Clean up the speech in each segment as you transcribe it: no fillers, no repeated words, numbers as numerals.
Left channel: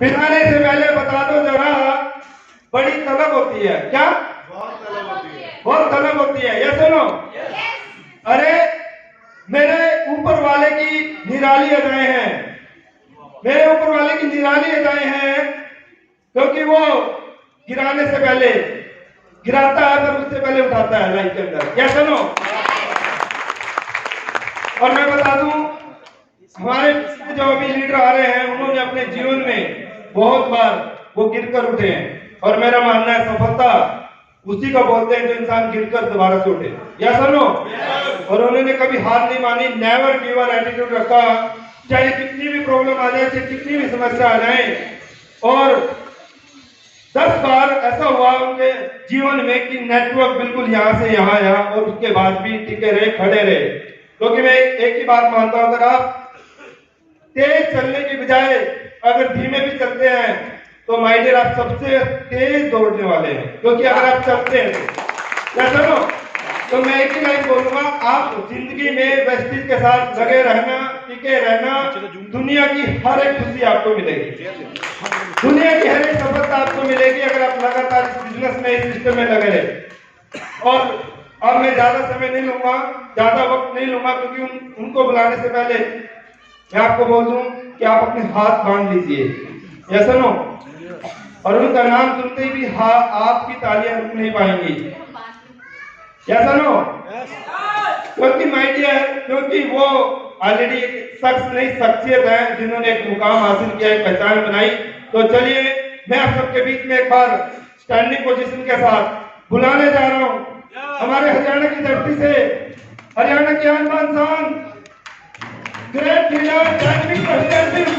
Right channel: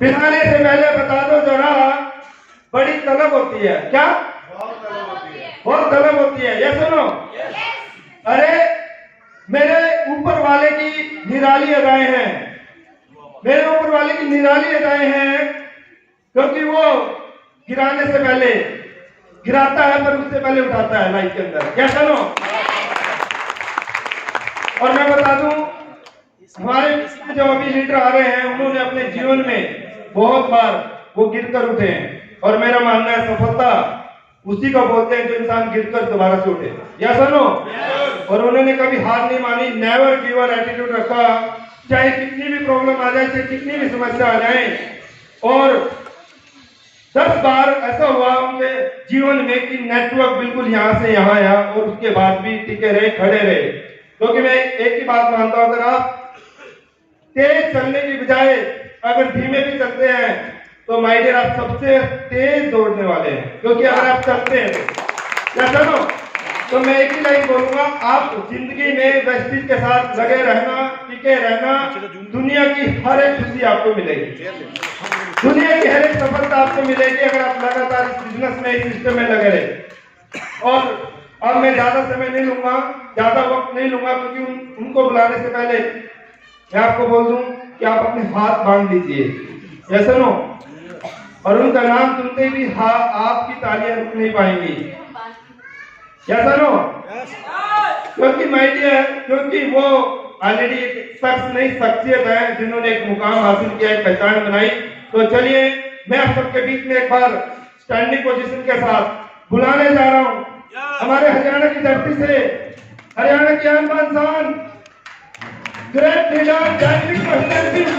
पिलाने से पहले बता दो जरा, बड़ी तलब होती है क्या? बहुत तलब होती है, ये सुनो। अरे मेरे ऊपर वाले की निराली अदाएं हैं, मेरे ऊपर वाले की निराली अदाएं हैं, क्योंकि वो गिराने से पहले गिराता है पर उससे पहले उठाता है लाइफ के अंदर, क्या सुनो। और मैं बता दूं, हमारे जो अभी लीडर आ रहे हैं उन्होंने अपने जीवन में बहुत बार वो गिरकर उठे हैं, और मेरा मानना है सफलता उसी को बोलते हैं जो इंसान गिरकर दोबारा से उठे, या सुनो। और उन्होंने कभी हार नहीं मानी, नेवर गिव अप एटीट्यूड रखा, चाहे कितनी भी प्रॉब्लम आ जाए, चाहे कितनी भी समस्या आ जाए। और 10 बार ऐसा हुआ उनके जीवन में कि नेटवर्क बिल्कुल यहाँ से यहाँ आया, और उसके बाद भी टिके रहे, खड़े रहे। क्योंकि मैं एक ही बात मानता हूं, अगर आप तेज चलने की बजाय अगर धीमे भी चलते हैं तो माय डियर आप सबसे तेज दौड़ने वाले हैं, क्योंकि अगर आप चलते हैं या चलो, तो मैं एक ही लाइन बोलूंगा, आप जिंदगी में वेस्टिज के साथ लगे रहना, टिके रहना, दुनिया की हर एक खुशी आपको मिलेगी, दुनिया की हर एक सफलता आपको मिलेगी अगर आप लगातार इस बिजनेस में, इस सिस्टम में लगे रहे। और अब मैं ज्यादा समय नहीं लूंगा, ज्यादा वक्त नहीं लूंगा, क्योंकि उनको बुलाने से पहले मैं आपको बोल दूं कि आप अपने हाथ बांध लीजिए, या सुनो। और उनका नाम सुनते ही भी आपकी तालियां रुक नहीं पाएंगी, या सुनो। क्योंकि माय डियर, क्योंकि वो ऑलरेडी एक शख्स नहीं शख्सियत है जिन्होंने एक मुकाम हासिल किया, एक पहचान बनाई। तो चलिए मैं आप सबके बीच में एक बार स्टैंडिंग पोजीशन के साथ बुलाने जा रहा हूं हमारे हरियाणा की धरती से, हरियाणा की आन बान शान, ग्रेट लीडर रणवीर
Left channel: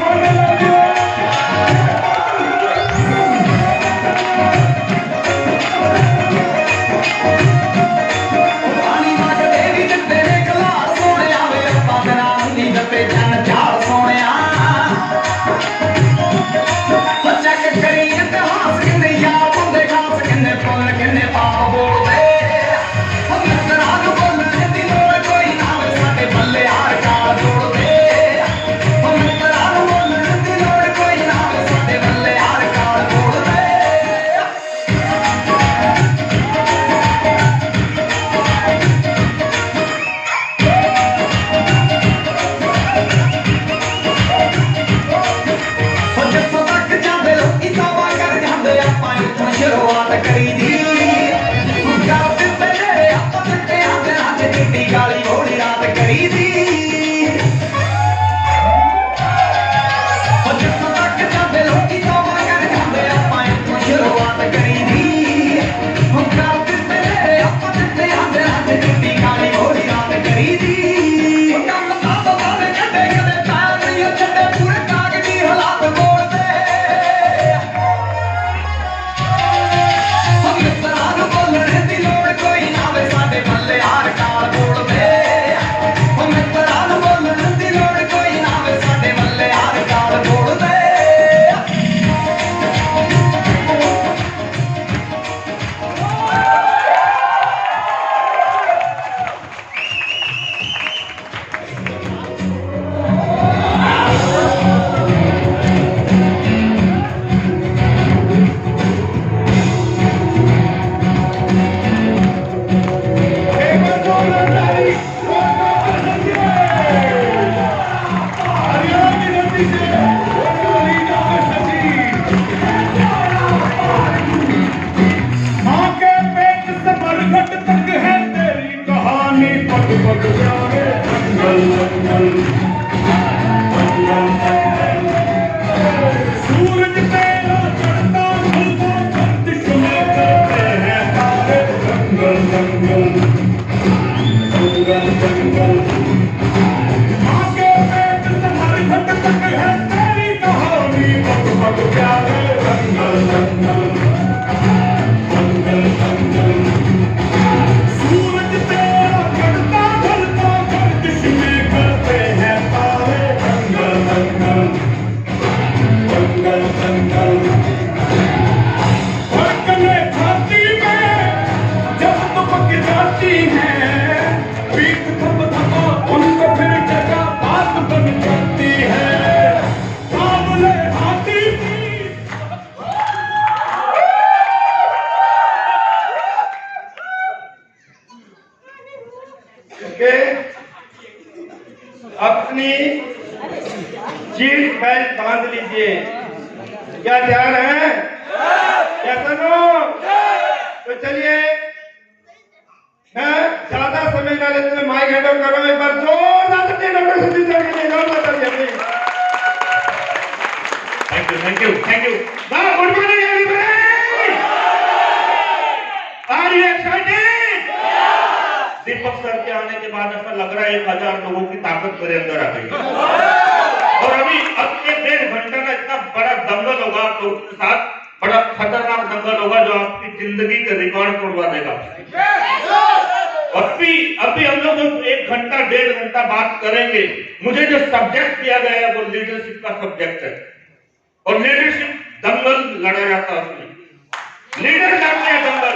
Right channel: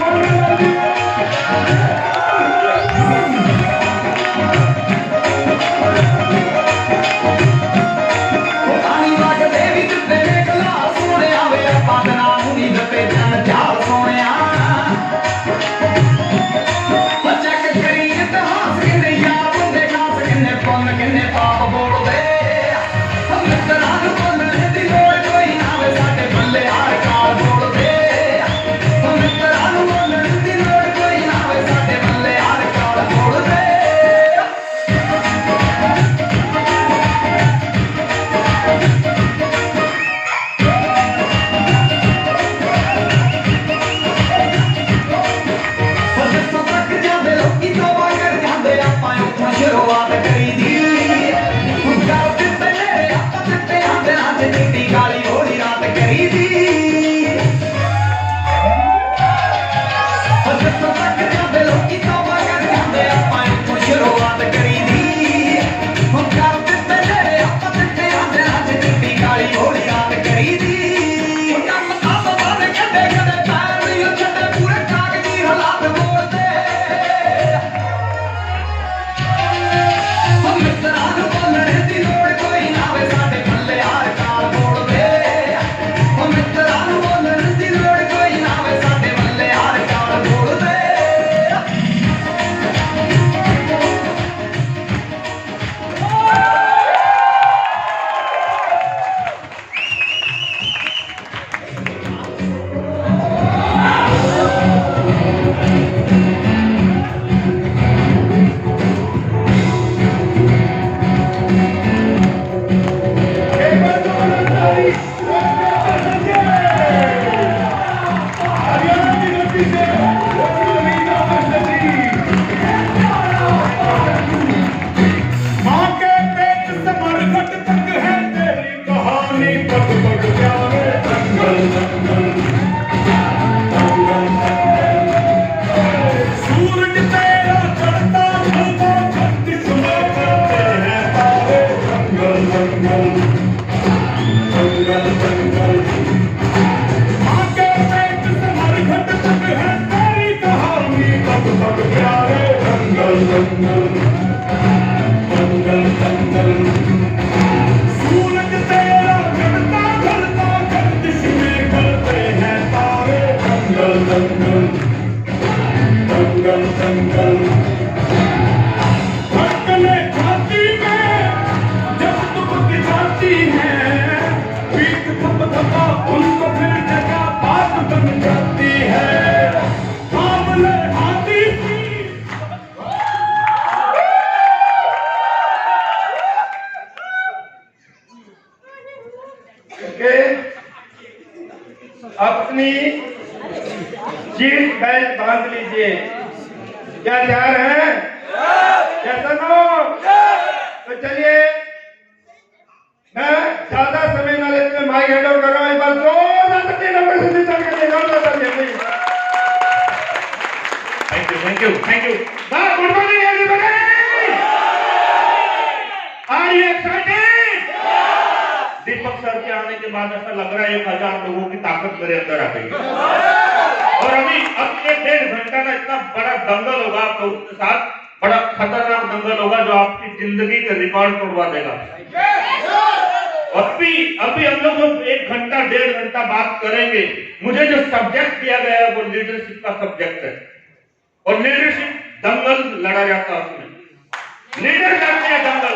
बेल्ट बांध लीजिए। क्या तैयार है? क्या सुनो? तो चलिए, मैं ज्यादा समय ना लेते हुए माइक हैंड ओवर कर रहा हूं। एक बार जोरदार तालियां नंबर से जीतने के लिए जोरदार तालियां। Thank you, thank you, thank you. Good morning everybody. Are you excited? Deepak sir के आने के बाद ऐसा लग रहा है 1000 लोगों की ताकत मेरे अंदर आ गई। और अभी अब 1-1.5 घंटा का इतना बड़ा दंगल होगा आप लोगों के साथ, बड़ा खतरनाक दंगल होगा जो आपकी जिंदगी के रिकॉर्ड तोड़वा देगा। अभी हम लोग जो 1 घंटा 1.5 घंटा बात करेंगे, मुझे जो सब्जेक्ट दिया गया है वो लीडरशिप का सब्जेक्ट है। और लीडरशिप दंगल लड़ा जाता है उसमें, लीडर करते हैं दंगल।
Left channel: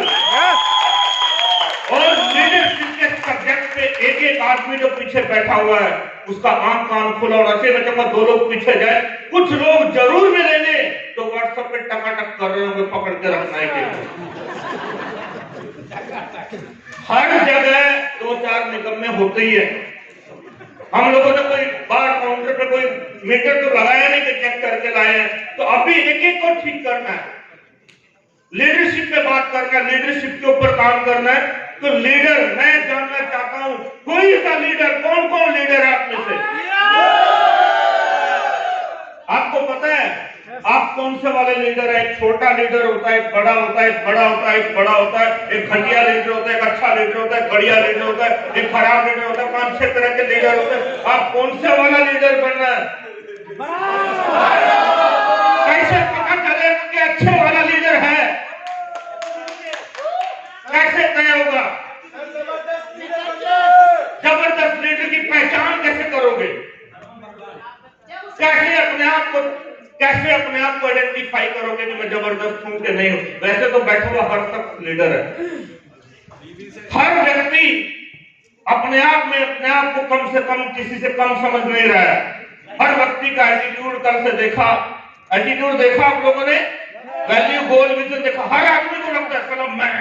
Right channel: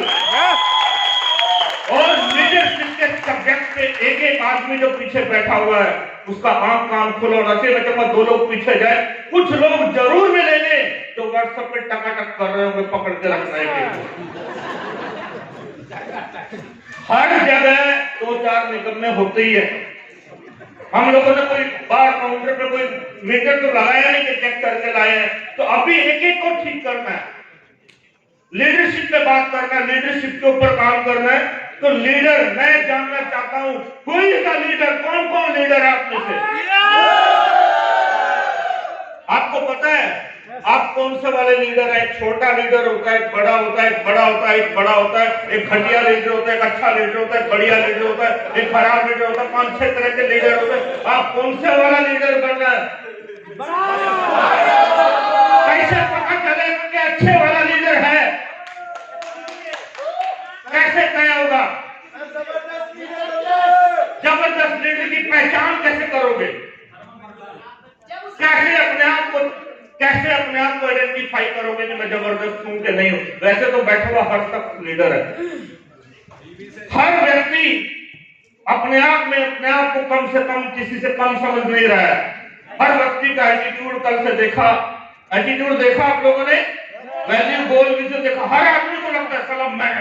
और लीडरशिप के सब्जेक्ट पे एक एक आदमी जो पीछे बैठा हुआ है उसका आंख कान खुला होना चाहिए। मैं कहूंगा 2 लोग पीछे जाए, कुछ लोग जरूर मिलेंगे तो व्हाट्सएप पे टकाटक कर रहे होंगे, पकड़ के रखना है। हर जगह 2-4 निकलने होते ही है। हम लोगों ने कोई बार काउंटर पे कोई मीटर तो लगाया नहीं कि चेक करके लाए हैं, तो अभी एक एक को ठीक करना है, लीडरशिप पे बात करना है, लीडरशिप के ऊपर काम करना है। तो लीडर मैं जानना चाहता हूं, कोई सा लीडर, कौन कौन लीडर है आप में से? आपको पता है आप कौन से वाले लीडर है? एक छोटा लीडर होता है, एक बड़ा होता है, एक बड़ा होता है, एक बड़ा होता है, एक घटिया लीडर होता है, एक अच्छा लीडर होता है, बढ़िया लीडर होता है, एक खराब लीडर होता है। 5-6 तरह के लीडर होते हैं। आप कौन से वाला लीडर बनना है? कैसे पता चलेगा कि अच्छे वाला लीडर है? कैसे तय होगा? जबरदस्त लीडर की पहचान कैसे करोगे? कैसे अपने आप को आइडेंटिफाई करोगे कि मैं जबरदस्त हूं कि नहीं हूं? वैसे तो बैठा हुआ हर शख्स लीडर है। हर व्यक्ति अपने आप को कम से कम, किसी से कम समझ नहीं रहा है। हर व्यक्ति का एटीट्यूड कल से देखा, एटीट्यूड देखा आप लोगों ने, वैल्यू गोल विजन देखा। हर आदमी को लगता है साला मैं,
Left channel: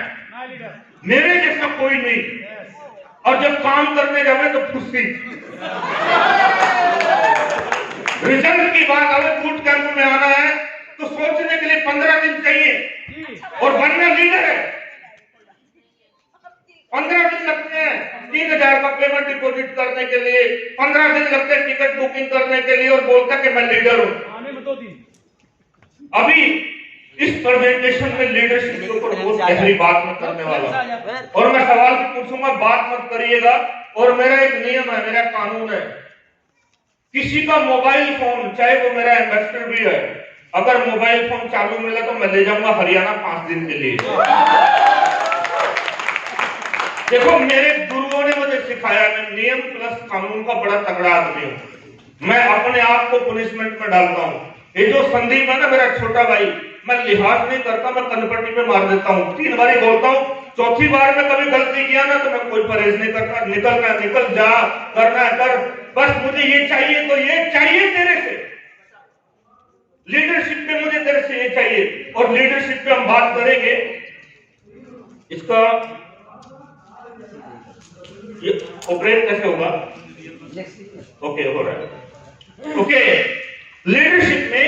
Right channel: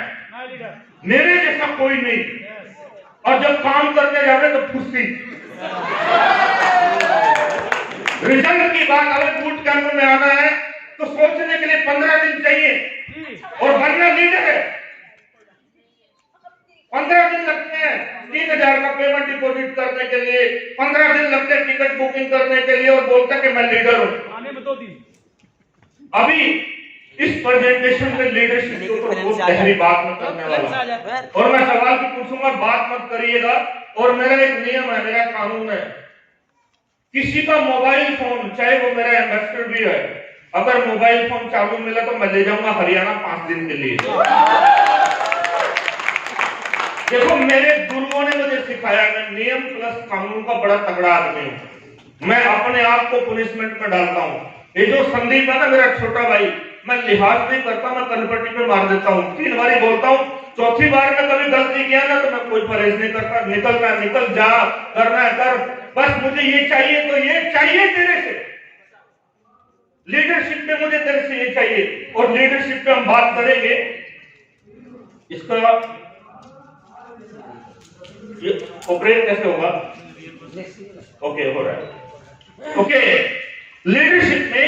मेरे जैसा कोई नहीं। और जब काम करने जावे तो खुशी। रिजल्ट की बात अगर बूट कैंप में आना है तो सोचने के लिए 15 दिन चाहिए, और बनना लीडर है 15 दिन लगते हैं। 3000 का पेमेंट डिपॉजिट करने के लिए 15 दिन लगते हैं, टिकट बुकिंग करने के लिए, और बोलता कि मैं लीडर हूं। अभी इस प्रेजेंटेशन में लीडरशिप के ऊपर बहुत गहरी बात मैं करने वाला, और मैं सवाल भी पूछूंगा, बात मत करिएगा। और मेरा एक नियम है, मेरा कानून है, किसी का मोबाइल फोन, चाहे वो मेरा इन्वेस्टर भी है, अगर मोबाइल फोन चालू मिला तो मैं ले जाऊंगा हरियाणा 5 दिन के लिए। देखो मेरे गुरुओं ने मुझे सिखाया, मैं नियम प्लस कानून का बड़ा तगड़ा आदमी हूं। मैं अपने आप को पनिशमेंट में डालता हूं। ये जो संदीप है ना मेरा छोटा भाई, मैं लिहाज नहीं करता, मैं कनपट्टी पे मार देता हूँ। 3 बार बोलता हूँ, 4थी बार में कभी गलती किया ना तो मैं कोई परहेज नहीं करता। निकलना निकल जा, करना कर, बस मुझे ये चाहिए तो ये चाहिए तेरे से। लीडरशिप में मुझे तेरे से ये चाहिए। और लीडरशिप पे हम बात करेंगे, इसका ये ऑपरेट कैसे होगा? ओके, हो रहा है। ओके, लीडरशिप में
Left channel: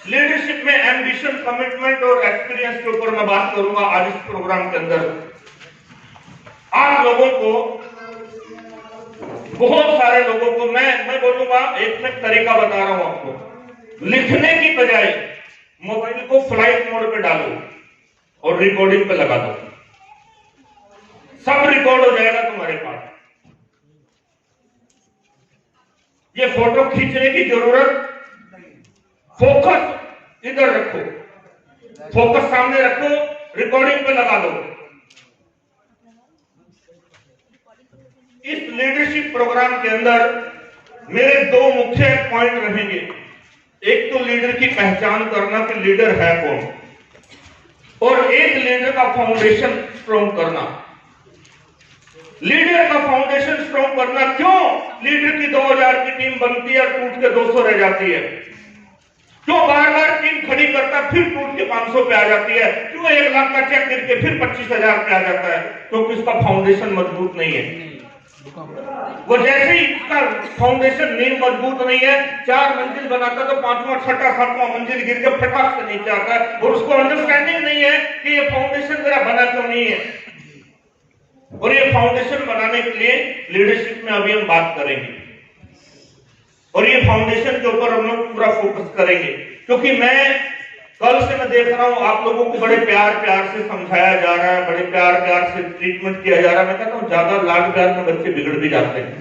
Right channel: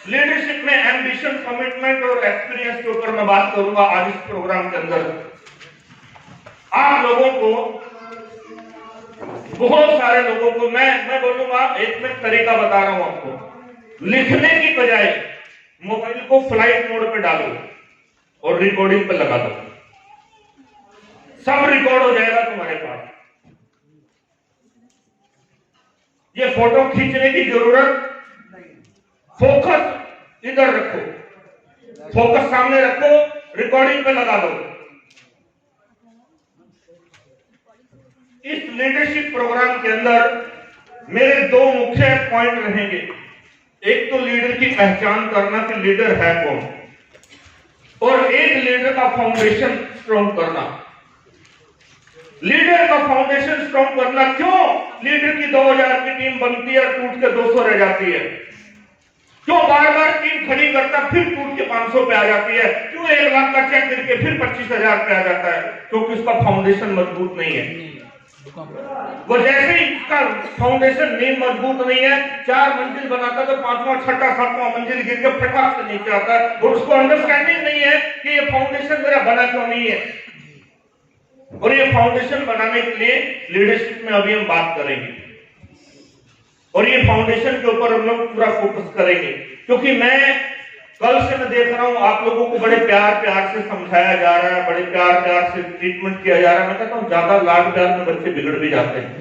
लीडरशिप में एम्बिशन, कमिटमेंट और एक्सपीरियंस के ऊपर मैं बात करूंगा आज इस प्रोग्राम के अंदर। आप लोगों को, बहुत सारे लोगों को मैं बोलूंगा, एक मैं तरीका बता रहा हूं आपको। लिखने की बजाय मोबाइल को फ्लाइट मोड पे डालो और रिकॉर्डिंग पे लगा दो, सब रिकॉर्ड हो जाएगा तुम्हारे पास। ये फोटो खींचने की जरूरत, फोकस इधर रखो, फोकस सामने रखो, रिकॉर्डिंग पे लगा दो। इस लीडरशिप प्रोग्राम के अंदर मेरे 2 मुख्य पॉइंट रहेंगे। एक तो लीडर की पहचान करना कि लीडर है कौन, और एक लीडर का फाउंडेशन स्ट्रॉन्ग करना। लीडर का फाउंडेशन स्ट्रॉन्ग करना, क्यों लीडर की 2000 की टीम बनती है और टूट के 200 रह जाती है? क्यों बार बार टीम खड़ी करता फिर टूट के 500 पे आ जाती है? क्यों 1 लाख का चेक करके फिर 25,000 पे आ जाता है? क्योंकि उसका फाउंडेशन मजबूत नहीं है। वो जैसे ही इसका फाउंडेशन नींव मजबूत नहीं है, 4 मंजिल बनाता तो 5वां 6वां 7वां मंजिल गिर के फटाक से नीचे आता है, और उसको अंडरस्टैंडिंग नहीं है कि ये फाउंडेशन मेरा बना क्यों नहीं है। और ये फाउंडेशन बनाने के लिए लीडरशिप में अभी हम बात करेंगे, और ये फाउंडेशन के ऊपर हम लोग पूरा फोकस करेंगे, क्योंकि कल से मैं देख रहा हूं आप लोगों को बड़े प्यार से समझाया जा रहा है, बड़े प्यार से ट्रीटमेंट किया जा रहा है। मैं कहता हूं ज्यादा लाड प्यार में बच्चे बिगड़ भी जाते हैं,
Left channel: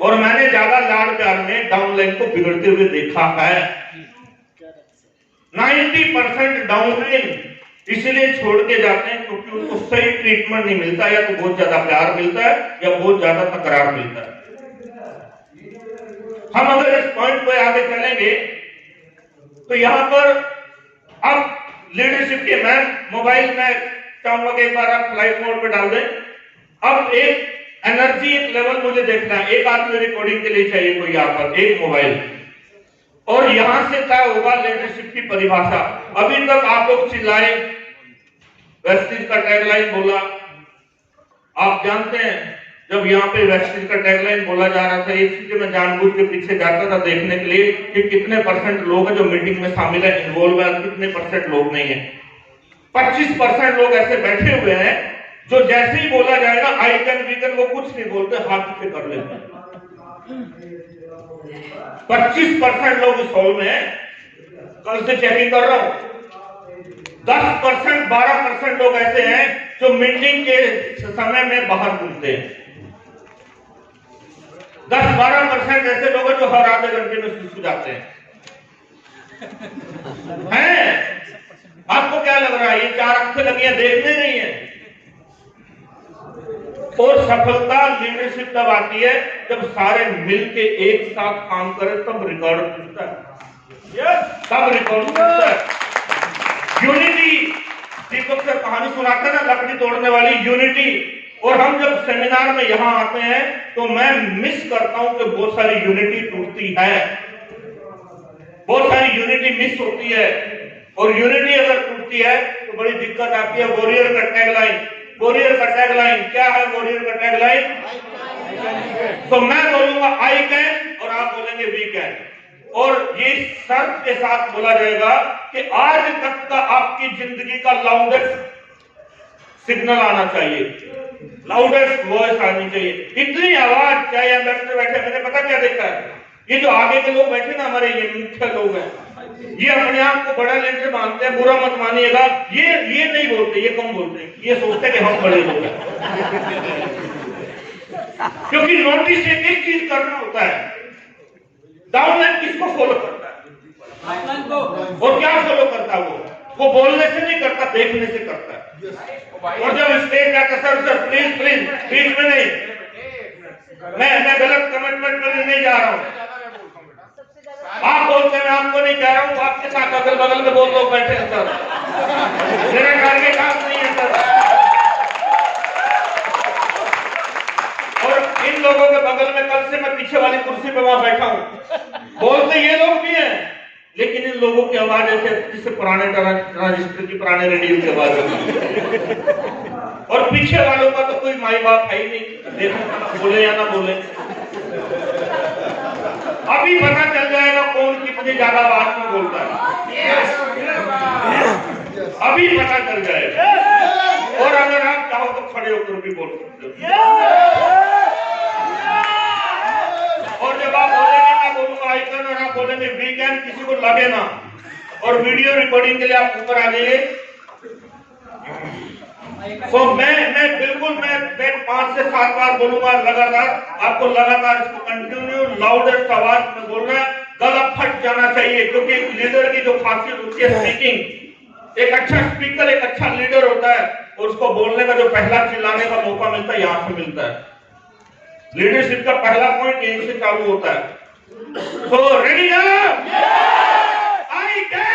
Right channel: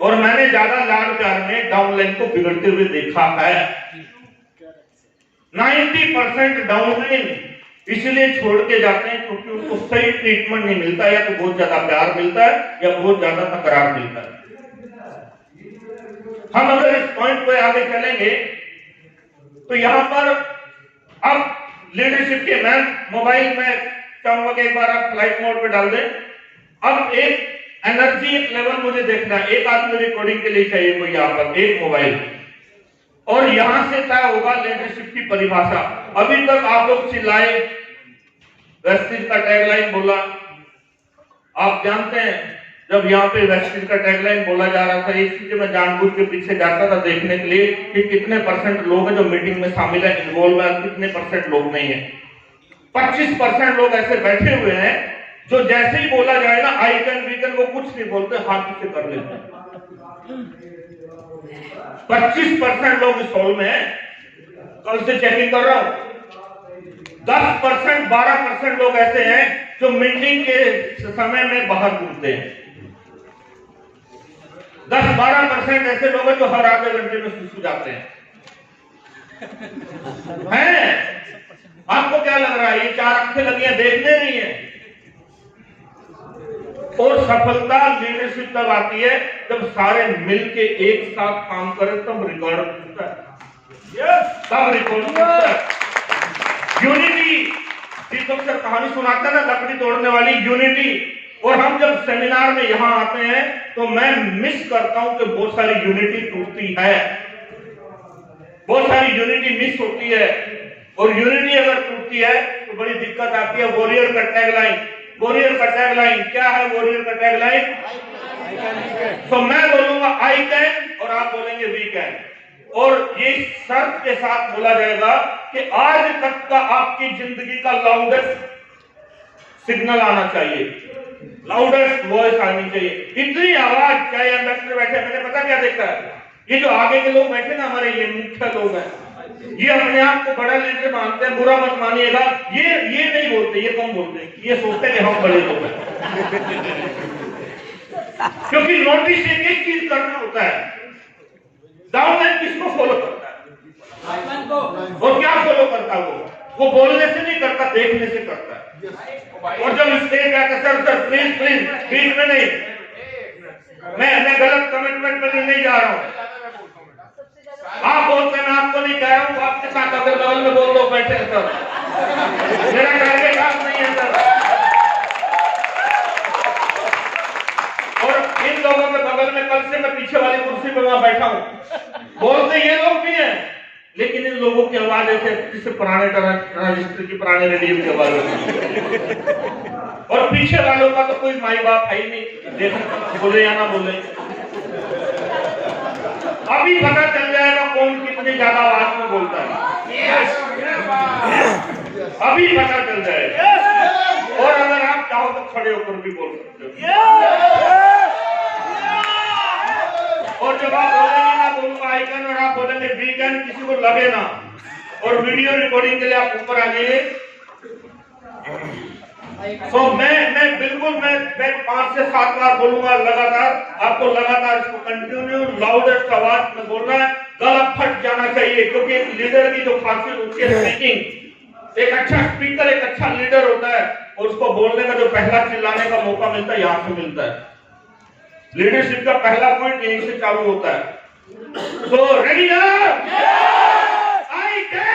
और मैंने ज्यादा लाड प्यार में डाउन लाइन को बिगड़ते हुए देखा है। 90% डाउन लाइन इसलिए छोड़ के जाते हैं क्योंकि उनको सही ट्रीटमेंट नहीं मिलता, या तो बहुत ज्यादा प्यार मिलता है या बहुत ज्यादा तकरार मिलता है। हम अगर इस पॉइंट पे आगे चलेंगे तो यहां पर अब लीडरशिप के मैं मोबाइल में चाहूंगा कि एक बार आप फ्लाइट मोड पे डाल दें। अब एक एनर्जी लेवल मुझे देखना है, एक आदमी रिकॉर्डिंग के लिए चाहिए कोई यहाँ पर एक मोबाइल, और यहां से तय होगा लीडरशिप की परिभाषा। अभी तक आप लोग चिल्लाए, वेस्टिज का टैगलाइन बोला, आप जानते हैं जब यहाँ पे वेस्टिज का टैगलाइन बोला जा रहा था, इसलिए मैं जानबूझ के पीछे जाता था देखने के लिए कि कितने % लोग हैं जो मीटिंग में शामिल है, इन्वॉल्व है, कितने % लोग नहीं है। 25% लोग ऐसे बैठे हुए हैं जो जैसे ही बोला जाएगा आई कैन वी कैन, वो कुछ नहीं बोलते, हाथ से कर लेते हैं। 25% लोग इस हॉल में हैं, कल से चेकिंग कर रहा हूं। 10% 12% लोग ऐसे हैं जो मीटिंग के समय में बाहर घूमते हैं। 10-12% ऐसे लोग हैं जो हर आधे घंटे में सुसु जाते हैं। आपको क्या लग रहा है ये 4 आंखें लगी हैं, देखने नहीं है? और सफलता लीडरशिप तब आती है जब सारे मिलके एक साथ काम करें, तब रिकॉर्ड मिलता है, तब रिकॉर्ड मिलता है। यूनिटी, दीपक सर कहानी सुनाते हैं ना लकड़ी तोड़ने वाली, यूनिटी। और हम जब सेमिनार में यहां आते हैं तो मैं मिस करता हूं कि बहुत सारी यूनिटी टूटती है, बहुत सारी यूनिटी मिस होती है। और यूनिटी अगर टूटती है तो बड़ी दिक्कत आती है। वॉरियर का टैगलाइन, वॉरियर का टैगलाइन क्या है? वॉरियर का टैगलाइन, तो मैं बोलूंगा आई कैन और आप बोलेंगे वी कैन, और ये शर्त के साथ बोला जाएगा कि आज तक का आपकी जिंदगी का लाउडेस्ट सिग्नल आना चाहिए, लाउडेस्ट वॉइस आनी चाहिए। इतनी आवाज चाहे अंदर बैठे, मैंने पता क्या देखा है, ये जो आगे के लोग बैठे ना हमारे, ये मुख्य लोग हैं, ये अपने आप को बड़ा लीडर मानते हैं, बुरा मत मानिएगा, ये नहीं बोलते, ये कम बोलते हैं, ये सोचते हैं कि हम बड़े लोग हैं। क्योंकि नोटिस एक चीज करना होता है, डाउनलाइन किसको फॉलो करता है? वो क्या फॉलो करता है? वो बोलने से नहीं करता, देखने से करता है। और जब स्टेज जाकर सर प्लीज प्लीज प्लीज में नहीं, मैं गलत कमिटमेंट में नहीं जा रहा हूँ, आप बोलते हैं, मैं आपको नहीं कह रहा हूँ, आपके साथ अगल बगल में 2 लोग बैठे हैं सर, मेरा टारगेट आप नहीं है सर। और इन लोगों के बगल में कल से मैं पीछे वाली कुर्सी पे वहां बैठा हूँ, बोलते ये लोग भी हैं, लेकिन इन लोगों की आवाज ऐसे जिससे पुराने ट्रांजिस्टर की, पुराने रेडियो की आवाज होगी, और पीछे वालों का तो कोई माई बाप है ही नहीं, देखो बोले या ना बोले। अभी पता चल जाएगा कौन कितनी ज्यादा आवाज में बोलता है, अभी पता चल जाएगा। और अगर आप चाहो तो खड़े होकर भी बोल सकते हो, और जब आप बोलेंगे ना बोलूंगा आई कैन और आप बोलेंगे वी कैन, किसी को लगे ना। और वीडियो रिकॉर्डिंग के लिए आप ऊपर आ जाइए। तो मैं बिल्कुल मैं 5 से 7 बार बोलूंगा लगातार, आपको लगातार इसको कंटिन्यू लाउडेस्ट आवाज में बोलना है, गला फट जाना चाहिए। क्योंकि एक लीडर की जो खासियत होती है स्पीकिंग, एक अच्छा स्पीकर एक अच्छा लीडर होता है, और उसको बोलने का जो पहला चिल्लाने का मौका मिलता है यहां से मिलता है। लीडरशिप का पहला पॉइंट यहीं से चालू होता है। तो रेडी ना? I can,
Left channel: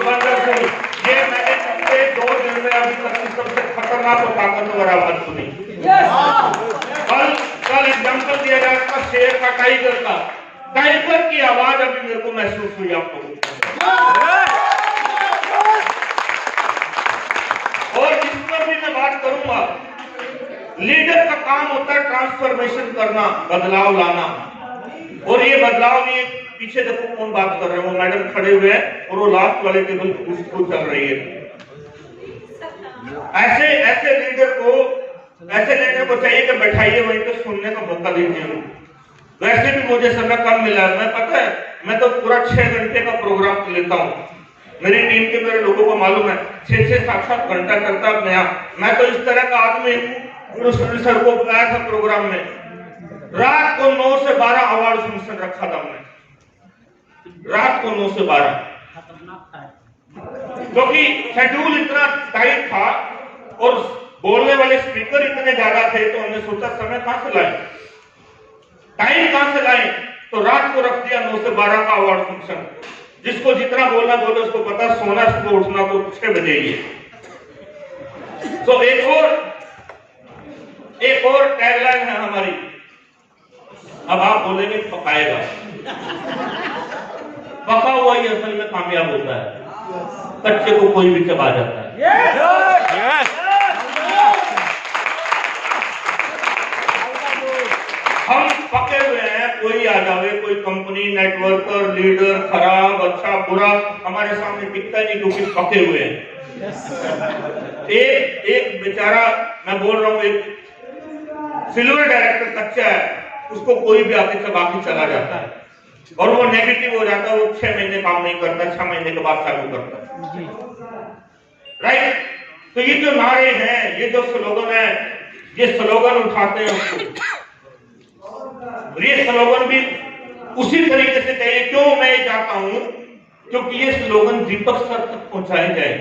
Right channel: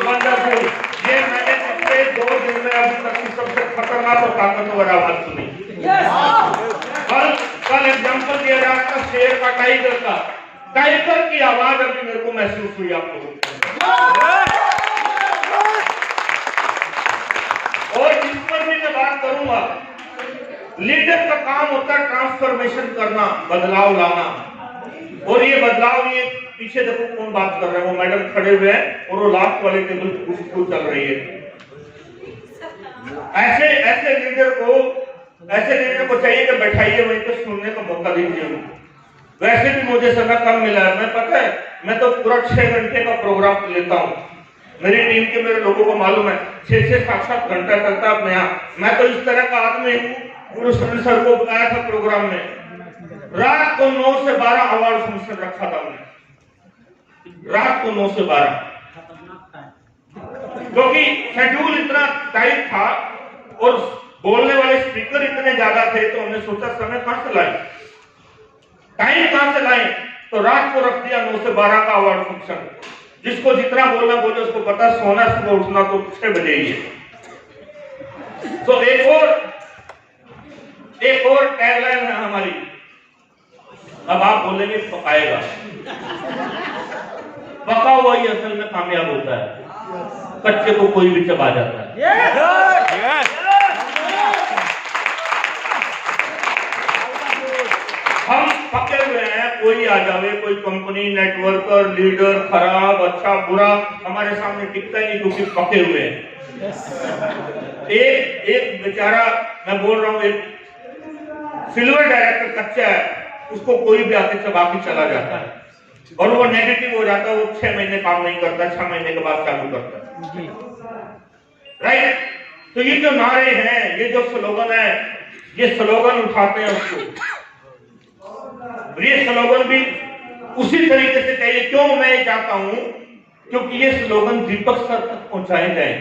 wonderful. ये मैंने पिछले 2 दिन में अभी तक सबसे खतरनाक और ताकतवर आवाज सुनी। कल एग्जाम्पल दिया जा रहा था शेर का, टाइगर का। टाइगर की आवाज अभी मेरे को महसूस हुई आपको। और जिस पर भी मैं बात करूंगा, लीडर का काम होता है ट्रांसफॉर्मेशन करना, बदलाव लाना। और ये बदलाव, ये पीछे देखो कौन बात कर रहे हैं, वो मैडम खड़े हुए हैं और वो लास्ट वाले टेबल पे कुछ चल रही है। ऐसे लीडर को चाहिए कि बैठाइए वहीं पे, सुनने का मौका दीजिए। वैसे भी मुझे समय कम मिला है, मैं पता है मैं तो पूरा 6 घंटे का प्रोग्राम लेता हूँ। मेरी टीम के मेरे लोगों को मालूम है 6 7 घंटा करता अपने यहाँ। मैं तो इस तरह का आदमी हूँ, गुरु सर को बुलाया था प्रोग्राम में, रात को 9 से 12 अवार्ड फंक्शन रखा था हमने, रात को 9 से 12, क्योंकि शेड्यूल इतना टाइट था और बोलने वाले स्पीकर इतने ज्यादा थे, तो हमने सोचा समय कहां से लाएं, टाइम कहां से लाएं, तो रात को रख दिया 9 से 12 का अवार्ड फंक्शन। जिसको जितना बोलना बोले, उसको पता सोना सुबह उठना तो 6 बजे ही है। तो एक और टैगलाइन है हमारी, अब आप बोलेंगे पकाएगा, पका हुआ ही असल में कामयाब होता है, कच्चे को कोई भी चबा जाता है। हम पके हुए हैं, कोई आ जावे, कोई कंपनी, नेटवर्कर, लीडर, खराब अच्छा बुरा हमारे सामने दिखता ही नहीं, क्योंकि पके हुए हैं। एक बेचारा, मैं बोल रहा हूँ, एक सिल्वर डायरेक्टर कच्चा है, उसको कोई भी आके चबा के चला जाता है और वो नेगेटिव हो जाता है, वो 6 महीने काम नहीं करता, 6 महीने के बाद चालू करता है। राइट? तो ये जो नारे हैं, ये जो स्लोगन है, ये स्लोगन उठाते हैं उसको, ये स्लोगन भी उसी तरीके से चाहिए। क्यों मैं ये चाहता हूं, क्योंकि ये स्लोगन दीपक सर तक पहुंचाए गए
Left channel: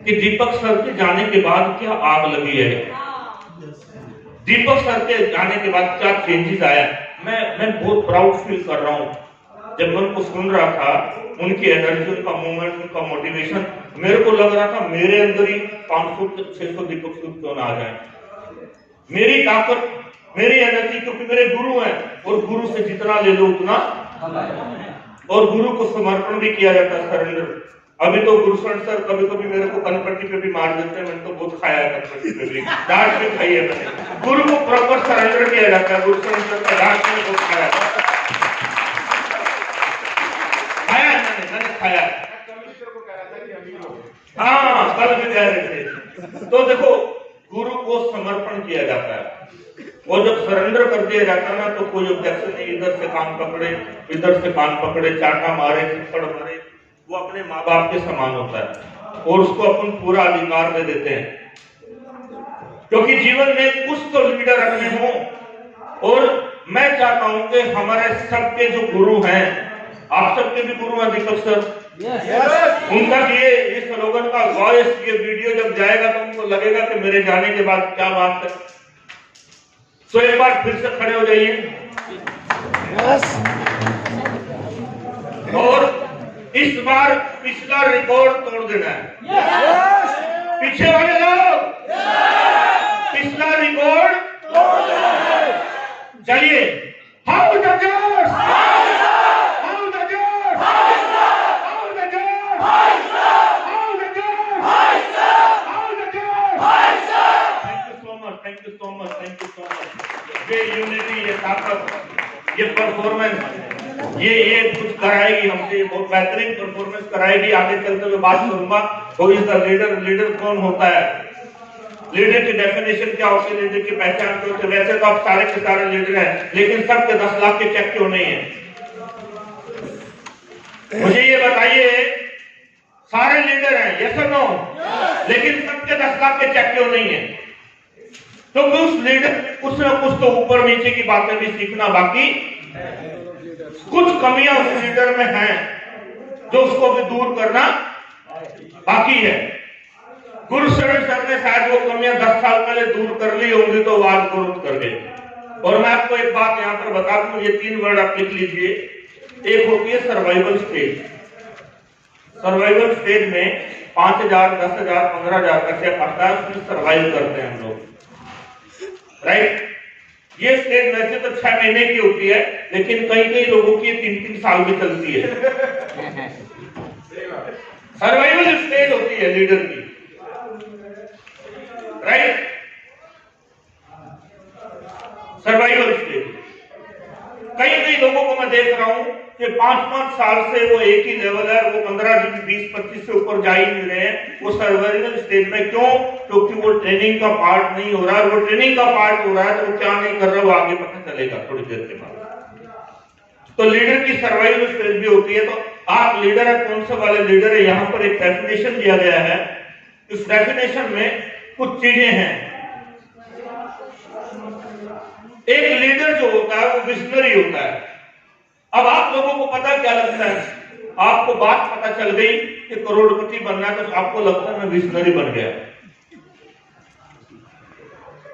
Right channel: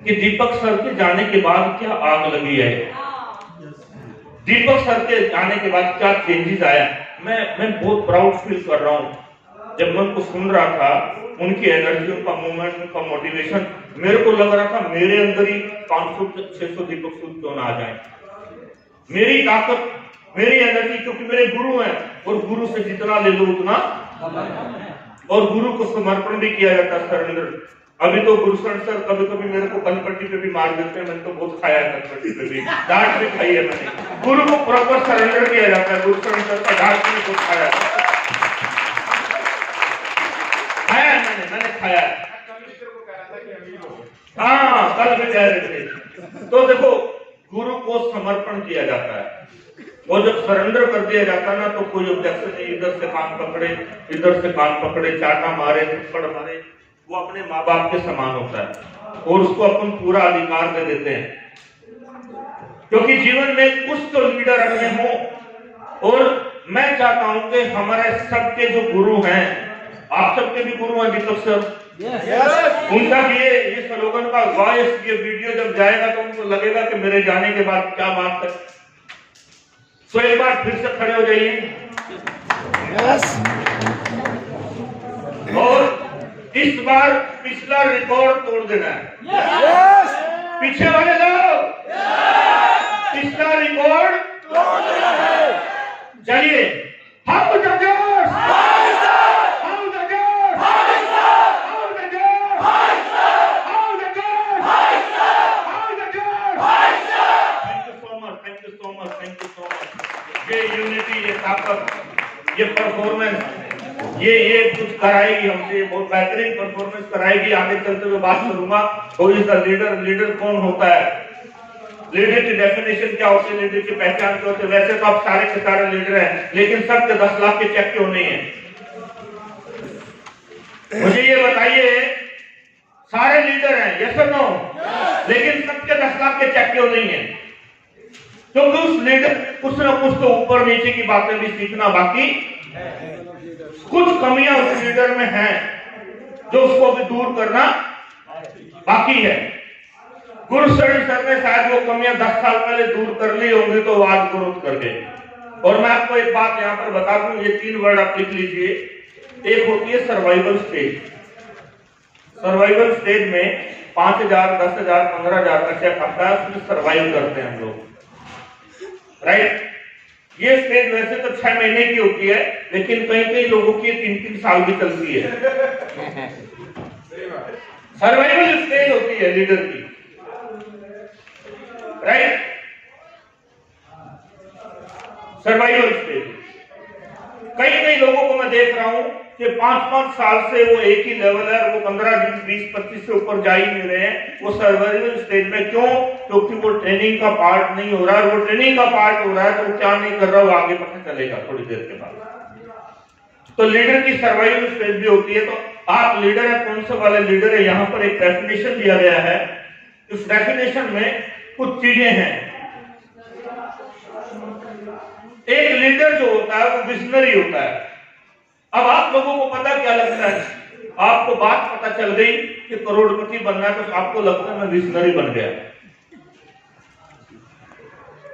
कि दीपक सर के जाने के बाद क्या आग लगी है, दीपक सर के जाने के बाद क्या चेंजेस आया। मैं बहुत प्राउड फील कर रहा हूं। जब मैं उनको सुन रहा था, उनकी एनर्जी, उनका मूवमेंट, उनका मोटिवेशन, मेरे को लग रहा था मेरे अंदर ही 500 600 दीपक सूद क्यों ना आ जाए। मेरी ताकत, मेरी एनर्जी, क्योंकि मेरे गुरु हैं और गुरु से जितना ले लो उतना, और गुरु को समर्पण भी किया जाता है, सरेंडर। अभी तो गुरुशरण सर कभी कभी मेरे को कनपट्टी पे भी मार देते हैं, मैंने तो बहुत खाया है कनपट्टी पे भी, डांट भी खाई है मैंने। गुरु को प्रॉपर सरेंडर किया जाता है, गुरुशरण सर का डांट मैंने बहुत खाया मैंने खाया है। हाँ, कल भी कह रहे थे। तो देखो, गुरु को समर्पण किया जाता है, वो जब सरेंडर कर दिया जाता है ना, तो कोई ऑब्जेक्शन नहीं, इधर से कान पकड़े, इधर से कान पकड़े, चाटा मारे, थप्पड़ मारे, वो अपने माँ बाप के समान होता है और उसको अपन पूरा अधिकार दे देते हैं। क्योंकि जीवन में कुछ तो लीडर अपने हों, और मैं चाहता हूं कि हमारे सबके जो गुरु हैं, आप सबके भी गुरु हैं दीपक सर, उनका ये स्लोगन का वॉइस, ये वीडियो जब जाएगा तो उनको लगेगा कि मेरे जाने के बाद क्या बात है। तो एक बार फिर से खड़े हो जाइए और इस बार पिछला रिकॉर्ड तोड़ देना है। पीछे वाले लोग पिछला रिकॉर्ड, चलिए हम ये यूनिटी, ये ताकत, ये परफॉर्मेंस, ये कुछ कराएगी हमसे, बहुत बेहतरीन परफॉर्मेंस कराएगी। आगे चलते हुए बात करूंगा, who is the leader, leader कौन होता है, लीडर की डेफिनेशन क्या होती है, लीडर की पहचान क्या होती है। वैसे तो आप सारे के सारे लीडर हैं, लेकिन सबके 10 लाख के चेक क्यों नहीं है? मुझे ये बताइए, सारे लीडर हैं, यस और नो, लेकिन सबके 10 लाख के चेक क्यों नहीं है? क्योंकि उस लीडर में कुछ ना कुछ तो ऊपर नीचे की बातें भी सीखना बाकी, कुछ कमियां उस लीडर में हैं जो उसको भी दूर करना बाकी है। गुरुशरण सर ने शायद वो कमियां 10 साल पहले दूर कर ली होंगी, तो वो आज ग्रोथ कर गए। और मैं आपको एक बात यहां पर बता दूं, ये 3 वर्ड आप लिख लीजिए। एक होती है सर्वाइवल स्टेज। सर्वाइवल स्टेज में 5,000, 10,000, 15,000 का चेक आता है, उसमें सर्वाइव करते हैं हम लोग, राइट। ये स्टेज वैसे तो 6 महीने की होती है, लेकिन कई कई लोगों की 3-3 साल भी चलती है। सर्वाइवल स्टेज होती है लीडर की, राइट। Survival stage. कई कई लोगों को मैं देख रहा हूं कि 5-5 साल से वो एक ही लेवल है, वो 15, 20, 25 से ऊपर जा ही नहीं रहे हैं। वो सर्वाइवल स्टेज में क्यों? क्योंकि वो ट्रेनिंग का पार्ट नहीं हो रहा है। वो ट्रेनिंग का पार्ट हो रहा है तो वो क्या नहीं कर रहा, वो आगे पता चलेगा थोड़ी देर के बाद। तो लीडर की सर्वाइवल स्टेज भी होती है। तो आप लीडर है, कौन से वाले लीडर है? यहाँ पर एक डेफिनेशन दिया गया है। इस डेफिनेशन में कुछ चीजें हैं। एक लीडर जो होता है वो विजनरी होता है। अब आप लोगों को पता क्या लगता है? आपको बात पता चल गई कि करोड़पति बनना है, तो आपको लगता है मैं विजनरी बन गया।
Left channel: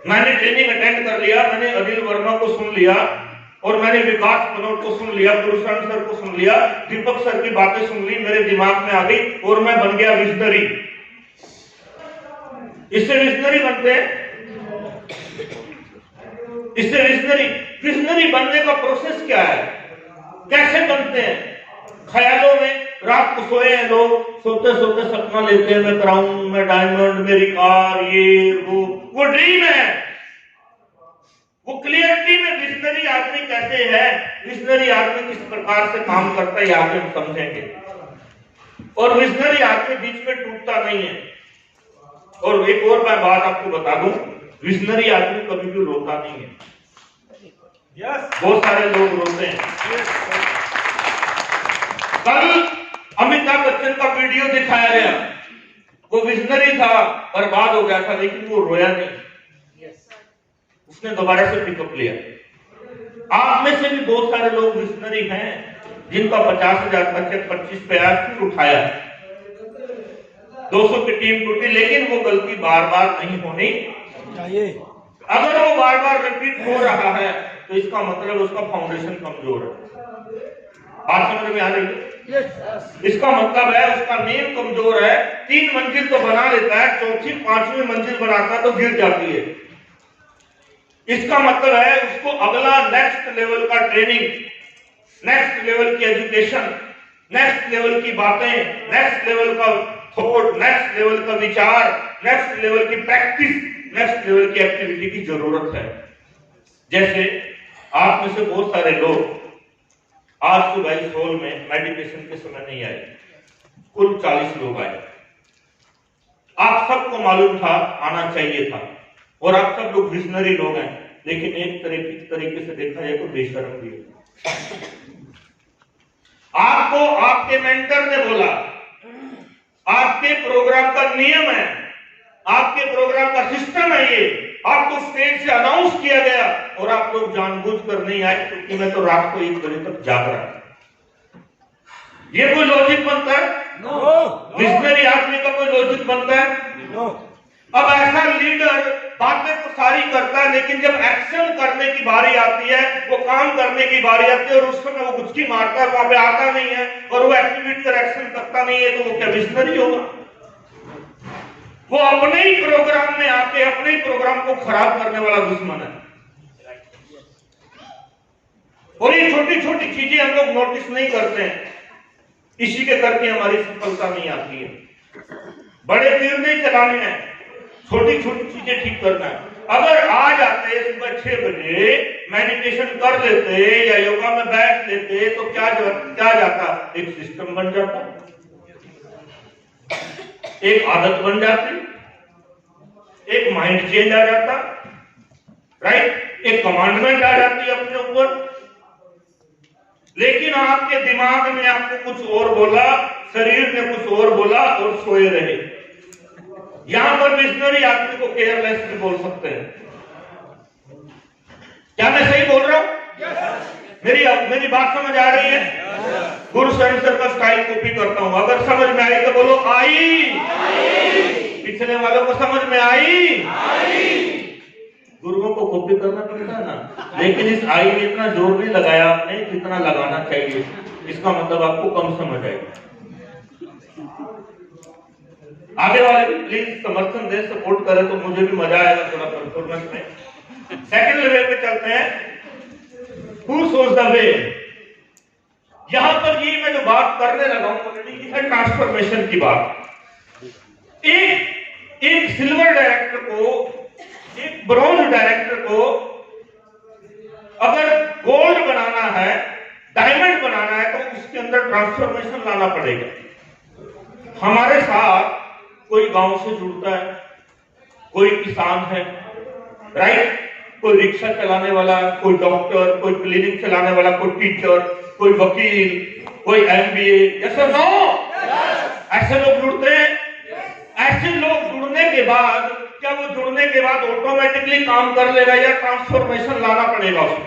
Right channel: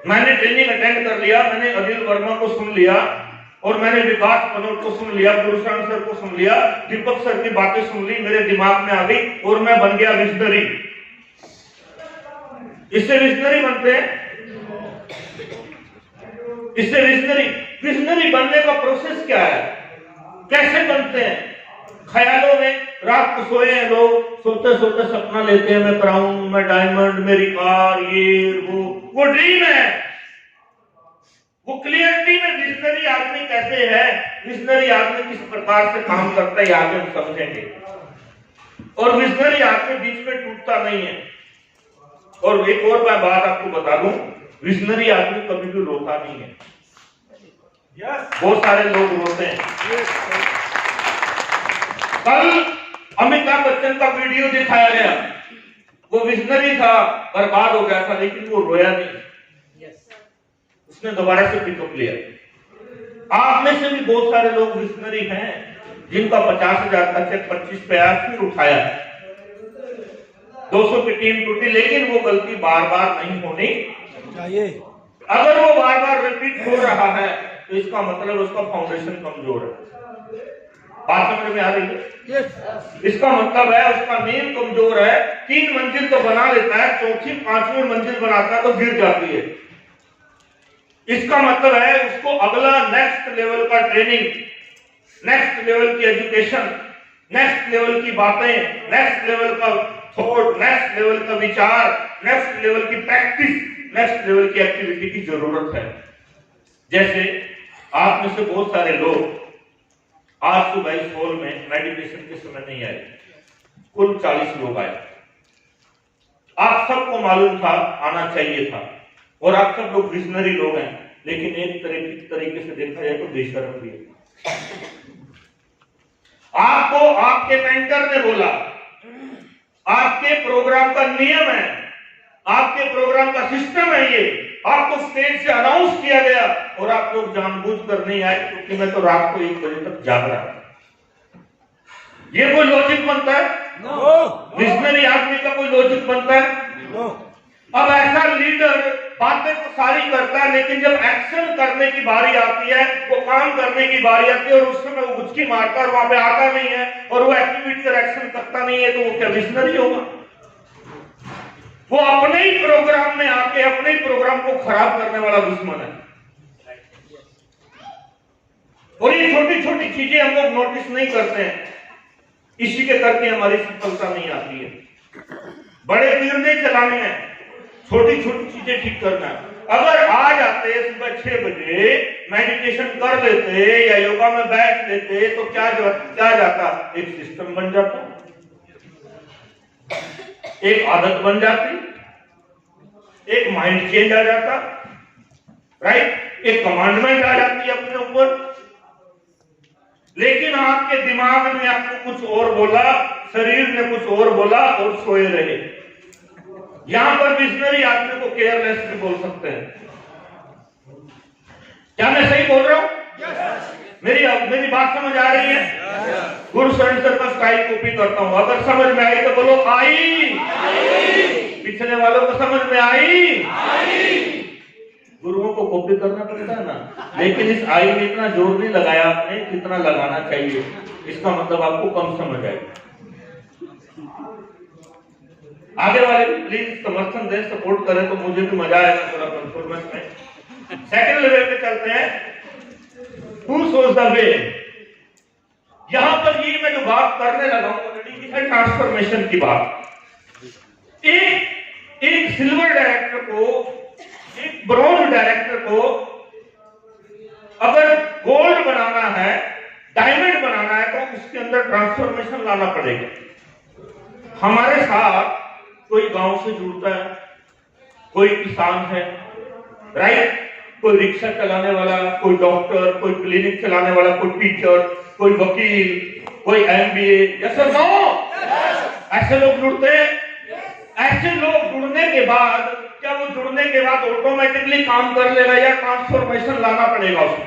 मैंने ट्रेनिंग अटेंड कर लिया, मैंने अनिल वर्मा को सुन लिया, और मैंने विकास कनौज को सुन लिया, पुरुषोत्तम सर को सुन लिया, दीपक सर की बातें सुन ली, मेरे दिमाग में आ गई और मैं बन गया विजनरी। इससे विजनरी बनते हैं। इससे विजनरी बनने का प्रोसेस क्या है? कैसे बनते हैं? ख्यालों में रात को सोए हैं लोग, सोते सोते सपना लेते हैं, मैं क्राउन, मैं डायमंड, मेरी कार, ये वो ड्रीम है। वो क्लियरिटी में विजनरी आदमी कैसे है, विजनरी आदमी किस प्रकार से काम करता है, आगे हम समझेंगे। और विजनरी आदमी बीच में टूटता नहीं है। और एक और मैं बात आपको बता दूं, विजनरी आदमी कभी भी रोता नहीं है। बहुत सारे लोग रोते हैं। कल अमिताभ बच्चन का वीडियो दिखाया गया, वो विजनरी था, बर्बाद हो गया था, लेकिन वो रोया नहीं, उसने दोबारा से पिकअप लिया। आप में से भी बहुत सारे लोग विजनरी हैं जिनका 50,000 का चेक 25 पे आया, फिर उठाया, 200 की टीम टूटी, लेकिन वो गलती बार बार नहीं होनी चाहिए। अगर वो बार बार रिपीट हो रहा है तो इसका मतलब उसका फाउंडेशन कमजोर है। बात समझ में आ रही है? इसका मतलब है उसका नींव कमजोर है। 3 मंजिल तो बना लेता है, 4थी 5वीं मंजिल बनाता है तो गिर जाती है। इसका मतलब है उसको अगला नेक्स्ट लेवल का ट्रेनिंग, नेक्स्ट लेवल की एजुकेशन, नेक्स्ट लेवल की बातें, नेक्स्ट लेवल का थॉट, नेक्स्ट लेवल का विचार, नेक्स्ट लेवल की प्रैक्टिस, नेक्स्ट लेवल की एक्टिविटी की जरूरत है। जैसे आप में से बहुत सारे लोग आज सुबह इस हॉल में मेडिटेशन के समय नहीं आए, कुल 40 लोग आए। आप सबको मालूम था आना चाहिए था, और आप सब लोग विजनरी लोग हैं, लेकिन एक तरीके से देखा जाए तो बेशर्म भी है। आपको आपके मेंटर ने बोला, आपके प्रोग्राम का नियम है, आपके प्रोग्राम का सिस्टम है, ये आपको स्टेज से अनाउंस किया गया, और आप लोग जानबूझकर नहीं आए क्योंकि मैं तो रात को 1 बजे तक जाग रहा था। ये कोई लॉजिक बनता है? विजनरी आदमी का कोई लॉजिक बनता है? अब ऐसा लीडर बातें तो सारी करता है, लेकिन जब एक्शन करने की बारी आती है, वो काम करने की बारी आती है, और उस समय वो गुचकी मारता है, वहां पे आता नहीं है, और वो एक्टिविटी पर एक्शन करता नहीं है, तो वो क्या विजनरी होगा? वो अपने ही प्रोग्राम में आके अपने ही प्रोग्राम को खराब करने वाला दुश्मन है। और ये छोटी छोटी चीजें हम लोग नोटिस नहीं करते हैं, इसी के करके हमारी सफलता नहीं आती है। बड़े तीर नहीं चलाने हैं, छोटी छोटी चीजें ठीक करना है। अगर आ जाते सुबह 6 बजे मेडिटेशन कर लेते या योगा में बैठ लेते तो क्या जाता? एक सिस्टम बन जाता, एक आदत बन जाती, एक माइंड चेंज आ जाता, राइट? एक कमांडमेंट आ जाती है अपने ऊपर। लेकिन आपके दिमाग में आपको कुछ और बोला, शरीर ने कुछ और बोला, और सोए रहे। यहां पर विजनरी आदमी को केयरलेस भी बोल सकते हैं। क्या मैं सही बोल रहा हूं? मेरी बात समझ आ रही है? गुरुशरण सर का स्टाइल कॉपी करता हूं। अगर समझ में आई तो बोलो आई। पिछले वालों को समझ में आई? गुरुओं को कॉपी करना पड़ता है ना, लेकिन इस आई में इतना जोर नहीं लगाया आपने जितना लगाना चाहिए। इसका मतलब आपको कम समझ आई। आगे वाले भी प्लीज समर्थन दें, सपोर्ट करें तो मुझे भी मजा आएगा थोड़ा परफॉर्मेंस में। सेकंड लेवल पे चलते हैं, हु शोज द वे। यहां पर ये मैं जो बात करने लगा हूं ऑलरेडी है ट्रांसफॉर्मेशन की बात। एक सिल्वर डायरेक्टर को, एक ब्रॉन्ज डायरेक्टर को अगर गोल्ड बनाना है, डायमंड बनाना है, तो उसके अंदर ट्रांसफॉर्मेशन लाना पड़ेगा। हमारे साथ कोई गांव से जुड़ता है, कोई किसान है, राइट, कोई रिक्शा चलाने वाला, कोई डॉक्टर, कोई क्लिनिक चलाने वाला, कोई टीचर, कोई वकील, कोई एमबीए, जैसा ना ऐसे लोग जुड़ते हैं। ऐसे लोग जुड़ने के बाद क्या वो जुड़ने के बाद ऑटोमेटिकली काम कर लेगा या ट्रांसफॉर्मेशन लाना पड़ेगा उसको?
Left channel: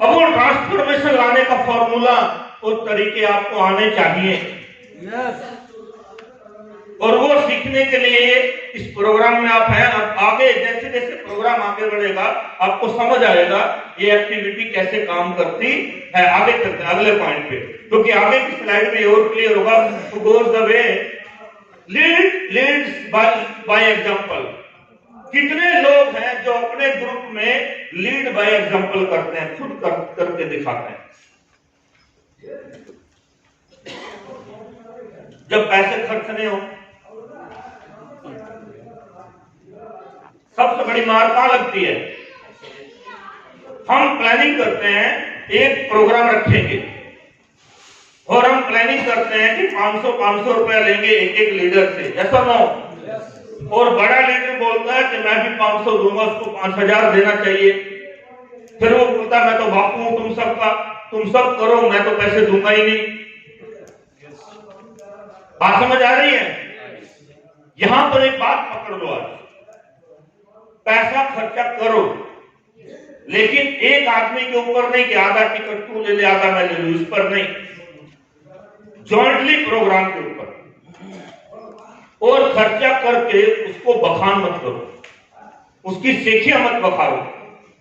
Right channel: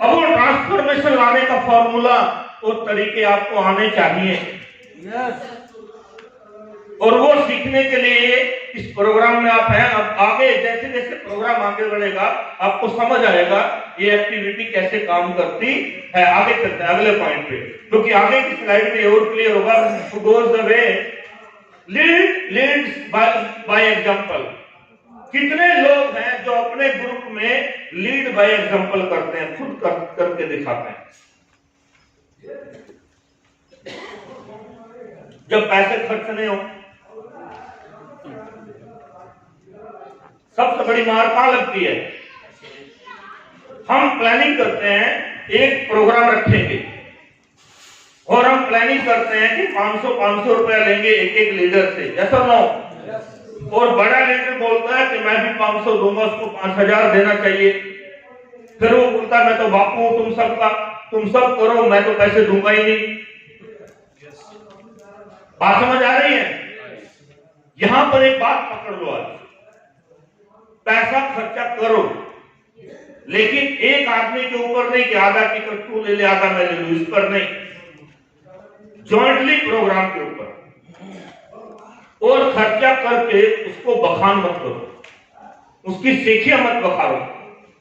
अब वो ट्रांसफॉर्मेशन लाने का फॉर्मूला और तरीके आपको आने चाहिए। और वो सीखने के लिए इस प्रोग्राम में आप हैं। अब आगे जैसे जैसे प्रोग्राम आगे बढ़ेगा आपको समझ आएगा ये एक्टिविटी कैसे काम करती है। आगे चलते हैं अगले पॉइंट पे, क्योंकि आगे की स्लाइड में और क्लियर होगा। Who goes the way leads by example. कितने लोग हैं जो अपने ग्रुप में लीड बाय एग्जांपल करते हैं, खुद करके दिखाते हैं। जब पैसे खर्च नहीं हो, सबसे बड़ी मार कहां लगती है? हम प्लानिंग करते हैं, एक प्रोग्राम रखेंगे और हम प्लानिंग करते हैं कि 500 रुपया लेंगे एक एक लीडर से, ऐसा ना हो। और बड़ा लीडर बोलता है कि मैं भी 500 दूंगा, उसको 5000 देना चाहिए। फिर वो बोलता है मैं तो बापू हूं तुम सबका, तुम सब करो, मैं तो पैसे दूंगा ही नहीं। बात समझ आ रही है? यहां पर एक बात पकड़ लो, आज पैसा खर्चा करो, लेकिन एक आदमी के ऊपर नहीं कि आधा टिकट तू ले ले आधा मैं ले लूं, इस पर नहीं। जॉइंटली प्रोग्राम के ऊपर, और खर्चा करके उसको बखान मत करो, उसकी सेखियां मत बखारो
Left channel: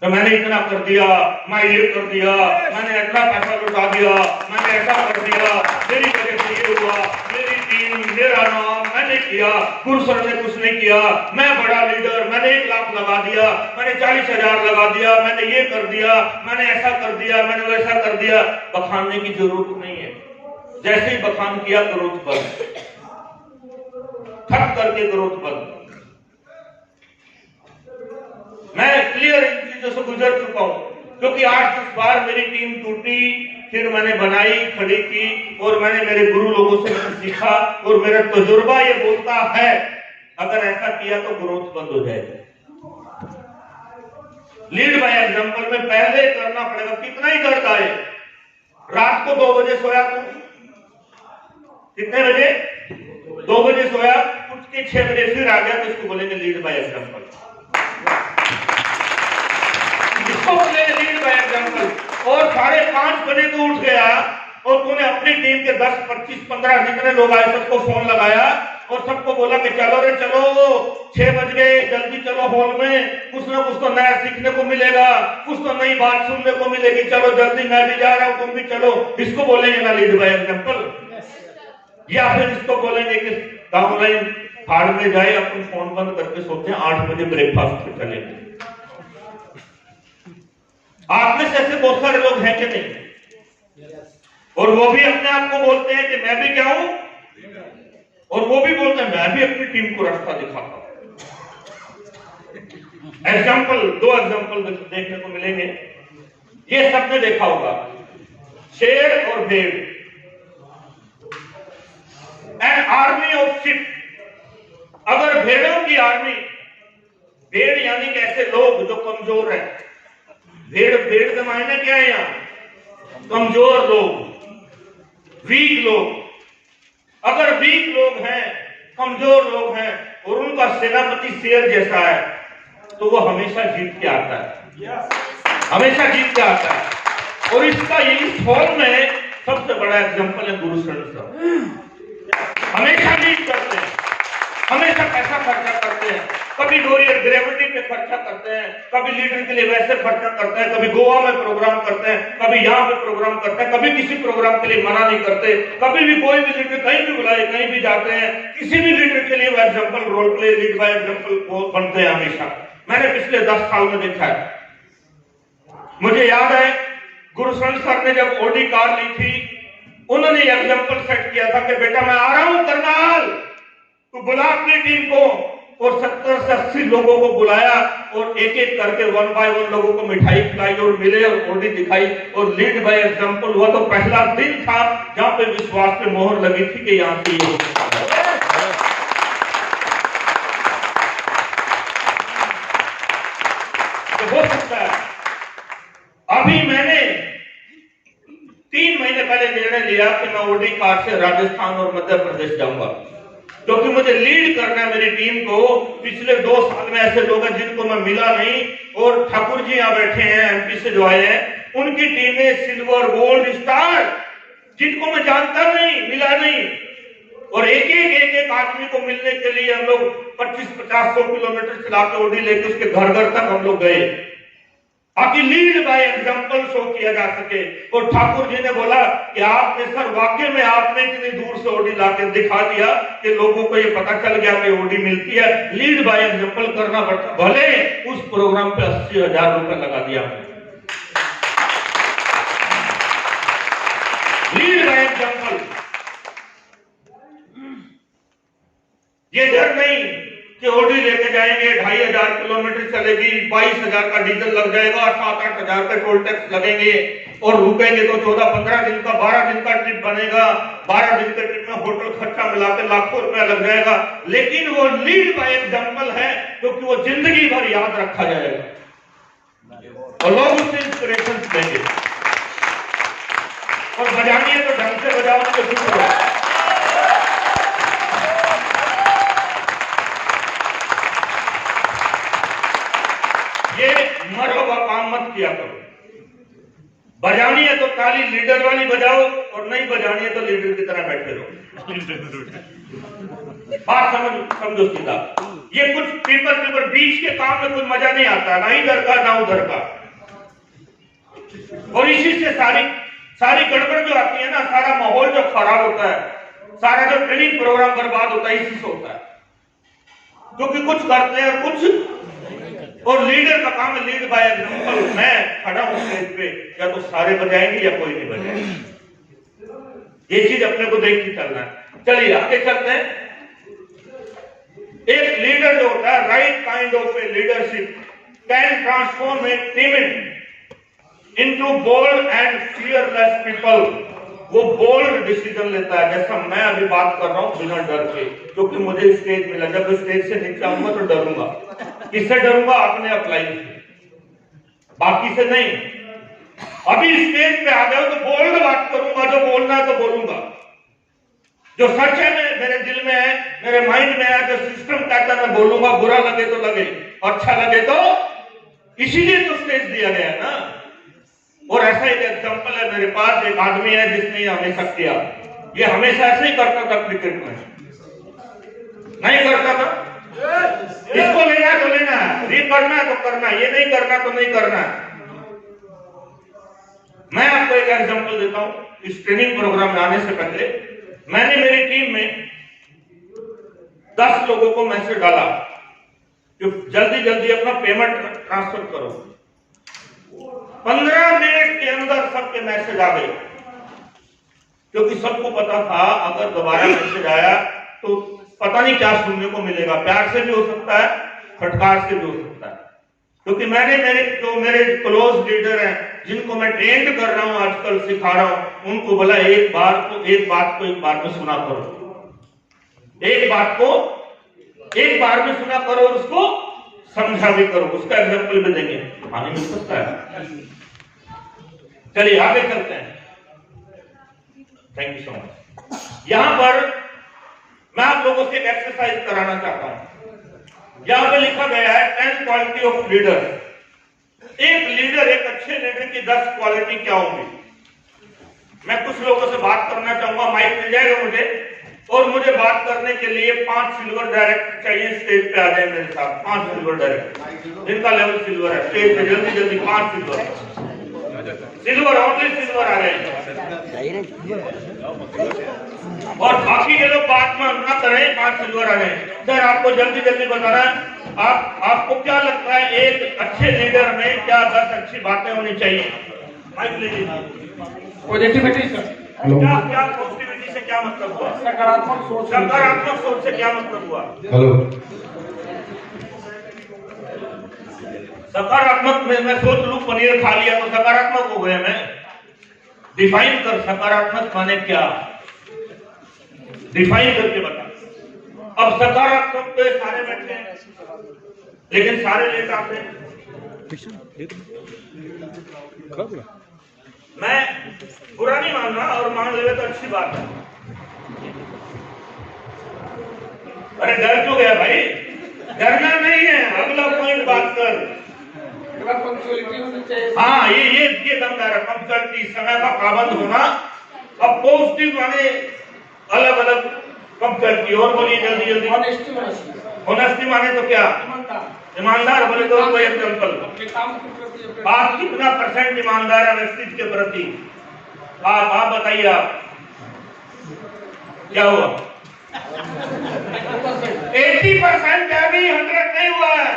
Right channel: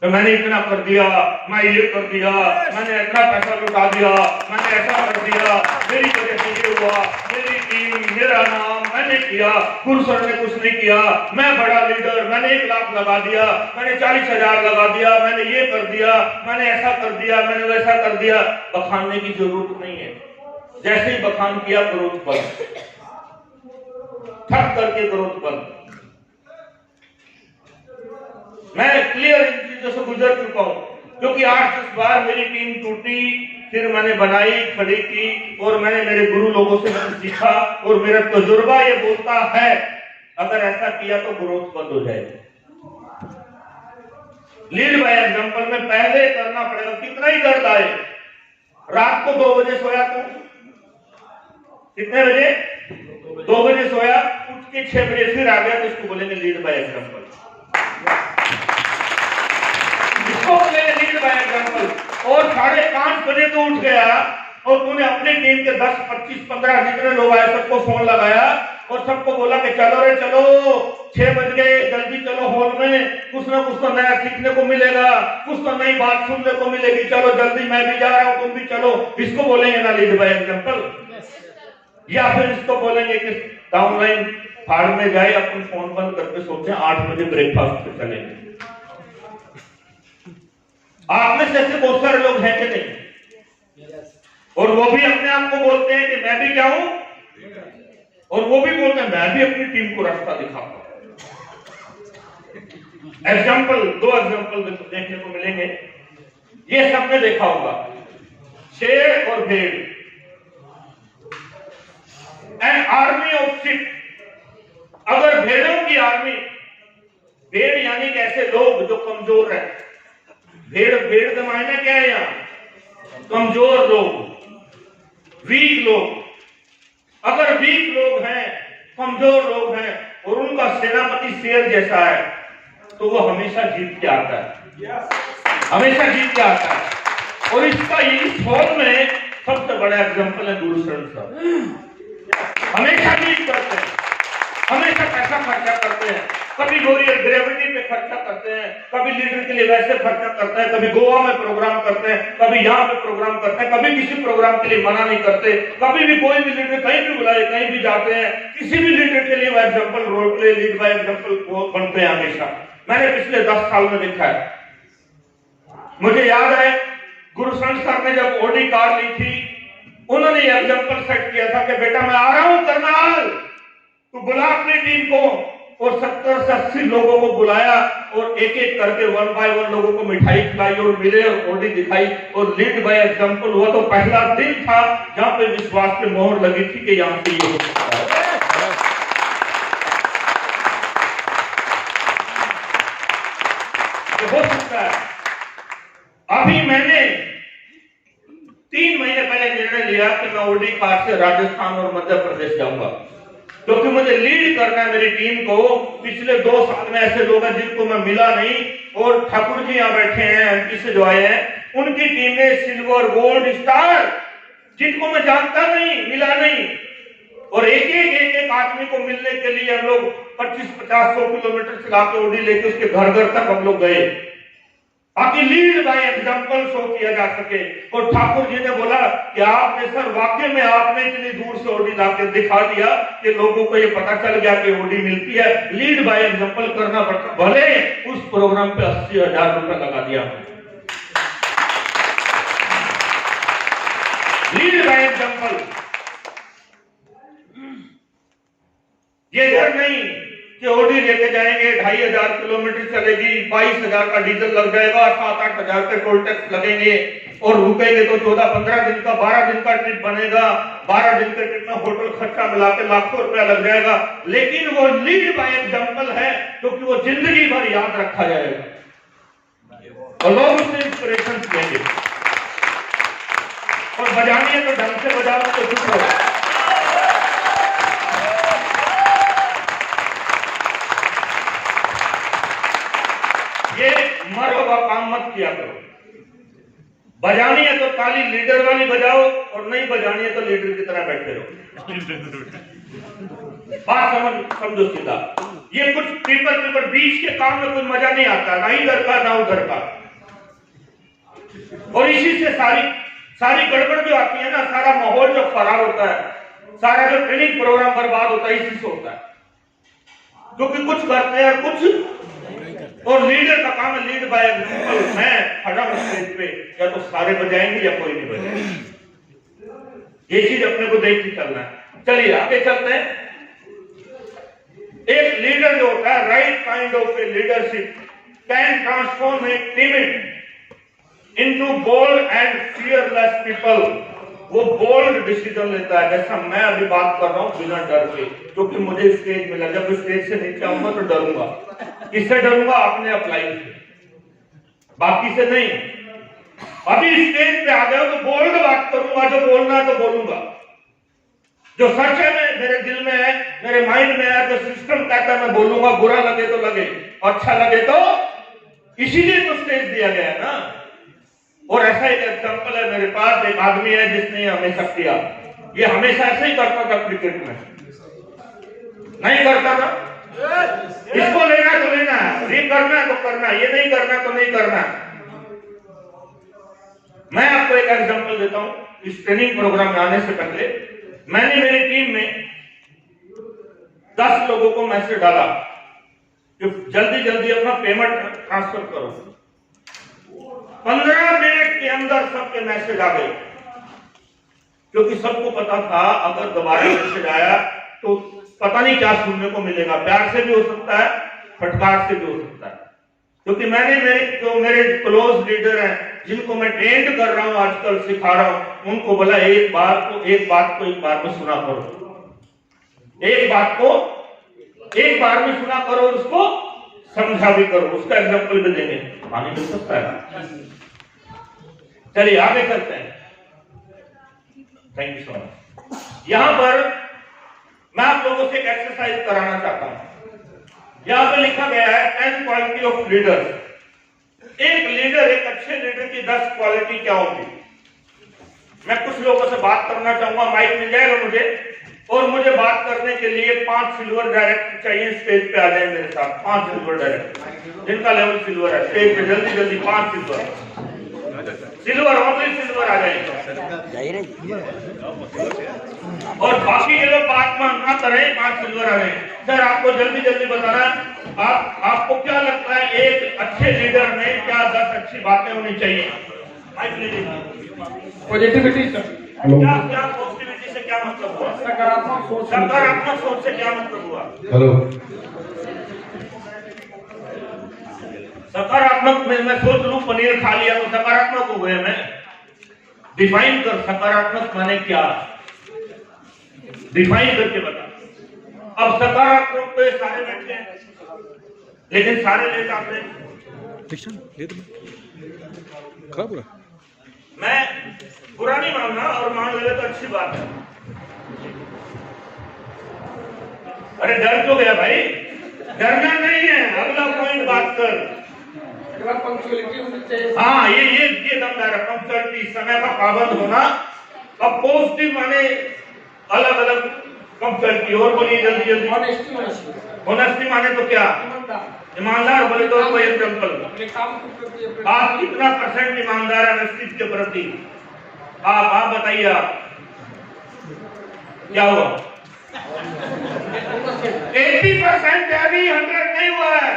तो मैंने इतना कर दिया, मैं ये कर दिया, मैंने इतना पैसा लुटा दिया, मैंने ऐसा कर दिया, मेरी वजह से ये हुआ, मेरी टीम, मेरा नाम, मैंने किया, गुरु सर ने कुछ नहीं किया, मैं बड़ा लीडर, मैंने 1 लाख लगा दिया, मैंने 40,000 लगा दिया, मैंने ये कर दिया, मैंने ऐसा कर दिया, मैंने वैसा कर दिया। बखानने की जरूरत नहीं है। जैसे ही बखान किया ग्रोथ बंद, ठप करके ग्रोथ बंद। मैं क्लियर इन चीजों से गुजर चुका हूं, क्योंकि 8-10 बार मेरी टीम टूटी, फिर मैंने बनाई, खड़ी की, और मैंने मेरे गुरु लोगों से मैंने सीखा, और मेरा तजुर्बा ये बोलता है अगर ऐसा किया तो ग्रोथ बंद हो जाएगा। लीड बाय एग्जांपल में पहले करना पड़ेगा, कितना ही दर्द आए। रात को 2 बजे सोया तू, कितने बजे? 2 बजे सोया, उठ के 6 बजे फिर आ गया, तो इसको बोलेंगे लीड बाय एग्जांपल। इसको बोलेंगे लीड बाय एग्जांपल। और 5:30 बजे तू उठ गया और तूने अपनी टीम के 10, 25, 15 जितने लोग आए सबको फोन लगाया और सबको बोला कि चलो रे चलो, 6 बज गए, जल्दी चलो हॉल में, कुछ ना कुछ तो नया सीखने को मिलेगा, कुछ तो नई बात सुनने को मिलेगी, चलो जल्दी, मैं भी जा रहा हूं, तुम भी चलो। इसको बोलेंगे ना लीड बाय एग्जांपल। या फिर इसको बोलेंगे कि डाउनलाइन फाड़ में जाए, अपन फोन बंद करके सोचते हैं 8 बजे ब्रेकफास्ट पे चलेंगे। आप में से ऐसे बहुत सारे लोग हैं कि नहीं? और वो भी अपने आप को बोलते हैं कि मैं भी क्या हूं, और वो भी बोलते हैं मैं भी अपनी टीम को रास्ता दिखाता हूं। एग्जाम्पल, 2 एग्जाम्पल देखने को मिलेंगे। ये सबने देखा होगा, शेर और भेड़, एन आर्मी ऑफ शिप। अगर भेड़ों की आर्मी, भेड़ यानी कि ऐसे लोग जो कमजोर हैं, भेड़ का मायना क्या है यहाँ? कमजोर लोग, वीक लोग। अगर वीक लोग हैं, कमजोर लोग हैं, और उनका सेनापति शेर जैसा है, तो वो हमेशा जीत के आता है, हमेशा जीत के आता है। और इसका इस हॉल में सबसे बड़ा एग्जाम्पल है गुरु शरण साहब, हमेशा जीत करते हैं। हमेशा पैसा खर्चा करते हैं, कभी वॉरियर ग्रेविटी पे खर्चा करते हैं, कभी लीडर के लिए वैसे खर्चा करते हैं, कभी गोवा में प्रोग्राम करते हैं, कभी यहाँ पे प्रोग्राम करते हैं, कभी किसी प्रोग्राम के लिए मना नहीं करते, कभी भी कोई भी लीडर कहीं भी बुलाए कहीं भी जाते हैं, किसी भी लीडर के लिए वो example role play lead by example बनते हैं हमेशा। मैंने पिछले 10 साल में देखा है। मुझे याद है गुरुशरण सर ने जब ओडी कार ली थी, उन्होंने एग्जाम्पल सेट किया था कि बेटा मैं आ रहा हूं करनाल, तो बुला अपनी टीम को, और 70 से 80 लोगों को बुलाया और एक एक करके 1 बाय 1 लोगों को मिठाई खिलाई और मिले और ओडी दिखाई और लीड बाय एग्जाम्पल हुआ। तो पहला दिन था जहां पे विश्वास पे मोहर लगी थी कि यहां से ये हो सकता है। तो हो सकता है। अभी मैंने 3 महीने पहले निर्णय लिया कि मैं ओडी कार से राजस्थान और मध्य प्रदेश जाऊंगा, क्योंकि मुझे लीड करना है मेरी टीम को। पिछले 2 साल में ऐसे लोग हैं जिनको मैं मिला नहीं, और ठाकुर जी यहाँ बैठे हैं एमपी से जो आए हैं, उनकी टीमें सिल्वर गोल्ड स्टार जिनको मैं जानता नहीं, मिला नहीं, और एक एक आदमी को मिलने के लिए हम लोग 25-50-100 किलोमीटर चला के ओडी लेके उसके घर घर तक हम लोग गए, ताकि लीड बाय एग्जाम्पल शो किया जा सके। और ठाकुर जी ने बोला कि आपने सर वाकई में आपने इतनी दूर से ओडी लाके दिखा दिया कि लोगों को ये पता चल गया कि ओडी मिलती है, लीड बाय एग्जाम्पल करना पड़ता। भले उस प्रोग्राम पे 80,000 रुपए लगा दिया हमने। लीड बाय एग्जाम्पल, ये डर नहीं कि ओडी लेके जाएंगे 2,500 किलोमीटर चलेगी, 22,000 का डीजल लग जाएगा, 7-8 हजार के टोल टैक्स लगेंगे, और रुकेंगे तो 14-15 दिन का 12 दिन का ट्रिप बनेगा, 12 दिन के ट्रिप में होटल खर्चा मिला के लाखों रुपया लग जाएगा। लेकिन वो लीड बाय एग्जाम्पल है, क्योंकि वो जिंदगी भर याद रखा जाएगा और लोग उससे इंस्पिरेशन लेंगे। और बजानी है तो ढंग से बजाओ, तो चुप रहो। ये मरहबा काम मत किया करो। बजानी है तो ताली लीडर वाली बजाओ, और नहीं बजानी है तो लीडर की तरह बैठे रहो। बात समझो सीधा। ये कुछ पेपर बीच के काम में कोई मजा नहीं आता, ना इधर का ना उधर का, और इसी से सारी गड़बड़ जो आती है ना, सारा माहौल जो खराब होता है, सारा जो ट्रेनिंग प्रोग्राम बर्बाद होता है, इसी से होता है। क्योंकि कुछ करते हैं कुछ, और लीडर का काम है लीड बाय एग्जाम्पल। मैं खड़ा हूं स्टेज पे, या तो सारे बजाएंगे या कोई नहीं बजाएंगे। ये चीज अपने को देख के चलना है। चलिए आगे चलते हैं। एक लीडर जो होता है, right kind of a leadership can transform a team into bold and fearless people. वो बोल्ड डिसीजन लेता है, जैसा मैं अभी बात कर रहा हूं, बिना डर के, क्योंकि मुझे स्टेज मिला। जब स्टेज से नीचे आऊंगा तो डरूंगा। किससे डरूंगा? अपने अपलाइन से, बाकी से नहीं। अभी स्टेज पे आ जाओ तो बोल्ड बात करूंगा, जो बोलना है तो बोलूंगा, जो सच है मेरे दिल में है, मेरे माइंड में है, जो सिस्टम कहता है मैं बोलूंगा। बुरा लगे तो लगे, अच्छा लगे तो, इसीलिए तो स्टेज दिया गया है ना। और ऐसा एक एग्जाम्पल है मेरे पास, एक आदमी है जिसने हमेशा किया। ये हमेशा ऐसे ही करता था, क्रिकेट में नहीं करता था। इसको लेना है तो लेना है, ये करना है तो करना है, ये नहीं करना तो नहीं करना है। मैं आपको एक एग्जाम्पल देता हूं। इस ट्रेनिंग प्रोग्राम में आने से पहले मैंने मेरी टीम में 10 लोगों को मैसेज डाला कि जल्दी जल्दी अपना पेमेंट ट्रांसफर करो। 15 मिनट के अंदर सबके मैसेज आ गए, क्योंकि सबको पता था अगर दोबारा मैसेज आया तो पता नहीं क्या सुनने को मिलेगा। प्यार से भी हो सकता है, फटकार से भी हो सकता है। क्योंकि मैंने मेरे क्लोज लीडर हैं, जिनको मैं ट्रेंड कर रहा हूं, आजकल सिखा रहा हूं, उनको बोला एक बात को एक बार में सुना करो, एक बात को एक बार में सुना करो, और उसको समझा भी करो। उसका एग्जाम्पल भी देंगे, आगे मिल सकता है। चलिए आगे चलते हैं। Thank you so much. यहां पर मैं आप लोगों से एक एक्सरसाइज कराना चाहता हूं। यहां पे लिखा गया है 10 क्वालिटी ऑफ लीडर। एक लीडर, एक अच्छे लीडर की 10 क्वालिटी क्या होगी। मैं कुछ लोगों से बात करना चाहूंगा। माइक मिल जाएगा मुझे? और मुझे बात करने के लिए 5 सिल्वर डायरेक्टर चाहिए, स्टेज पे आ जाए मेरे साथ। 5 सिल्वर डायरेक्टर जिनका लेवल सिल्वर है, स्टेज पे जल्दी जल्दी 5 सिल्वर ओनली सिल्वर आ जाएंगे। और बाकी के लोग बात में ना करें, 5 सिल्वर आ रहे हैं। सर आपको जल्दी जल्दी बता रहा है, आपको क्या लगता है एक अच्छे लीडर में क्या 10 अच्छी बातें होनी चाहिए? माइक ले लीजिए। पॉजिटिविटी सर, क्या पॉजिटिविटी से क्या मतलब हुआ? सकारात्मक सोच, सकारात्मक सोच से क्या मतलब हुआ? हेलो, सकारात्मक में मैं सोच लूं पनीर खा लिया तो सकारात्मक हो गए मैं? डिफाइन कर, सकारात्मक माने क्या, डिफाइन करके बता। अब सकारात्मक पे सारे बैठे हैं, लेकिन सारे लेट आते हैं। मैं बुरा नहीं मानना, और मान ले तो अच्छी बात है। अरे डर क्यों गया भाई? डरना नहीं है, अगला पॉइंट बात कर। हाँ, ये दमदार है, पंक्चुअलिटी, समय का पाबंद होना। अब पॉजिटिव माने अलग अलग पंक्चुअलिटी, और बोलिए जल्दी जल्दी। ऑनेस्टी माने तो क्या? ईमानदार। बोले तो कोई एग्जाम्पल, आप कितना परसेंट ईमानदार है ऑनेस्टी के प्रति? आप बताइए, आप क्या हुआ? 80% है, अभी 100 नहीं हुआ है।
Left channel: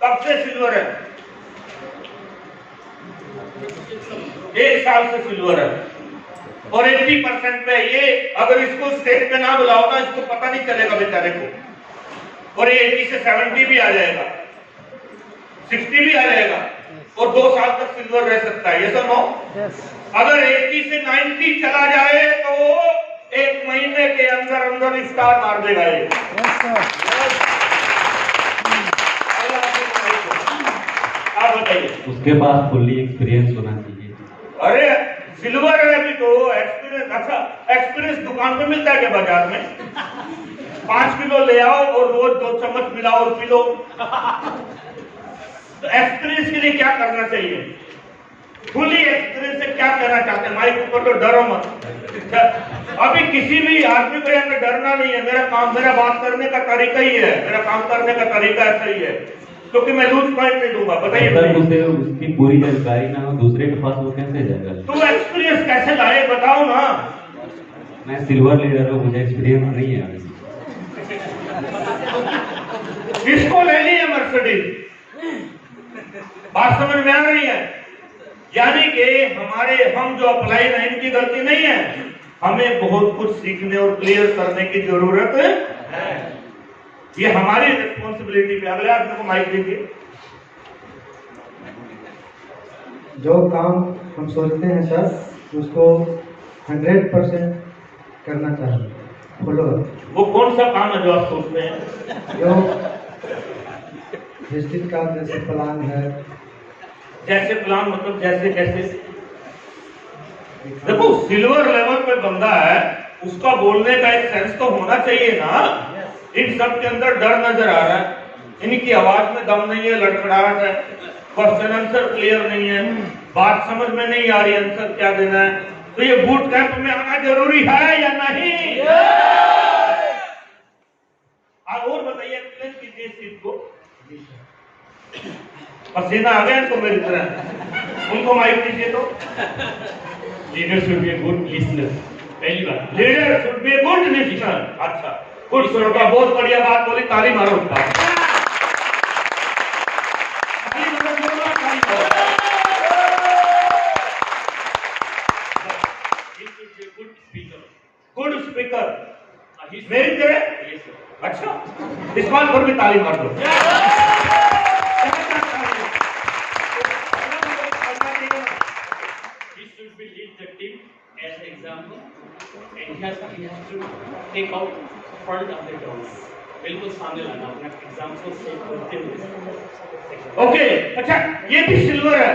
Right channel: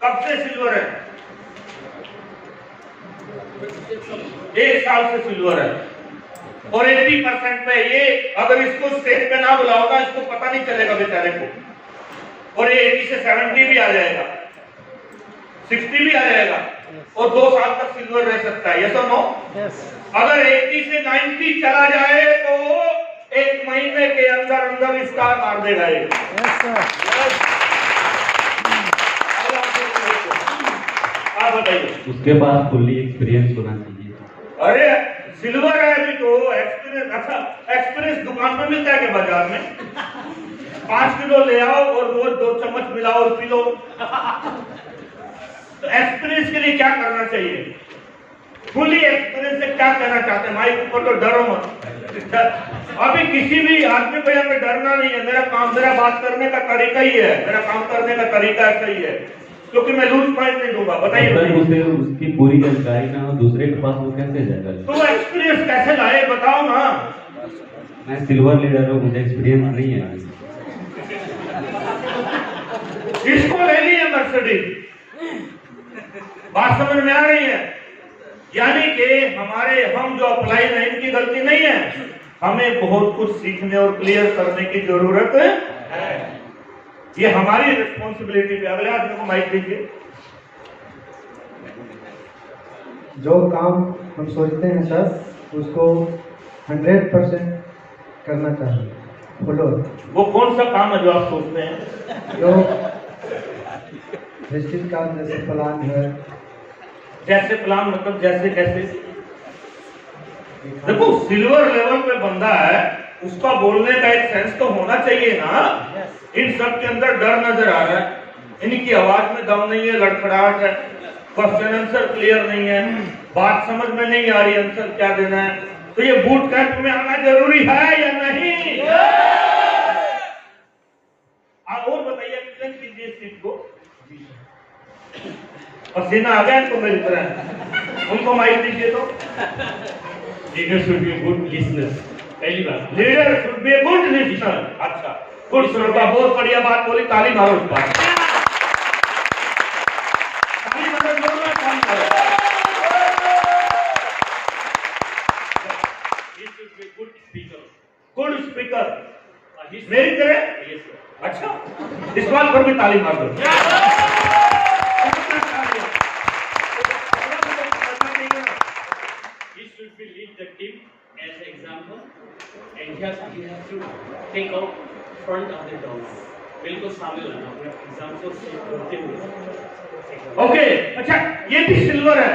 कब से सिल्वर है? 1 साल से सिल्वर है, और 80% पे ये अगर इसको स्टेज पे ना बुलाओ ना, इसको पता नहीं चलेगा बेचारे को। और ये 80 से 70 भी आ जाएगा, 60 भी आ जाएगा, और 2 साल तक सिल्वर रह सकता है। ये सब नो। अगर 80 से 90 चला जाए तो 1 महीने के अंदर अंदर स्टार मार देगा ये। आप बताइए। उसके पास फुल्ली एक्सपीरियंस होना चाहिए। अरे सिल्वर है अभी तो, एक्सपीरियंस। अच्छा, एक्सपीरियंस दुकान पे मिलता है क्या बाजार में? 5 किलो ले आओ और रोज 2 चम्मच मिलाओ और पी लो। तो एक्सपीरियंस के लिए क्या करना चाहिए? फुली एक्सपीरियंस से क्या कहना चाहते हैं? माइक ऊपर तो डरो मत। अभी किसी भी आदमी को यहाँ पे डरना नहीं है। मेरा बात करने का तरीका ही है, मेरा काम करने का तरीका सही है, क्योंकि मैं लूज पॉइंट नहीं दूंगा। बताइए। उसे उसकी पूरी जानकारी ना हो दूसरे के पास, वो कैसे जाएगा? तो एक्सपीरियंस कैसे लाए बताओ ना। मैं सिल्वर लीडर हूँ, मुझे एक्सपीरियंस नहीं है। इसको ले लिए मर्सिडीज। बात समझ में आ रही है? यानी कि हम जो अप्लाई नहीं, इनकी गलती नहीं है। हमें बहुत कुछ सीखने और क्लियर करने की जरूरत है। ये हमारी रिस्पॉन्सिबिलिटी पे। अगले आदमी को माइक दीजिए। जो काम हम सोचते हैं सर, उसको 100% करना चाहिए, फॉलो। वो कौन सा काम है जो आप सोचते हैं? जो निश्चित काम, जैसे प्लान है। जैसे प्लान मतलब जैसे कैसे? देखो, सिल्वर लेवल पे बंदा है, उसका बोलने का एक सेंस तो होना चाहिए ना। इन सब के अंदर डर नजर आ रहा है, इनकी आवाज में दम नहीं है, लड़खड़ाहट है, क्वेश्चन आंसर क्लियर नहीं है, बात समझ में नहीं आ रही, आंसर क्या देना है। तो ये बूट कैंप में आना जरूरी है या नहीं? आप और बताइए, एक्सप्लेन कीजिए इस चीज को। पसीना आ गया इनको मेरी तरह। उनको माइक दीजिए। तो leader should be good listener. पहली बात, leader should be good listener. अच्छा, गुड सुनर, बहुत बढ़िया बात बोली, ताली मारो उस पर। गुड स्पीकर मेरी तरह। अच्छा, इस बात पर भी ताली मार दो। The team as an example, and he has to take out front of the dogs. बिल्कुल सामने लाना अपना एग्जाम्पल से करते हुए। ओके, अच्छा, ये भी सिल्वर है,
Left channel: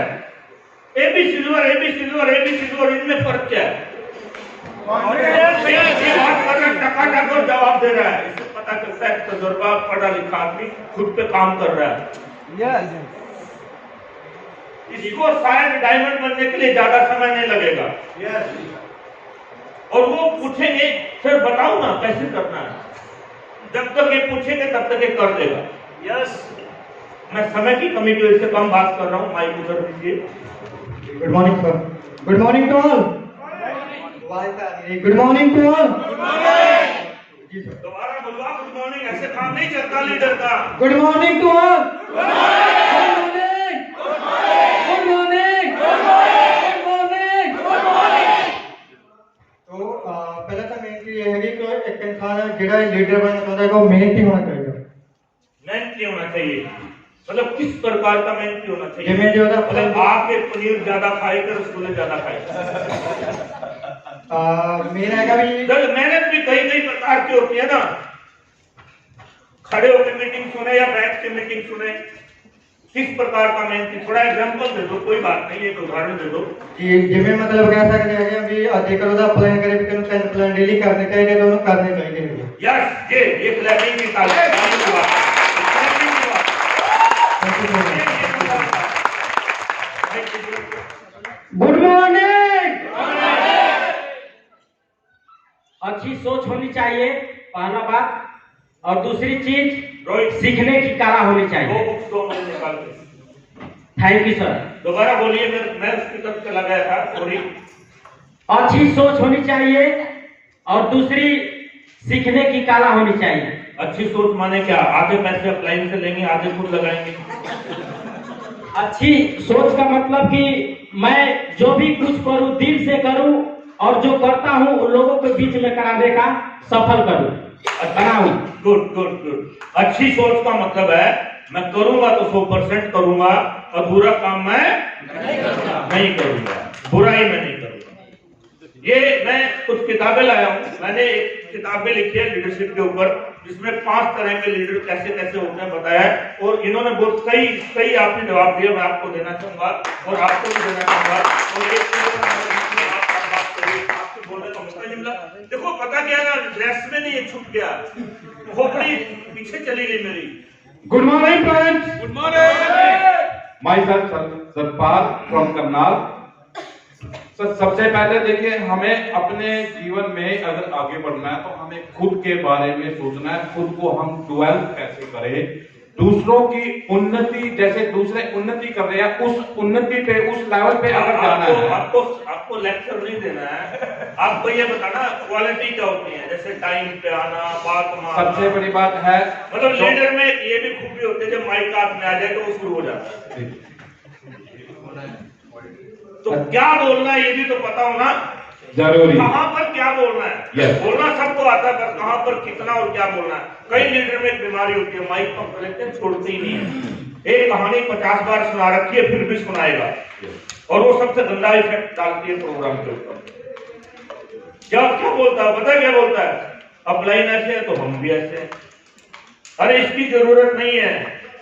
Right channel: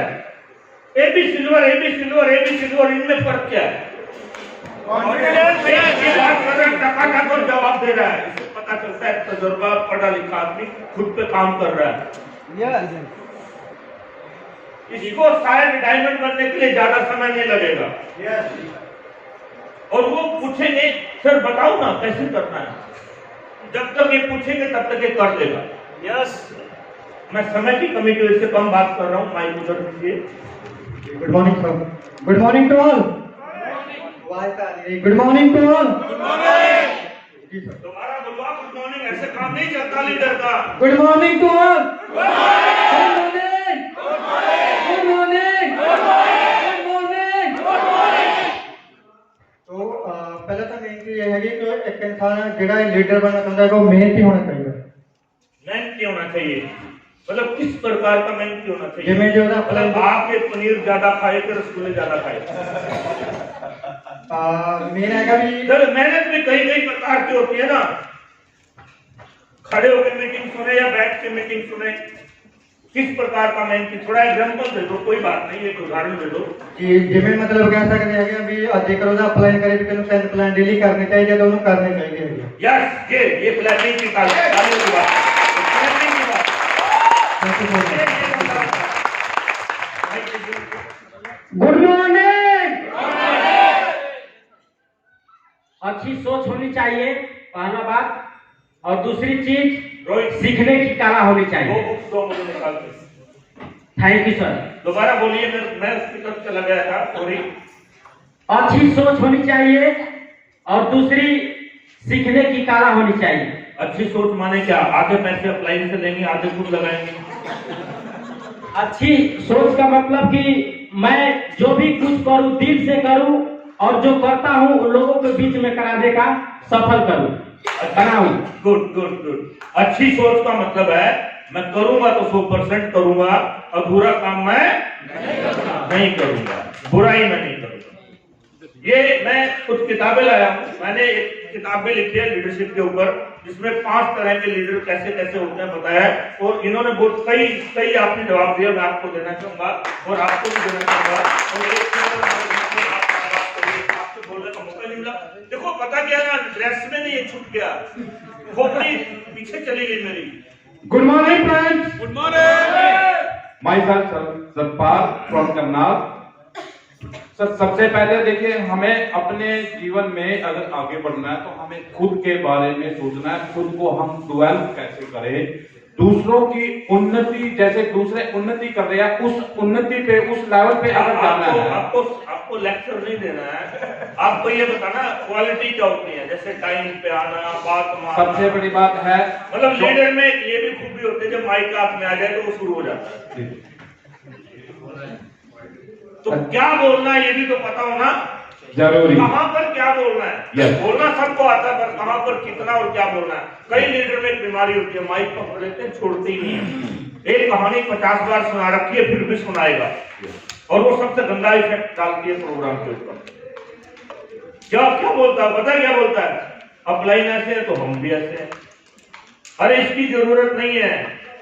ए भी सिल्वर, ए भी सिल्वर, ए भी सिल्वर, इनमें फर्क क्या है? टका जवाब दे रहा है, इससे पता चलता है तजुर्बा, पढ़ा लिखा आदमी खुद पे काम कर रहा है। इसको शायद डायमंड बनने के लिए ज्यादा समय नहीं लगेगा। और वो पूछेंगे सर बताओ ना कैसे करना है, जब तक ये पूछेंगे तब तक ये कर देगा। यस मैं समय की कमी की वजह से कम बात कर रहा हूँ, माइक उधर दीजिए। Good morning sir. Good morning to all. Good morning to all. जी सर। दोबारा बोलवा गुड मॉर्निंग, ऐसे काम नहीं चलता लीडर का। Good morning to all. Good morning. Good morning. Good morning. तो पहला तो मेन चीज ये है कि एक इंसान जेड़ा लीडर बनना चाहता है वो मेहनती होना चाहिए। मेहनती होना चाहिए, मतलब किस प्रकार का मेहनती होना चाहिए? जिसमें जो ना मतलब आपके पनीर ज्यादा खाए कि रसगुल्ले ज्यादा खाए? मेन है भी सर मेहनत भी कई कई प्रकार की होती है ना, खड़े होकर मीटिंग सुने या बैठ के मीटिंग सुने, किस प्रकार का मेहनती? थोड़ा एग्जांपल दे दो, कोई बात नहीं, एक उदाहरण दे दो। जी जिमें मतलब कैसा करें है भी जेकर ਉਹਦਾ ਅਪਲਾਈ ਕਰੇ ਤੇ ਉਹਨੂੰ 10 ਪਲਾਨ ਡੇਲੀ ਕਰਨੇ ਚਾਹੀਦੇ ਤੇ ਉਹਨੂੰ ਕਰਨੇ ਚਾਹੀਦੇ ਹੈਗੇ। यस ये क्लैपिंग की ताली की बात, क्लैपिंग की बात। Good morning. अच्छी सोच होनी चाहिए पहला बात, और दूसरी चीज रोहित सीखने की कला होनी दो चाहिए। बुक्स दो मुझे निकाल के। Thank you sir. दोबारा बोलिए, मैं उसकी तरफ चला गया था, सॉरी। अच्छी सोच होनी चाहिए और दूसरी सीखने की कला होनी चाहिए। अच्छी सोच माने क्या? आधे पैसे अप्लाई से लेंगे, आधे खुद लगाएंगे। अच्छी सोच का मतलब कि मैं जो भी कुछ करूं दिल से करूं और जो करता हूं उन लोगों के बीच में कराने का सफल करूं, बनाऊं। Good good good. अच्छी सोच का मतलब है मैं करूंगा तो 100% करूंगा, अधूरा काम मैं नहीं करूंगा, बुराई मैं नहीं करूंगा। ये मैं कुछ किताबें लाया हूं, मैंने एक किताबें लिखी है लीडरशिप के ऊपर, जिसमें 5 तरह के लीडर कैसे कैसे होते हैं बताया है, और इन्होंने बहुत सही आपने जवाब दिया, मैं आपको देना चाहूंगा और आपको भी देना चाहूंगा। और एक आपसे बोलने का मौका नहीं मिला। देखो पता क्या ना, ड्रेस में नहीं, ये छुप गया, खोपड़ी पीछे चली गई मेरी। Good morning friends. Good morning. My son Satpal from Karnal. Sir सबसे पहले देखिए, हमें अपने जीवन में अगर आगे बढ़ना है तो हमें खुद के बारे में सोचना है, खुद को हम डेवलप कैसे करें, दूसरों की उन्नति, जैसे दूसरे उन्नति कर रहे हैं उस उन्नति पे, उस लेवल पे अगर जाना है। आपको लेक्चर नहीं देना है, आपको ये बताना क्वालिटी क्या होती है, जैसे टाइम पे आना, बात मानना। सबसे बड़ी बात है मतलब लीडर में ये भी खूबी होती है, जब माइक हाथ में आ जाए तो वो शुरू हो जाता है। तो क्या बोलना है ये भी तो पता होना जरूरी, कहां पर क्या बोलना है। Yes. बोलना सबको आता है, पर कहां पर कितना और क्या बोलना है। कई लीडर में एक बीमारी होती है, माइक पकड़ लेते हैं, छोड़ते ही नहीं है। एक कहानी 50 बार सुना रखी है फिर भी सुनाएगा, और वो सबसे गंदा इफेक्ट डालती है प्रोग्राम के ऊपर। क्या बोलता है पता क्या बोलता है? अपलाइन ऐसे है तो हम भी ऐसे हैं। अरे इसकी जरूरत नहीं है,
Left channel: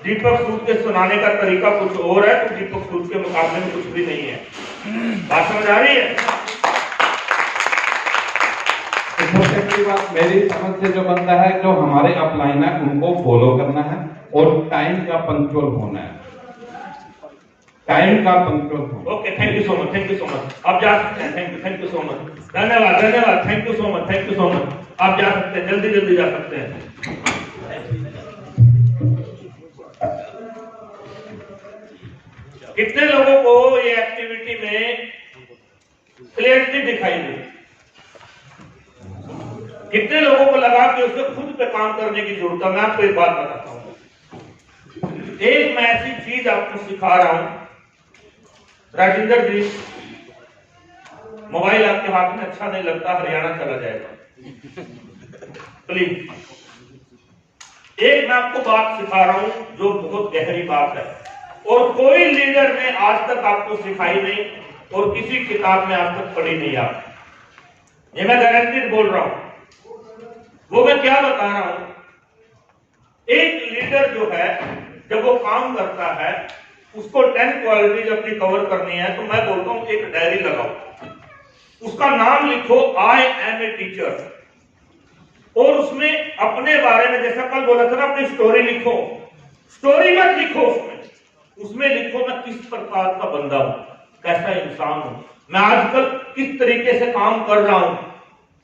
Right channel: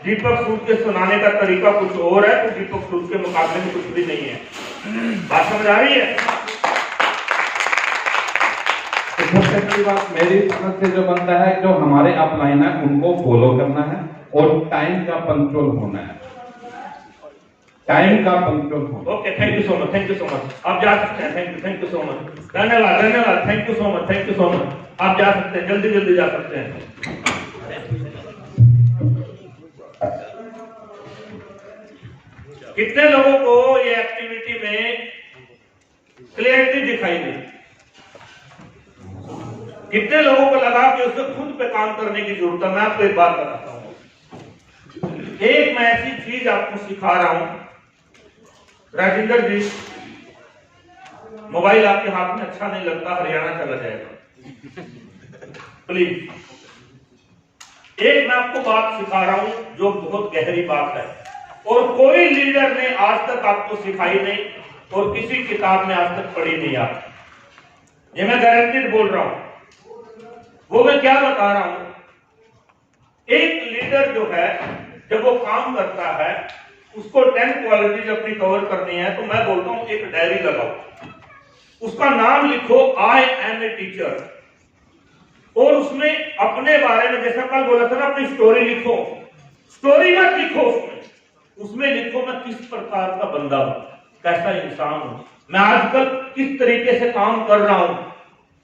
दीपक सूद के सुनाने का तरीका कुछ और है, तो दीपक सूद के मुकाबले में कुछ भी नहीं है। बात समझ आ रही है? सबसे बड़ी बात मेरी समझ से जो बनता है, जो हमारे अपलाइन है उनको फॉलो करना है और टाइम का पंक्चुअल होना है, टाइम का पंक्चुअल होना। Okay, thank you so much, thank you so much. आप जा सकते हैं, थैंक यू सो मच, धन्यवाद धन्यवाद, thank you so much, thank you so much. आप जा सकते हैं, जल्दी जल्दी जा सकते हैं। कितने लोगों को ये एक्टिविटी में क्लियरिटी दिखाई दी? कितने लोगों को लगा कि उसे खुद पे काम करने की जरूरत है? मैं आपको एक बात बताता हूं, एक मैं ऐसी चीज आपको सिखा रहा हूं। राजेंद्र जी, मोबाइल आपके हाथ में अच्छा नहीं लगता, हरियाणा चला जाएगा प्लीज। एक मैं आपको बात सिखा रहा हूं जो बहुत गहरी बात है, और कोई लीडर ने आज तक आपको सिखाई नहीं, और किसी किताब में आज तक पढ़ी नहीं आपने। ये मैं गारंटेड बोल रहा हूं। वो मैं क्या बता रहा हूं, एक लीडर जो है जब वो काम करता है, उसको 10 क्वालिटीज अपनी कवर करनी है, तो मैं बोलता हूं एक डायरी लगाओ, उसका नाम लिखो आई एम ए टीचर, और उसमें अपने बारे में, जैसा कल बोला था ना, अपनी स्टोरी लिखो। स्टोरी मत लिखो उसमें लिखो मैं किस प्रकार का बंदा हूं, कैसा इंसान हूं, मैं आजकल किस तरीके से काम कर रहा हूं,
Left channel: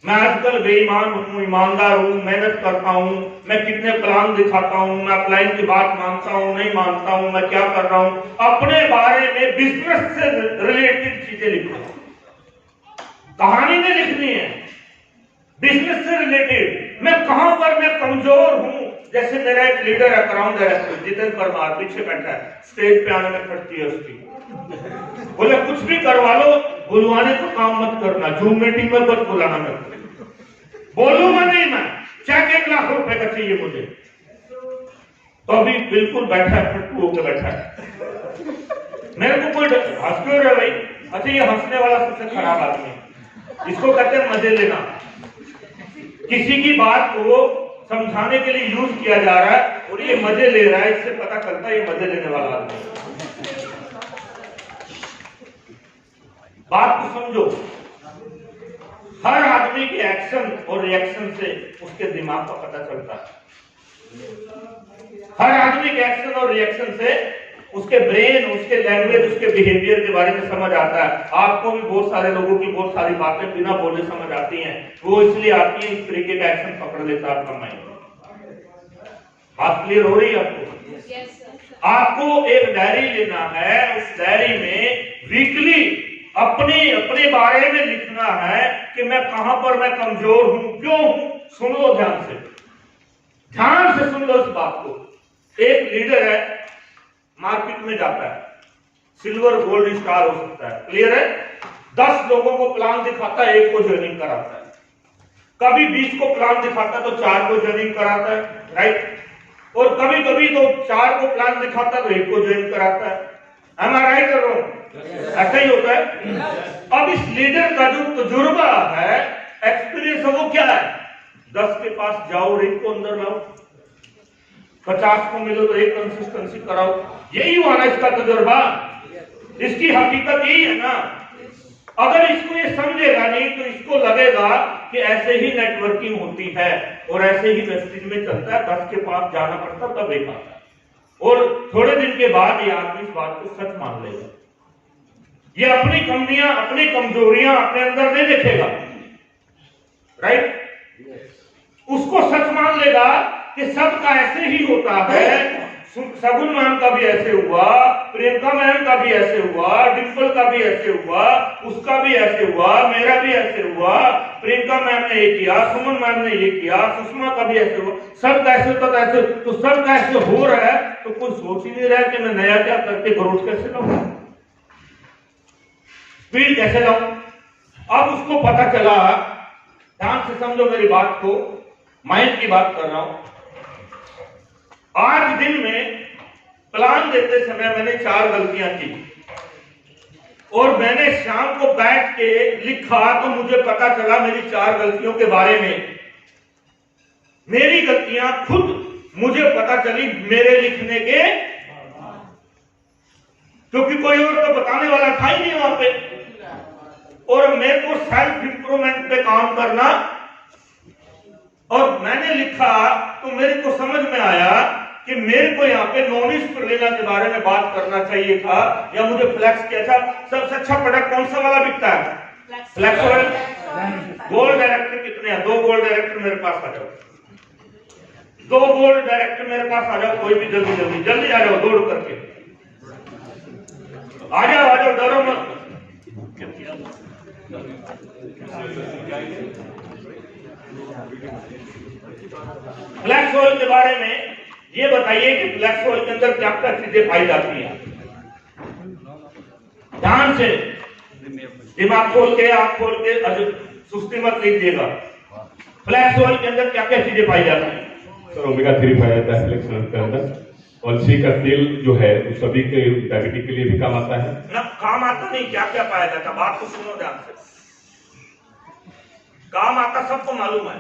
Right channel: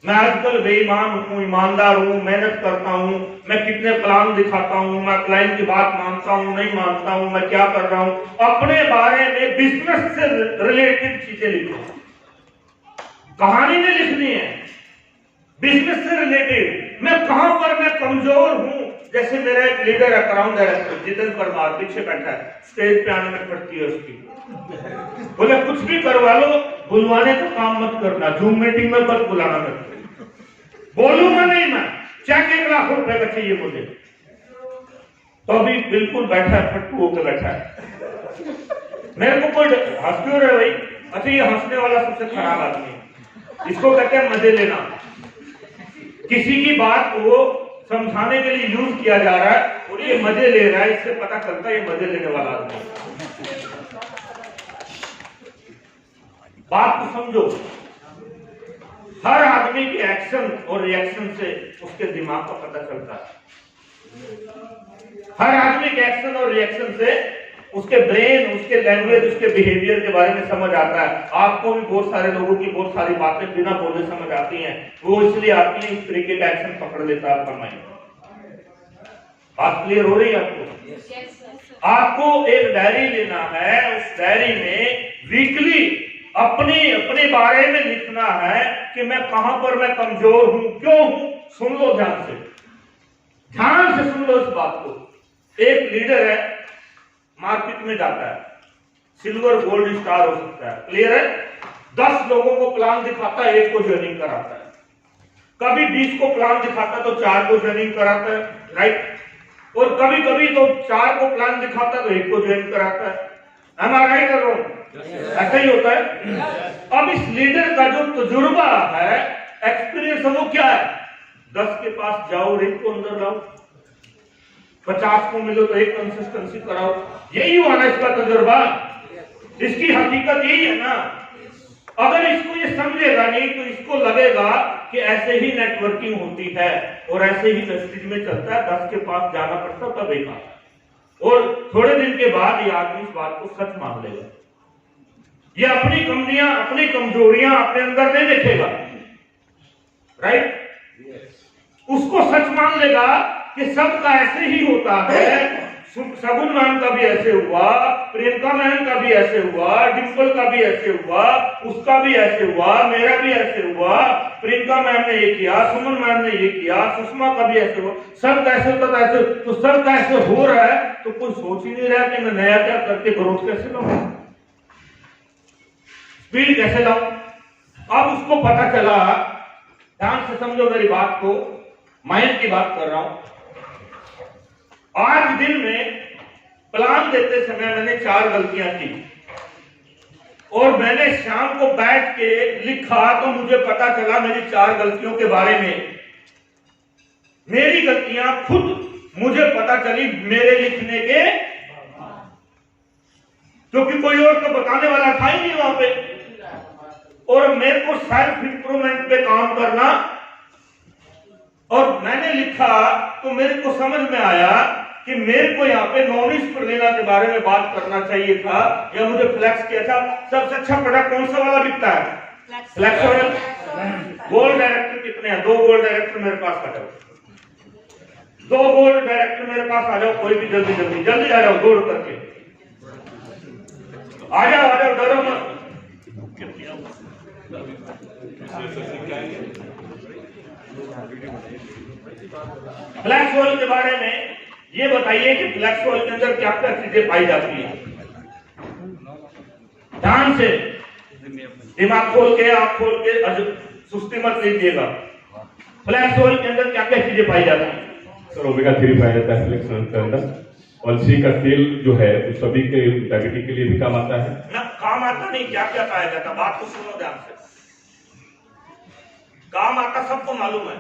मैं आजकल बेईमान हूँ, ईमानदार हूँ, मेहनत करता हूँ, मैं कितने प्लान दिखाता हूँ, मैं प्लान की बात मानता हूँ, नहीं मानता हूँ, मैं क्या कर रहा हूँ, अपने बारे में बिजनेस से रिलेटेड चीजें लिखो। कहानी में लिखनी है, बिजनेस से रिलेटेड। मैं कहां पर मैं कमजोर हूं। जैसे मेरा एक लीडर है, अकाउंट डायरेक्टर जितेंद्र परमार, पीछे बैठा है, स्टेज पे आने में पड़ती है उसकी। बोले कुछ भी करवा लो, बुलवाने का काम मत करना, जूम मीटिंग में मत बुलाना। मैं बोलूंगा नहीं, मैं चेक 1 लाख रुपए का चाहिए मुझे, तो अभी बिल्कुल बैठा है, फट्टू होकर बैठा है। मेरे को कोई हंस क्यों रहे भाई? अच्छा, ये हंसने वाला सबसे खराब आदमी है, इसको कहते हैं मजे लेना। किसी की बात को समझाने के लिए यूज किया जा रहा है और ये मजे ले रहा है, इससे पता चलता है ये मजे लेने वाला आदमी। बात को समझो, हर आदमी के एक्शन और रिएक्शन से उसके दिमाग का पता चलता है। हर आदमी के एक्शन और रिएक्शन से उसके ब्रेन, उसके लैंग्वेज, उसके बिहेवियर के बारे में समझ आता है। आपको भी बहुत सारे लोगों की बहुत सारी बातें बिना बोले समझ आती हैं, वो इसलिए आती है, इस तरीके का एक्शन पकड़ लेता है आपका माइंड। बात क्लियर हो रही है आपको? आपको एक डायरी लेना है, उस डायरी में वीकली अपने बारे में लिखना है कि मैं कहां पर मैं कमजोर हूं, क्यों हूं। सुन लो ध्यान से सुन लो इस बात को। एक लीडर है, मार्केट में जाता है, सिल्वर गोल्ड स्टार हो सकता है, क्लियर है। 10 लोगों को प्लान दिखाता है, 1 को ज्वाइनिंग कराता है। कभी 20 को प्लान दिखाता है तो 4 को ज्वाइनिंग कराता है, राइट। और कभी कभी तो 4 को प्लान दिखाता है तो 1 को ज्वाइन कराता है। am I right कर रहा हूं? ऐसा ही होता है। अब इस लीडर का जो तजुर्बा है, एक्सपीरियंस है, वो क्या है? 10 के पास जाओ और 1 को अंदर लाओ, 50 को मिलो तो 1 कंसिस्टेंसी कराओ। यही हुआ ना इसका तजुर्बा, इसकी हकीकत यही है ना। अगर इसको ये समझेगा नहीं तो इसको लगेगा कि ऐसे ही नेटवर्किंग होती है और ऐसे ही मैसेज में चलता है, 10 के पास जाना पड़ता तब एक आता है। और थोड़े दिन के बाद ये आदमी इस बात को सच मान लेगा। ये अपनी कमियां, अपनी कमजोरियां अपने अंदर नहीं देखेगा, राइट। उसको सच मान लेगा कि सबका ऐसे ही होता है। शगुन मैम का भी ऐसे हुआ, प्रियंका मैम का भी ऐसे हुआ, डिम्पल का भी ऐसे हुआ, उसका भी ऐसे हुआ, मेरा भी ऐसे हुआ। प्रियंका मैम ने ये किया, सुमन मैम ने ये किया, सुषमा का भी ऐसे हुआ। सब कैसे होता था ऐसे, तो सब कैसे हो रहा है तो कोई सोच ही नहीं रहा कि मैं नया क्या करके ग्रोथ कैसे लाऊं, स्पीड कैसे लाऊं। अब उसको पता चला, ध्यान से समझो मेरी बात को, माइंड की बात कर रहा हूं। आज दिन में प्लान देते समय मैंने 4 गलतियां की और मैंने शाम को बैठ के लिखा तो मुझे पता चला मेरी 4 गलतियों के बारे में। मेरी गलतियां खुद मुझे पता चली मेरे लिखने के, क्योंकि कोई और तो बताने वाला था ही नहीं वहां पे। और मेरे को सेल्फ इंप्रूवमेंट पे काम करना, और मैंने लिखा तो मेरे को समझ में आया कि मेरे को यहाँ पे नॉन स्पिरुलिना के बारे में बात करना चाहिए था, या मुझे फ्लैक्स किया था। सबसे अच्छा प्रोडक्ट कौन सा वाला बिकता है? Flax oil. गोल्ड डायरेक्टर कितने हैं? 2 गोल्ड डायरेक्टर मेरे पास आ जाओ, 2 गोल्ड डायरेक्टर मेरे पास आ जाओ, कोई भी जल्दी जल्दी जल्दी आ जाओ, दौड़ करके आ जाओ, डरो मत। फ्लैक्स ऑयल के बारे में ये बताइए कि फ्लैक्स ऑयल के अंदर क्या क्या चीजें पाई जाती हैं। ध्यान से दिमाग खोल के, आंख खोल के, सुस्ती मत लीजिएगा। फ्लैक्स ऑयल के अंदर क्या क्या चीजें पाई जाती हैं? सर ओमेगा 3 पाया जाता है फ्लैक्स ऑयल के अंदर। अलसी का तेल जो है वो सभी के डायबिटीज के लिए भी काम आता है ना। काम आता नहीं, क्या क्या पाया जाता, बात तो सुनो ध्यान से। काम आता सबको मालूम है।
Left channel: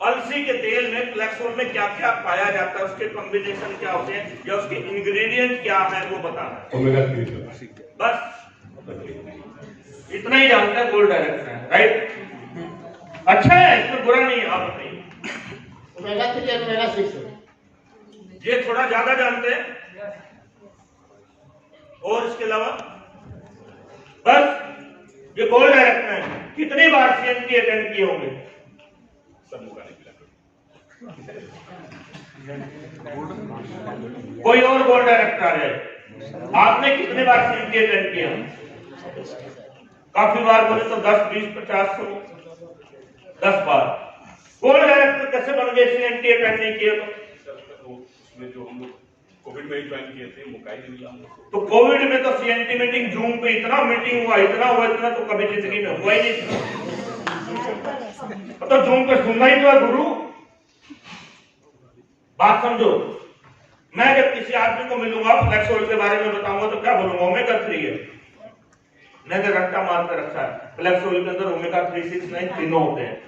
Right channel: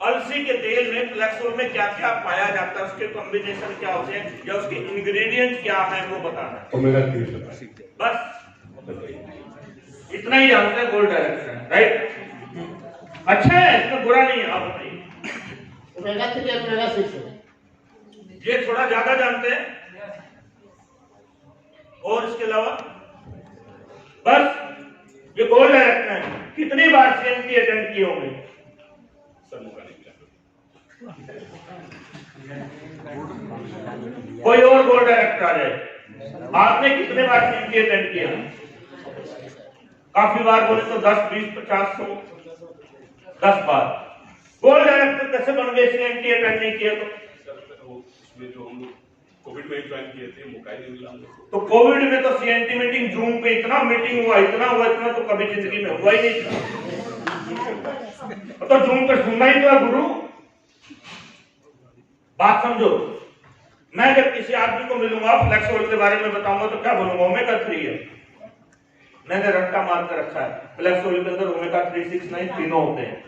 अलसी के तेल में, फ्लैक्स ऑयल में क्या क्या पाया जाता है, उसके कॉम्बिनेशन क्या होते हैं, या उसके इंग्रेडिएंट क्या है, वो बताना है। ओमेगा 3 बस इतना ही जानता है गोल्ड डायरेक्टर है, राइट। अच्छा है, इसमें बुरा नहीं है, आप बताइए। ये थोड़ा ज्यादा जानते हैं, और इसके अलावा बस ये गोल्ड डायरेक्टर है। कितनी बार सीएमटी अटेंड किए होंगे? सर मौका नहीं मिला। कोई और बोर्ड डायरेक्टर आ जाए, आपने कितने बार सीएमटी अटेंड किया? काफी बार बोले तो 10, 20, 50, 100, 10 बार। बोर्ड डायरेक्टर कैसे बन गए सीएमटी अटेंड नहीं किया? तो उसमें जो हम लोग कोविड में ही ज्वाइन किए थे, मौका ही नहीं मिला हम लोग को। तो कोविड में तो सीएनटी मीटिंग जूम पे इतना मीटिंग हुआ, इतना तो कभी जिंदगी में हुआ ही नहीं। तो जूम पे सुनना ही तो है गुरु, बात समझो। मैं जब किसी आदमी को मिलूंगा, फ्लैक्स ऑयल के बारे में बताऊंगा तो क्या बोलूंगा? ओमेगा 3 है, मैंने रट्टा मार कर रखा है। फ्लैक्स ऑयल के अंदर ओमेगा 3, 6, 9 तीनों होते हैं।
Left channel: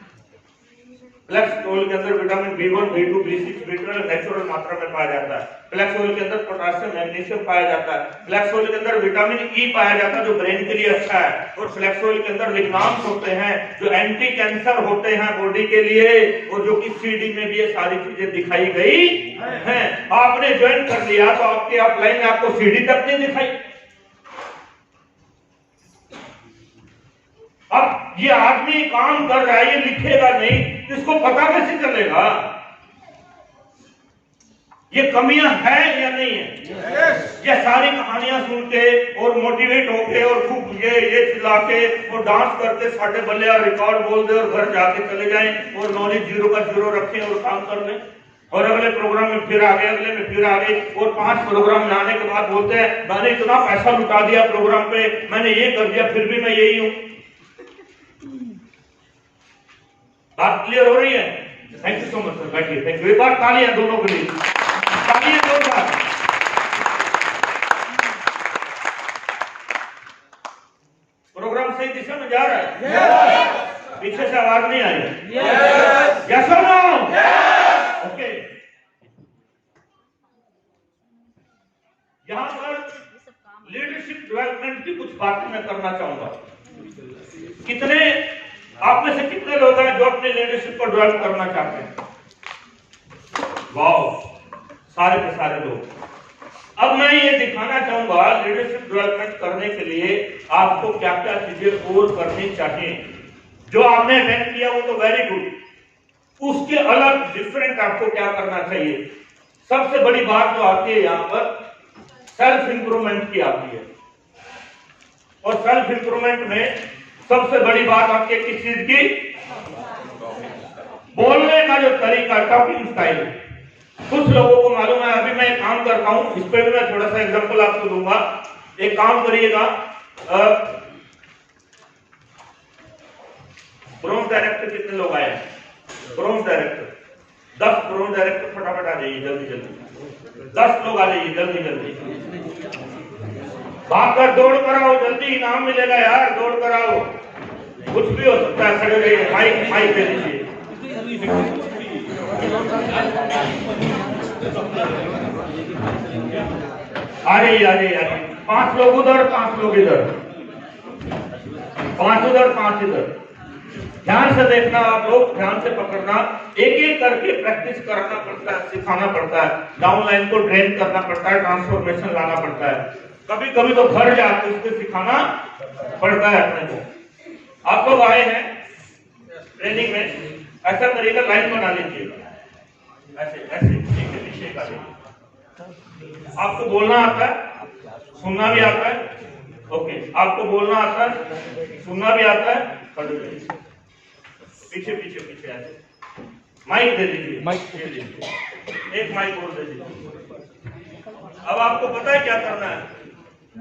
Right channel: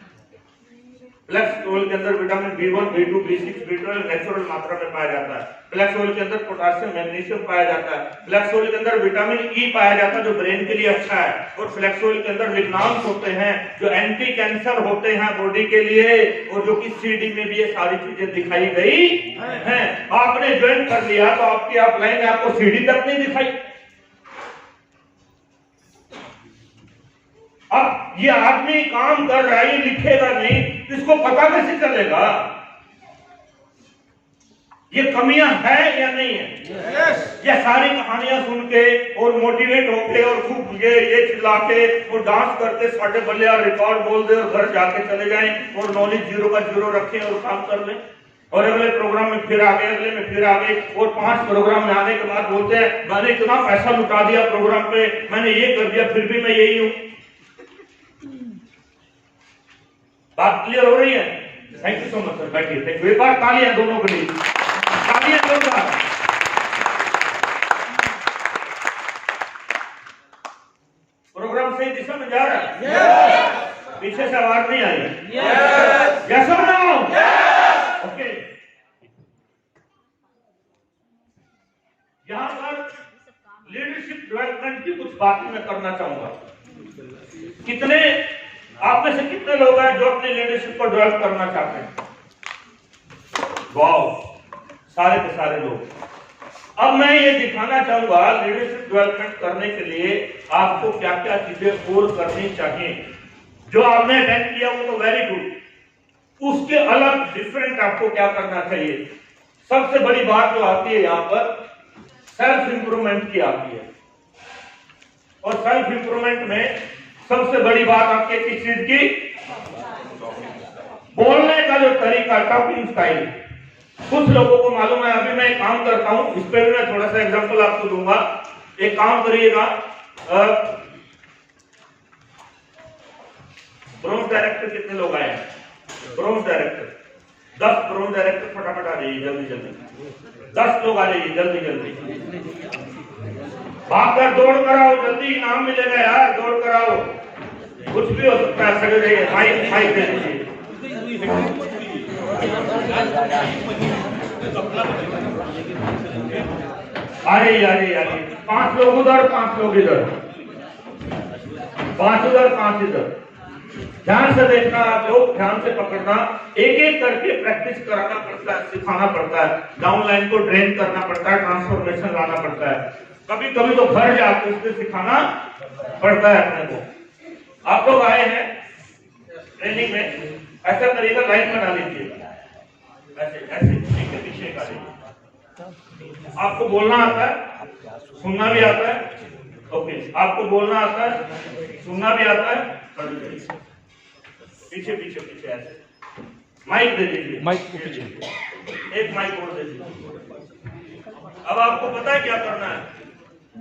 फ्लैक्स ऑयल के अंदर vitamin B1, B2, B6, B12 natural मात्रा में पाया जाता है। फ्लैक्स ऑयल के अंदर पोटेशियम, मैग्नीशियम पाया जाता है। फ्लैक्स ऑयल के अंदर विटामिन E पाया जाता है जो ब्रेन के लिए अच्छा है। और फ्लैक्स ऑयल के अंदर लिग्नाम्स होते हैं जो एंटी कैंसर होते हैं बॉडी के लिए, और जो कि CD में भी ये सारी चीजें दिखाई गई हैं। आपने ज्वाइन कर लिया तो आपकी अपलाइन ने आपको CD तक नहीं दिखाई। अब ये आदमी काम कर रहा है, ये लिखेगा नहीं, इसको पता कैसे चलेगा ये कमियां है या नहीं है? ये सारी कहानियां सुन के और मोटिवेट होके और खूब ये चिल्ला के और डांस करके साढ़े बल्ले और रिकॉर्ड बोल दे और घर जाके चले जाएं और नॉलेज 0 का 0 रखें और काम कर लें, और अगले प्रोग्राम में फिर आ गए, अगले में फिर आ गए, और 5 प्रोग्राम में आने के बाद बोलते हैं मैंने इतना पैसा लुटा दिया प्रोग्राम पे, मैंने ये कर दिया, फिर भी मैं यही हूं। बात क्लियर हो रही है? Thank you so much sir, बैठिए। Thank you. एक बार तालियां दोनों के लिए, तालियां जोरदार। प्रोग्राम सही दिशा में जा रहा है? yes! पीछे से आवाज नहीं आई? यस और नो? ओके। यहां पर लीडरशिप डेवलपमेंट की कुछ बातें मैं करना चाहूंगा। कितने आप में से कितने लोग हैं जो अपने लीडरशिप को डेवलप करना चाहते हैं? वाओ, सारे के सारे लोग। अब मैं ये दिखाना चाहूंगा लीडरशिप डेवलपमेंट करने के लिए आपको क्या क्या चीजें और करनी चाहिए। जो आपने अटेंड किया वो तो वेरी गुड, उसके अलग डिफरेंट आपको क्या करना चाहिए। सबसे बड़ी बात जो आती है यहाँ पर सेल्फ इंप्रूवमेंट की आती है, और सेल्फ इंप्रूवमेंट में सबसे बड़ी बात आपके किस चीज की? बोलने का जो तरीका, टॉकिंग स्टाइल। कुछ लोगों को मालूम है, अभी मैं एक काम करता हूं, इस पे भी मैं थोड़ा सा एग्जांपल आपको दूंगा। एक काम करिएगा, ब्रोंज डायरेक्टर कितने लोग आए हैं? ब्रोंज डायरेक्टर 10 ब्रोंज डायरेक्टर फटाफट आ जाइए, जल्दी जल्दी 10 लोग आ जाइए, जल्दी जल्दी भागकर दौड़ कर आओ, जल्दी इनाम मिलेगा यार, दौड़ कर आओ। कुछ भी हो सकता है, खड़े रहिए, माइक दे दीजिए। अरे 5 लोग उधर, 5 लोग इधर, 5 उधर, 5 इधर। ध्यान से देखना आप लोग, ध्यान से पकड़ना, एक एक करके प्रैक्टिस कराना पड़ता है, सिखाना पड़ता है, डाउन लाइन को ड्रेन करना पड़ता है, ट्रांसफॉर्मेशन लाना पड़ता है। कभी कभी तो घर जाके उसको सिखाना पड़ता है अपने को। आप लोग आए हैं ट्रेनिंग में, ऐसा करिएगा, लाइन बना लीजिएगा, ऐसे ऐसे एक के पीछे एक आ जाइए। आपको बोलना आता है, सुनना भी आता है? ओके, आपको बोलना आता है, सुनना भी आता है? पीछे पीछे पीछे ऐसे माइक दे दीजिए, एक माइक और दे दीजिए। अब आपको पता है क्या करना है?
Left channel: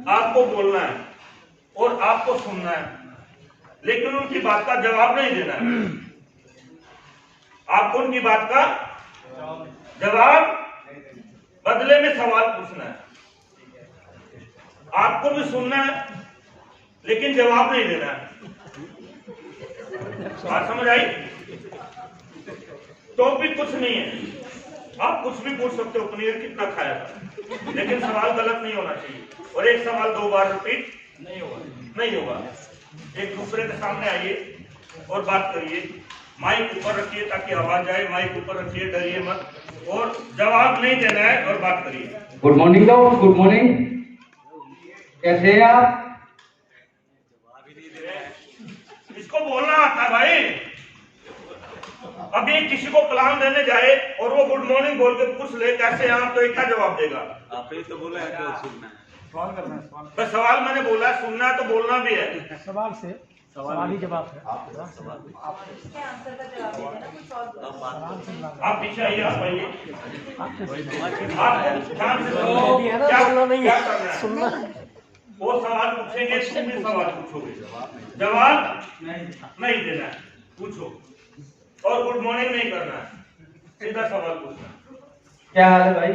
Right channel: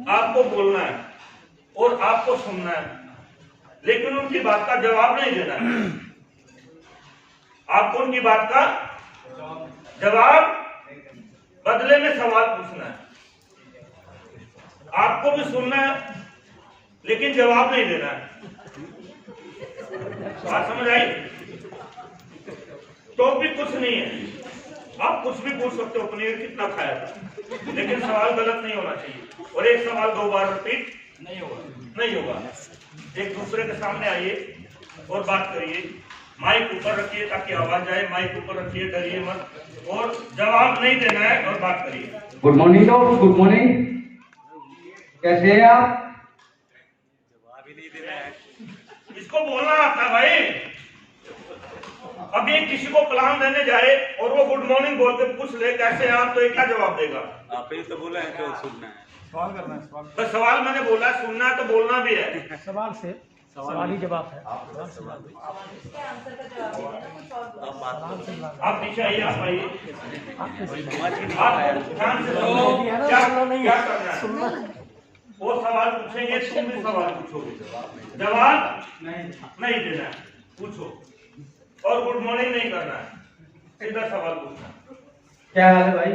आपको बोलना है और आपको सुनना है, लेकिन उनकी बात का जवाब नहीं देना है। आपको उनकी बात का जवाब, बदले में सवाल पूछना है। आपको भी सुनना है लेकिन जवाब नहीं देना है। बात समझ आई? टॉपिक कुछ नहीं है, आप कुछ भी पूछ सकते हो, पनीर कितना खाया था, लेकिन सवाल गलत नहीं होना चाहिए। और एक सवाल 2 बार रिपीट नहीं होगा। एक दूसरे के सामने आइए और बात करिए, माइक ऊपर रखिए ताकि आवाज आए, माइक ऊपर रखिए, डरिए मत, और जवाब नहीं देना है और बात करिए। गुड मॉर्निंग लोग, गुड मॉर्निंग, कैसे हैं आप? इसको बोलना आता भाई। अभी किसी को कलाम देने जाए और वो गुड मॉर्निंग बोल के पूछ ले कैसे हैं आप, तो ये क्या जवाब देगा? आप ही तो बोले हैं कि सुनना है। पर सवाल मैंने बोला है, सुनना है तो बोलना भी है। सवाल ही जवाब है। इसके आंसर का जवाब दे देना, कुछ और आप पीछे आइए, आप आइए, आप ध्यान से सुनो। क्या करना है? वो सवाल पूछेंगे, तुम भी सवाल पूछोगे, जवाब नहीं देना है, पूछो। और गुड मॉर्निंग नहीं करना है, सीधा सवाल पूछना। क्या हाल है भाई?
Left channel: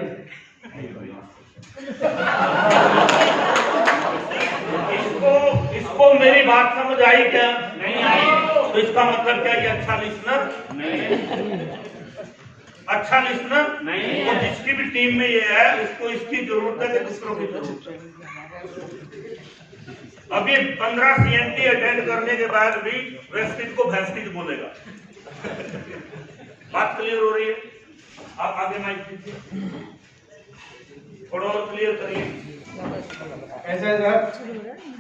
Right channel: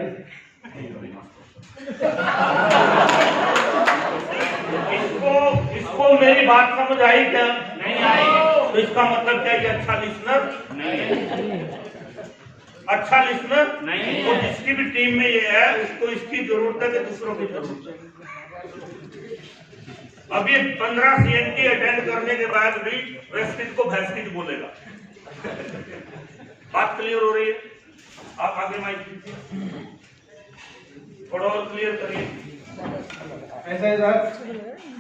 इसको मेरी बात समझ आई क्या? नहीं आई। तो इसका मतलब क्या कि अच्छा लिसनर नहीं, अच्छा लिसनर नहीं। और जिसकी भी टीम में ये है उसको इसकी जरूरत है कि दूसरों की जरूरत है। अभी 15 CNT अटेंड करने के बाद भी वेस्टिज को भैंसटिज बोलेगा। बात क्लियर हो रही है? आप आगे माइक दीजिए, थोड़ा और क्लियर करिए। कैसे है सर?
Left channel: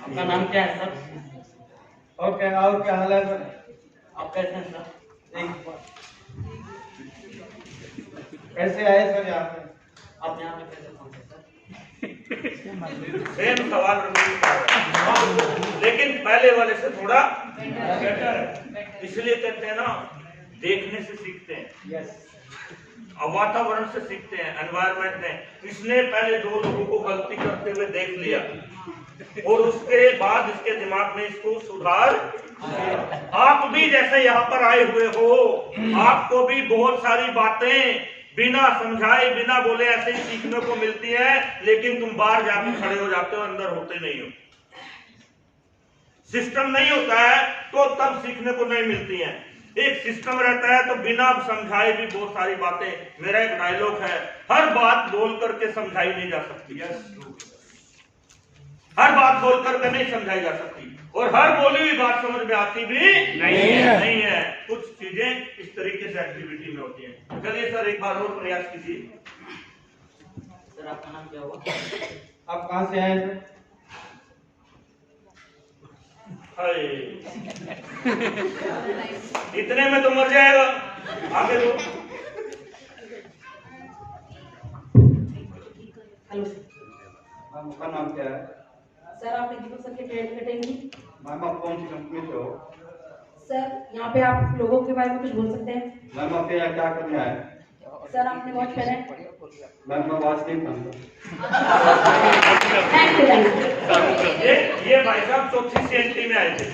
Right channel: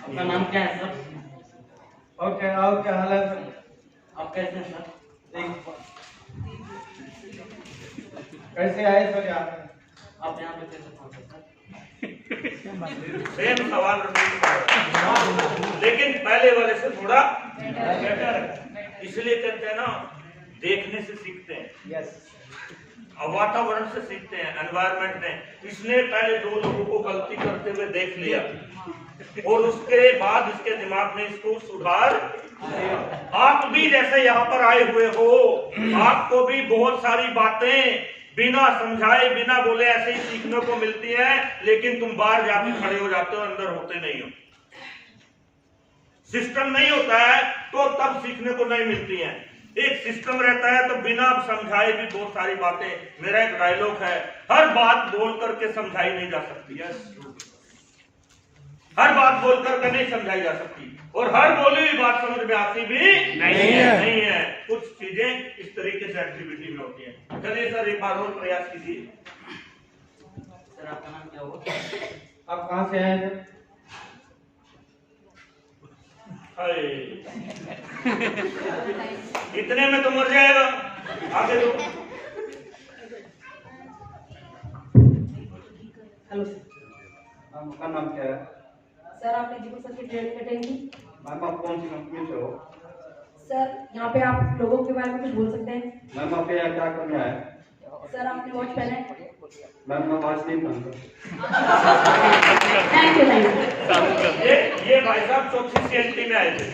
आपका नाम क्या है सर? और क्या हाल है सर? आप कैसे हैं सर? कैसे आए सर यहाँ पे? आप यहाँ पे कैसे पहुंचे सर? सेम सवाल रिपीट कर रहा है, लेकिन पहले वाले से थोड़ा बेटर है। इसलिए कहते हैं ना, देखने से सीखते हैं, वातावरण से सीखते हैं, एनवायरमेंट में। इसने पहले 2 लोगों को गलती करते हुए देख लिया और उसके बाद इसके दिमाग में इसको सुधार। आप भी जैसे यहाँ पर आए हुए हो, आपको भी बहुत सारी बातें बिना समझाए बिना बोले ऐसे ही सीखने को मिलती है, लेकिन तुम बाहर जाके खड़े हो जाते हो, अंदर होते नहीं हो। सिस्टम नहीं होता है तो तब सीखने को नहीं मिलती है। एक सिस्टम रहता है तो बिना समझाए भी बहुत सारी बातें। मेरा एक डायलॉग है, हर बात बोल करके समझाई नहीं जा सकती, हर बात बोल करके नहीं समझाई जा सकती, और हर बोली हुई बात समझ में आती भी नहीं है। कुछ चीजें इस तरीके से एक्टिविटी में होती हैं। चलिए सर, एक बार और प्रयास कीजिए। सर आपका नाम क्या हुआ? आप कहाँ से आए सर? इतने में तो मर जाएगा, आगे दो। Hello sir. आपका नाम क्या है? सर आपने दीपक सर की ट्रेनिंग अटेंड की? मैम आप कौन सी कंपनी से हो? सर यहाँ पे आप लोगों के बारे में कुछ बोल सकते हैं? मैम आप यहाँ क्या करने आए? सर आपने वॉच पहना है? मैम मैं वॉच नहीं पहनता। Thank you. ये भाई साहब चौथी CNT में आए थे,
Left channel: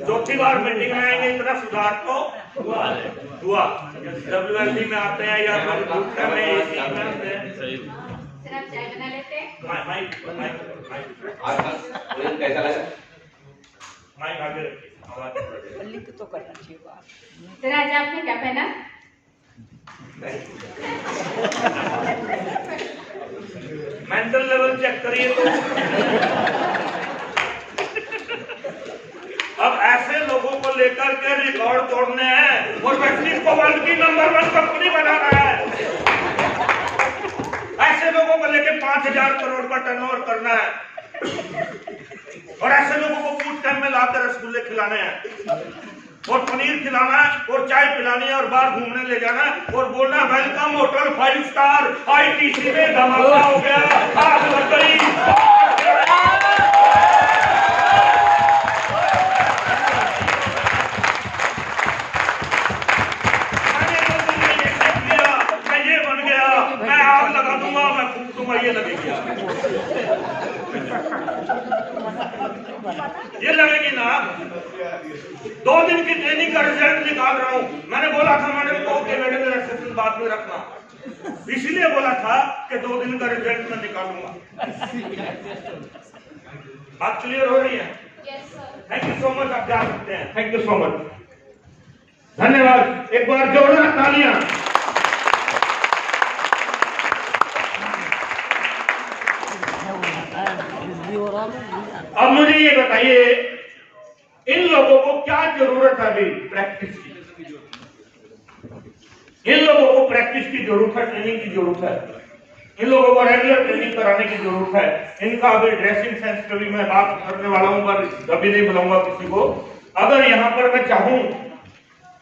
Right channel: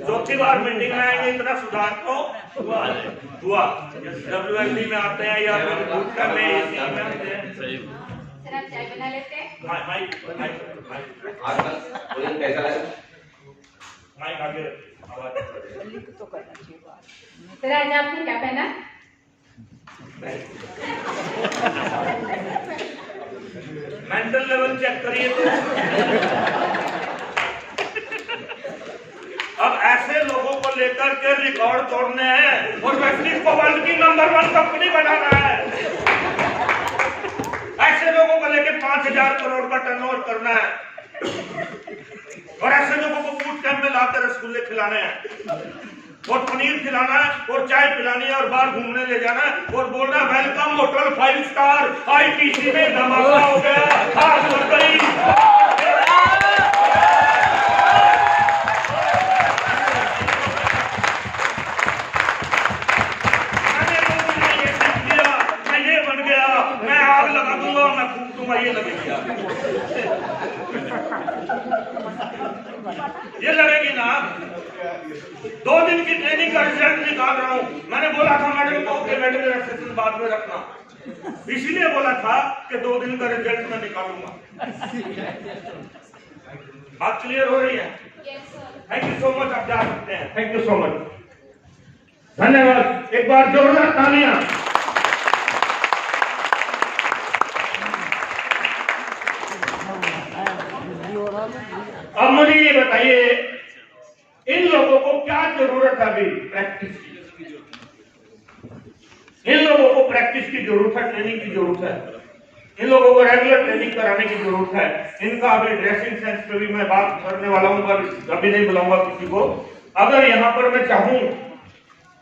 चौथी बार मीटिंग में आएंगे, इतना सुधार तो हुआ। WLD में आते हैं या फिर दूसरा में AC में आते हैं। सर आप चाय बना लेते हैं? माइक आगे रखिए, आवाज तो करना चाहिए बात। सर आज आपने क्या पहना? मेंटल लेवल चेक करिए तो। अब ऐसे लोगों को लेकर के रिकॉर्ड तोड़ने हैं और वेस्टिज को वर्ल्ड की नंबर 1 कंपनी बनाना है। ऐसे लोगों को लेकर 5,000 करोड़ का टर्नओवर करना है, और ऐसे लोगों को बूट कैंप में लाकर रसगुल्ले खिलाने हैं और पनीर खिलाना है और चाय पिलानी है और बाहर घूमने ले जाना है और बोलना है वेलकम होटल 5 स्टार ITC में धमाका हो गया, आग लग गई। मैंने तो तुमने ये देख लिया, मैं ये बन गया, मैं आग लगा दूंगा, मैं फूक दूंगा, ये लगेगी ये लगेगी ना। 2 दिन की ट्रेनिंग का रिजल्ट निकाल रहा हूं। मैंने बोला था मैडम को कि मैडम मेरा सेशन बाद में रखना, इसीलिए बोला था कि 2 दिन का रिजल्ट मैं निकालूंगा। बात क्लियर हो रही है? Thank you so much. आप जा सकते हैं। थैंक यू सो मच, धन्यवाद। एक बार जोरदार तालियां। अब मुझे ये बताइए, इन लोगों को क्या जरूरत है अभी? प्रैक्टिस की। इन लोगों को प्रैक्टिस की जरूरत है, ट्रेनिंग की जरूरत है। इन लोगों को रेगुलर ट्रेनिंग कराने की जरूरत है। इनका अभी ड्रेसिंग सेंस पे भी मैं बात करने वाला हूं, पर अभी नहीं बुलाऊंगा किसी को। अगर यहाँ पर मैं चाहूं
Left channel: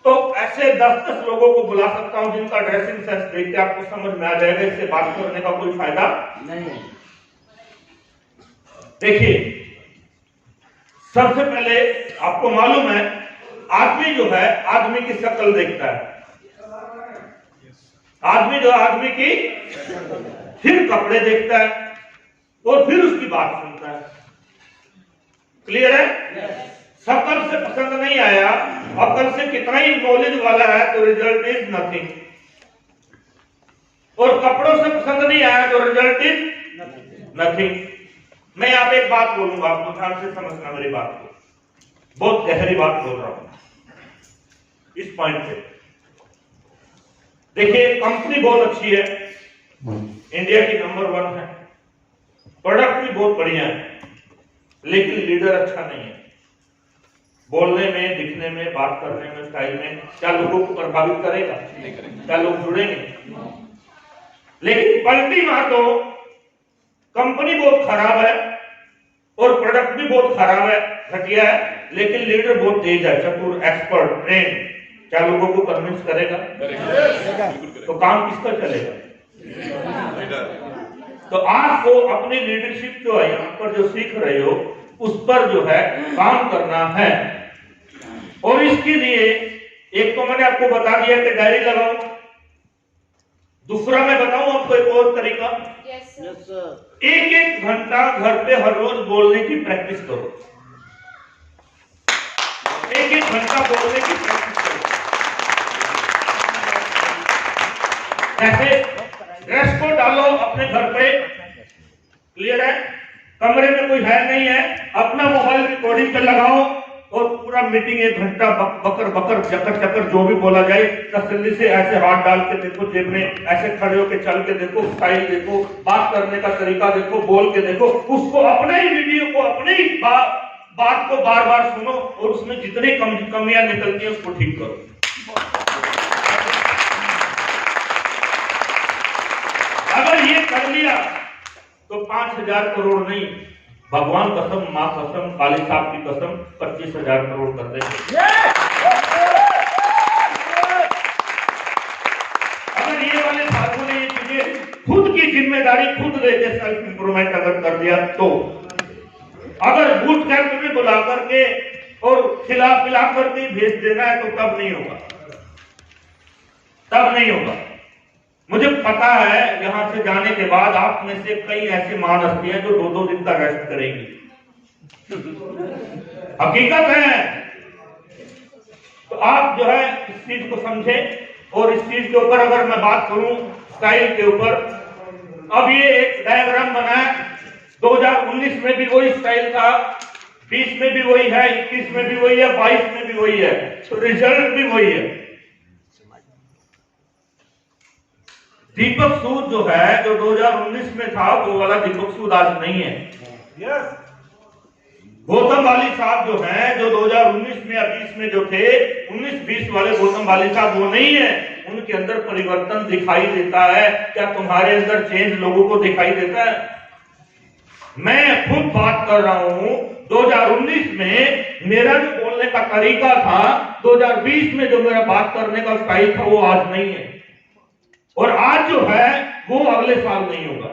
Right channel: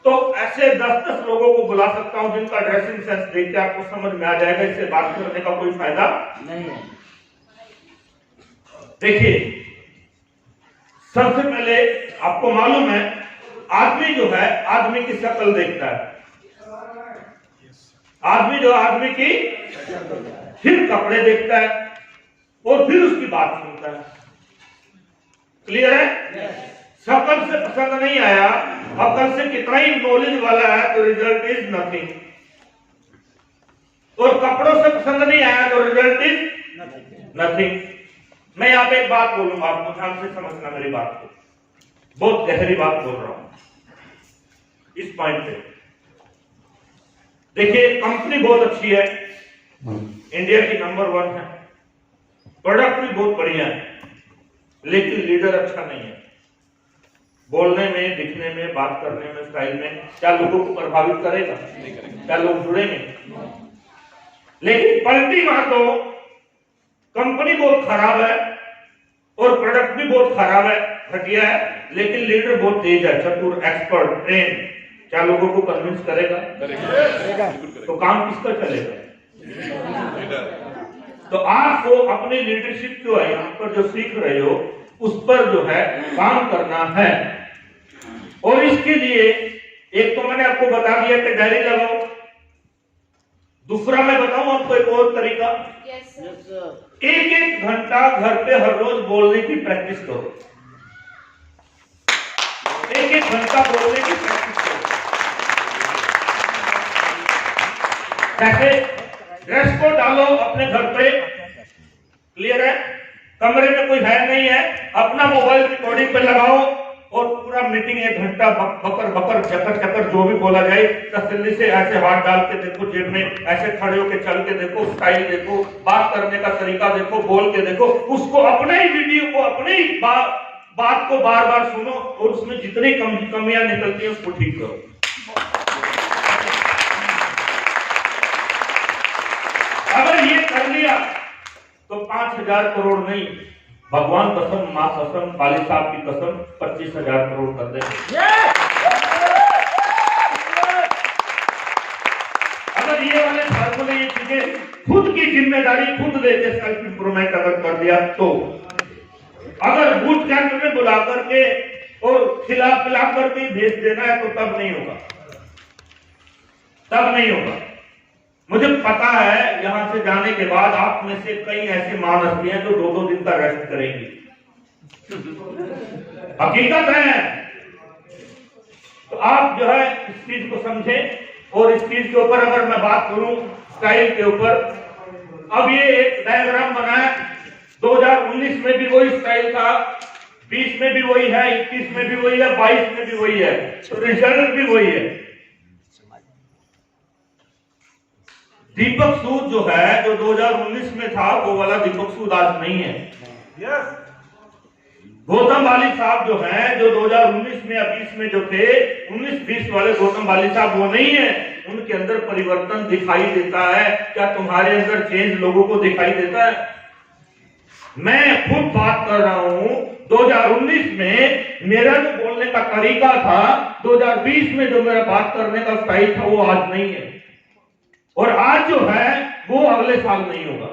तो ऐसे 10-10 लोगों को बुला सकता हूं जिनका ड्रेसिंग सेंस देख के आपको समझ में आ जाएगा इससे बात करने का कोई फायदा नहीं है। देखिए, सबसे पहले आपको मालूम है आदमी जो है आदमी की शक्ल देखता है, आदमी जो आदमी की फिर कपड़े देखता है और फिर उसकी बात सुनता है। क्लियर है? शक्ल से पसंद नहीं आया, अकल से कितना ही नॉलेज वाला है तो रिजल्ट इज नथिंग, और कपड़ों से पसंद नहीं आया तो रिजल्ट इज नथिंग। मैं यहाँ पे एक बात बोलूंगा, आपको ध्यान से समझना मेरी बात को, बहुत गहरी बात बोल रहा हूं इस पॉइंट पे। देखिए, कंपनी बहुत अच्छी है, इंडिया की नंबर 1 है, प्रोडक्ट भी बहुत बढ़िया है, लेकिन लीडर अच्छा नहीं है। बोलने में, दिखने में, बात करने में, स्टाइल में क्या लोगों को प्रभावित करेगा? क्या लोग जुड़ेंगे? लेकिन पलटी मार दो, कंपनी बहुत खराब है और प्रोडक्ट भी बहुत खराब है, घटिया है, लेकिन लीडर बहुत तेज है, चतुर, एक्सपर्ट, ट्रेन, क्या लोगों को कन्विंस करेगा? तो काम किसका चलेगा? तो आपको अपनी लीडरशिप जो है यहाँ पर जो सीख रहे हो उस पर जो है काम करना है। और इसके लिए एक तो मैंने आपको बता दिया कि डायरी लगाओ, दूसरा मैं बताऊं आपको एक और तरीका। एक घंटा घर पे हर रोज बोलने की प्रैक्टिस करो, एक घंटा बोलने की प्रैक्टिस करो। जैसे ड्रेस को डालो अपने घर पे, क्लियर है, कमरे में कोई है नहीं है, अपना मोबाइल रिकॉर्डिंग पे लगाओ और पूरा मीटिंग 1 घंटा बकर बकर चकर चकर जो भी बोला जाए तसल्ली से ऐसे हाथ डाल के देखो जेब में, ऐसे खड़े होके चल के देखो, स्टाइल देखो, बात करने का तरीका देखो, बोल के देखो, उसको अपने ही वीडियो को, अपने ही बात को बार बार सुनो और उसमें जितनी कमियां निकलती है उसको ठीक करो। अगर ये कर लिया तो 5,000 करोड़ नहीं, भगवान कसम, मां कसम, खाली साहब की कसम, 25,000 करोड़ कर देंगे। अगर ये वाले फार्मूले, ये चीजें खुद की जिम्मेदारी खुद लेके सेल्फ इंप्रूवमेंट अगर कर दिया तो, अगर बूथ कैंप में बुला करके और खिला पिला करके भेज देना है तो तब नहीं होगा, तब नहीं होगा। मुझे पता है यहां से जाने के बाद आप में से कई ऐसे महान हस्तियां जो 2-2 दिन का रेस्ट करेंगी, हकीकत है। तो आप जो है इस चीज को समझें और इस चीज के ऊपर अगर मैं बात करूं स्टाइल के ऊपर, अब ये एक डायग्राम बना है, 2019 में भी वही स्टाइल था, 20 में भी वही है, 21 में भी वही है, 22 में भी वही है, तो रिजल्ट भी वही है। दीपक सूद जो है, जो 2019 में था, वो वाला दीपक सूद आज नहीं है। गौतम वाली साहब जो हैं, जो 2019 में या 20 में जो थे, 19-20 वाले गौतम वाली साहब वो नहीं है। उनके अंदर परिवर्तन दिखाई देता है। क्या तुम्हारे अंदर चेंज लोगों को दिखाई देता है? मैं खुद बात कर रहा हूं, 2019 में मेरा जो बोलने का तरीका था, 2020 में जो मेरा बात करने का स्टाइल था, वो आज नहीं है, और आज जो है वो अगले साल नहीं होगा,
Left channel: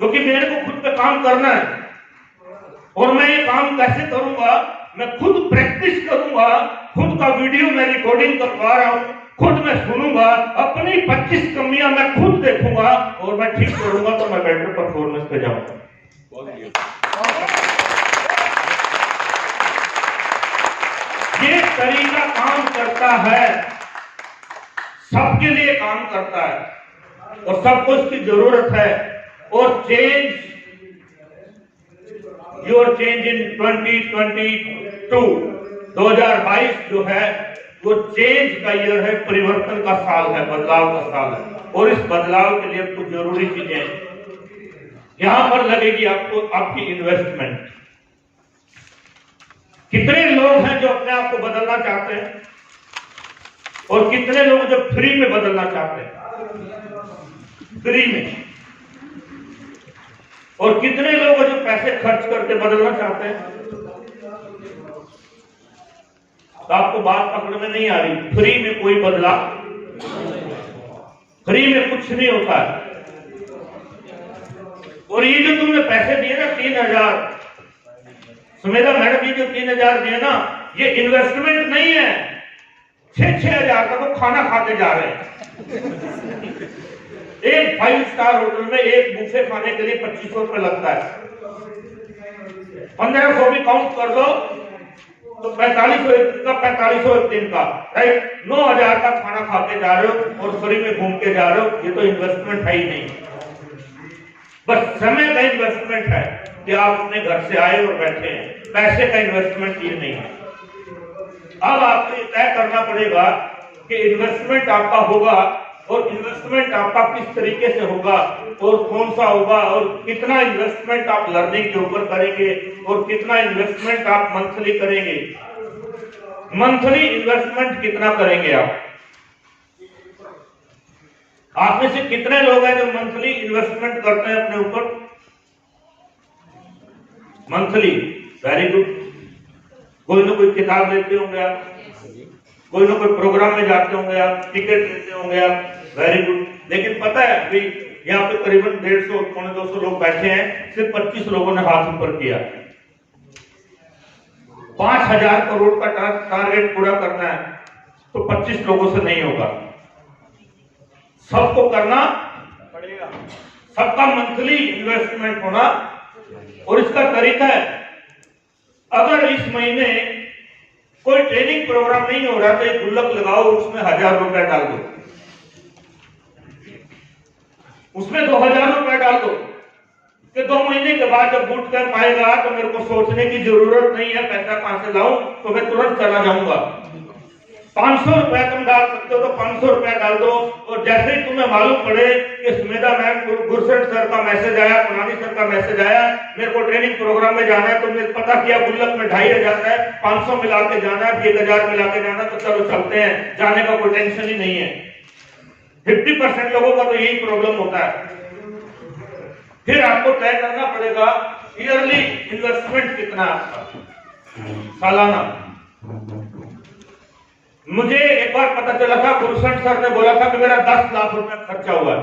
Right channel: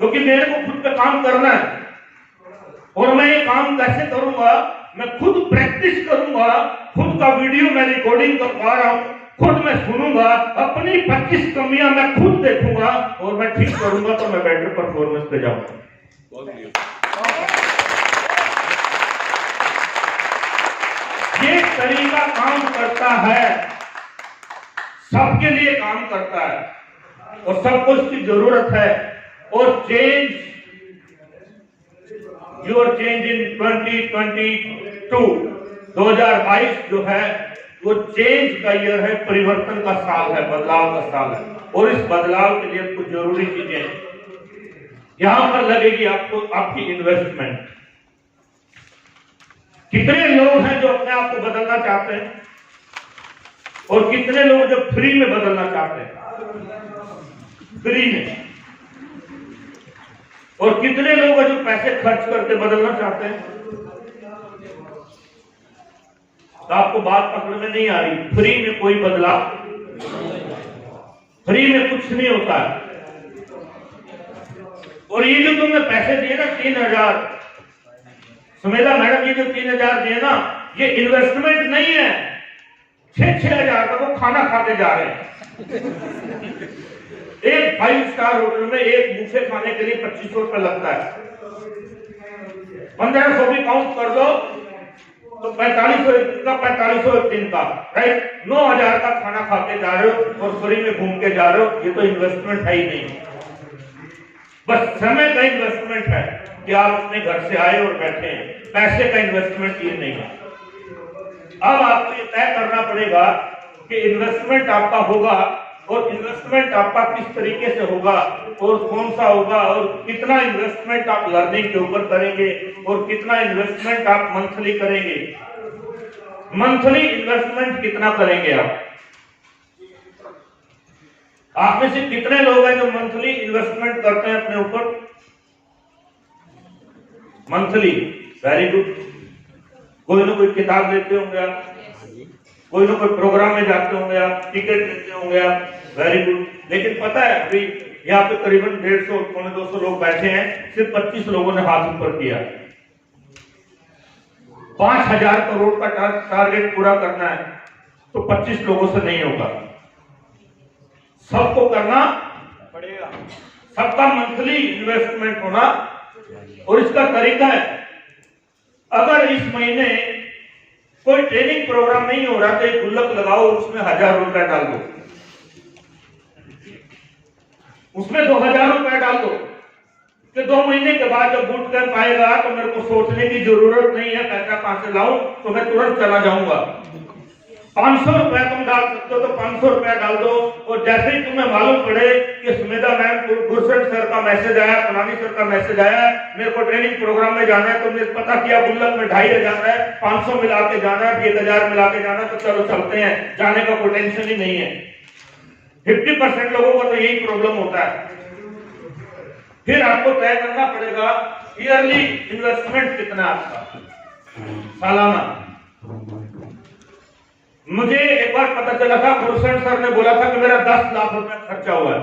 क्योंकि मेरे को खुद पे काम करना है। और मैं ये काम कैसे करूंगा? मैं खुद प्रैक्टिस करूंगा, खुद का वीडियो मैं रिकॉर्डिंग करवा रहा हूं, खुद मैं सुनूंगा, अपनी 25 कमियां मैं खुद देखूंगा और मैं ठीक करूंगा, तो मैं बेटर परफॉर्मेंस पे जाऊंगा। ये तरीका काम करता है, सबके लिए काम करता है और सबको इसकी जरूरत है। और चेंज, योर चेंज इन 2022, 2022 जो है वो चेंज का ईयर है, परिवर्तन का साल है, बदलाव का साल है। और इस बदलाव के लिए कुछ जरूरी चीजें यहां पर लगेगी आपको, आपकी इन्वेस्टमेंट। कितने लोग हैं जो अपने आप को बदलना चाहते हैं और कितने लोग जो फ्री में बदलना चाहते हैं? फ्री में। और कितने लोग हैं जो पैसे खर्च करके बदलना चाहते हैं? तो आपको बात पकड़ में नहीं आ रही। फ्री में कोई बदलाव, फ्री में कुछ नहीं होता है। और ये जो तुमने पैसे दिए ना 3000, सुमेधा मैडम, ये जो 3000 दिए ना, ये इन्वेस्टमेंट नहीं है। 6-6 हजार का वो खाना खा के जा रहे हैं। एक 5 स्टार होटल में एक बुफे खाने के लिए 2500 रुपये लगता है। 1500 भी काउंट कर दो तो 4500 एक दिन का, 4500 एक दिन का, राइट। 9000 का खाना खा के जा रहे हो और फ्री में घूम के जा रहे हो। ये तो इन्वेस्टमेंट है ही नहीं, बस समय का इन्वेस्टमेंट है कि आप अपने घर से आए और बैठे हैं। पैसे का इन्वेस्टमेंट ये नहीं है। अब आपको ये तय करना पड़ेगा कि इन्वेस्टमेंट आपका होगा, और इन्वेस्टमेंट आपका किस तरीके से होगा और कौन सा होगा, और कितना इन्वेस्टमेंट आप लर्निंग के ऊपर करेंगे और कितना इन्वेस्टमेंट आप मंथली करेंगे। मंथली इन्वेस्टमेंट कितना करेंगे आप में से कितने लोग हैं जो मंथली इन्वेस्टमेंट करते हैं अपने ऊपर? Monthly, very good. कोई ना कोई किताब लेते होंगे आप, कोई ना कोई प्रोग्राम में जाते होंगे आप, टिकट लेते होंगे आप, वेरी गुड। लेकिन पता है अभी यहाँ पे करीबन 150-200 लोग बैठे हैं, सिर्फ 25 लोगों ने हाथ ऊपर किया। 5000 करोड़ का टारगेट पूरा करना है तो 25 लोगों से नहीं होगा, सबको करना पड़ेगा। सबका मंथली इन्वेस्टमेंट होना। और इसका तरीका है, अगर इस महीने कोई ट्रेनिंग प्रोग्राम नहीं हो रहा तो एक गुल्लक लगाओ, उसमें 1000 रुपए डाल दो, उसमें 2000 रुपए डाल दो कि 2 महीने के बाद जब बूट कैंप आएगा तो मेरे को सोचने की जरूरत नहीं है पैसा कहां से लाऊं, तो मैं तुरंत चला जाऊंगा। 500 रुपया तुम डाल सकते हो तो 500 रुपया डाल दो। और जैसे ही तुम्हें मालूम पड़े कि सुमेधा मैम, गुरसर सर का मैसेज आया, कमानी सर का मैसेज आया, मेरे को ट्रेनिंग प्रोग्राम में जाना है, तुमने पता किया गुल्लक में 2500 है, 500 मिला के जाना है, 1000 मिला के जाना है, तो चलो चलते हैं, जाने का कोई टेंशन ही नहीं है। 50% लोगों का तो यही प्रॉब्लम होता है। फिर आपको तय करना पड़ेगा ईयरली इन्वेस्टमेंट कितना आपका, सालाना। मुझे एक बार पता चला था, गुरसर सर ने बोला था कि मेरा 10 लाख रुपया खर्चा हुआ है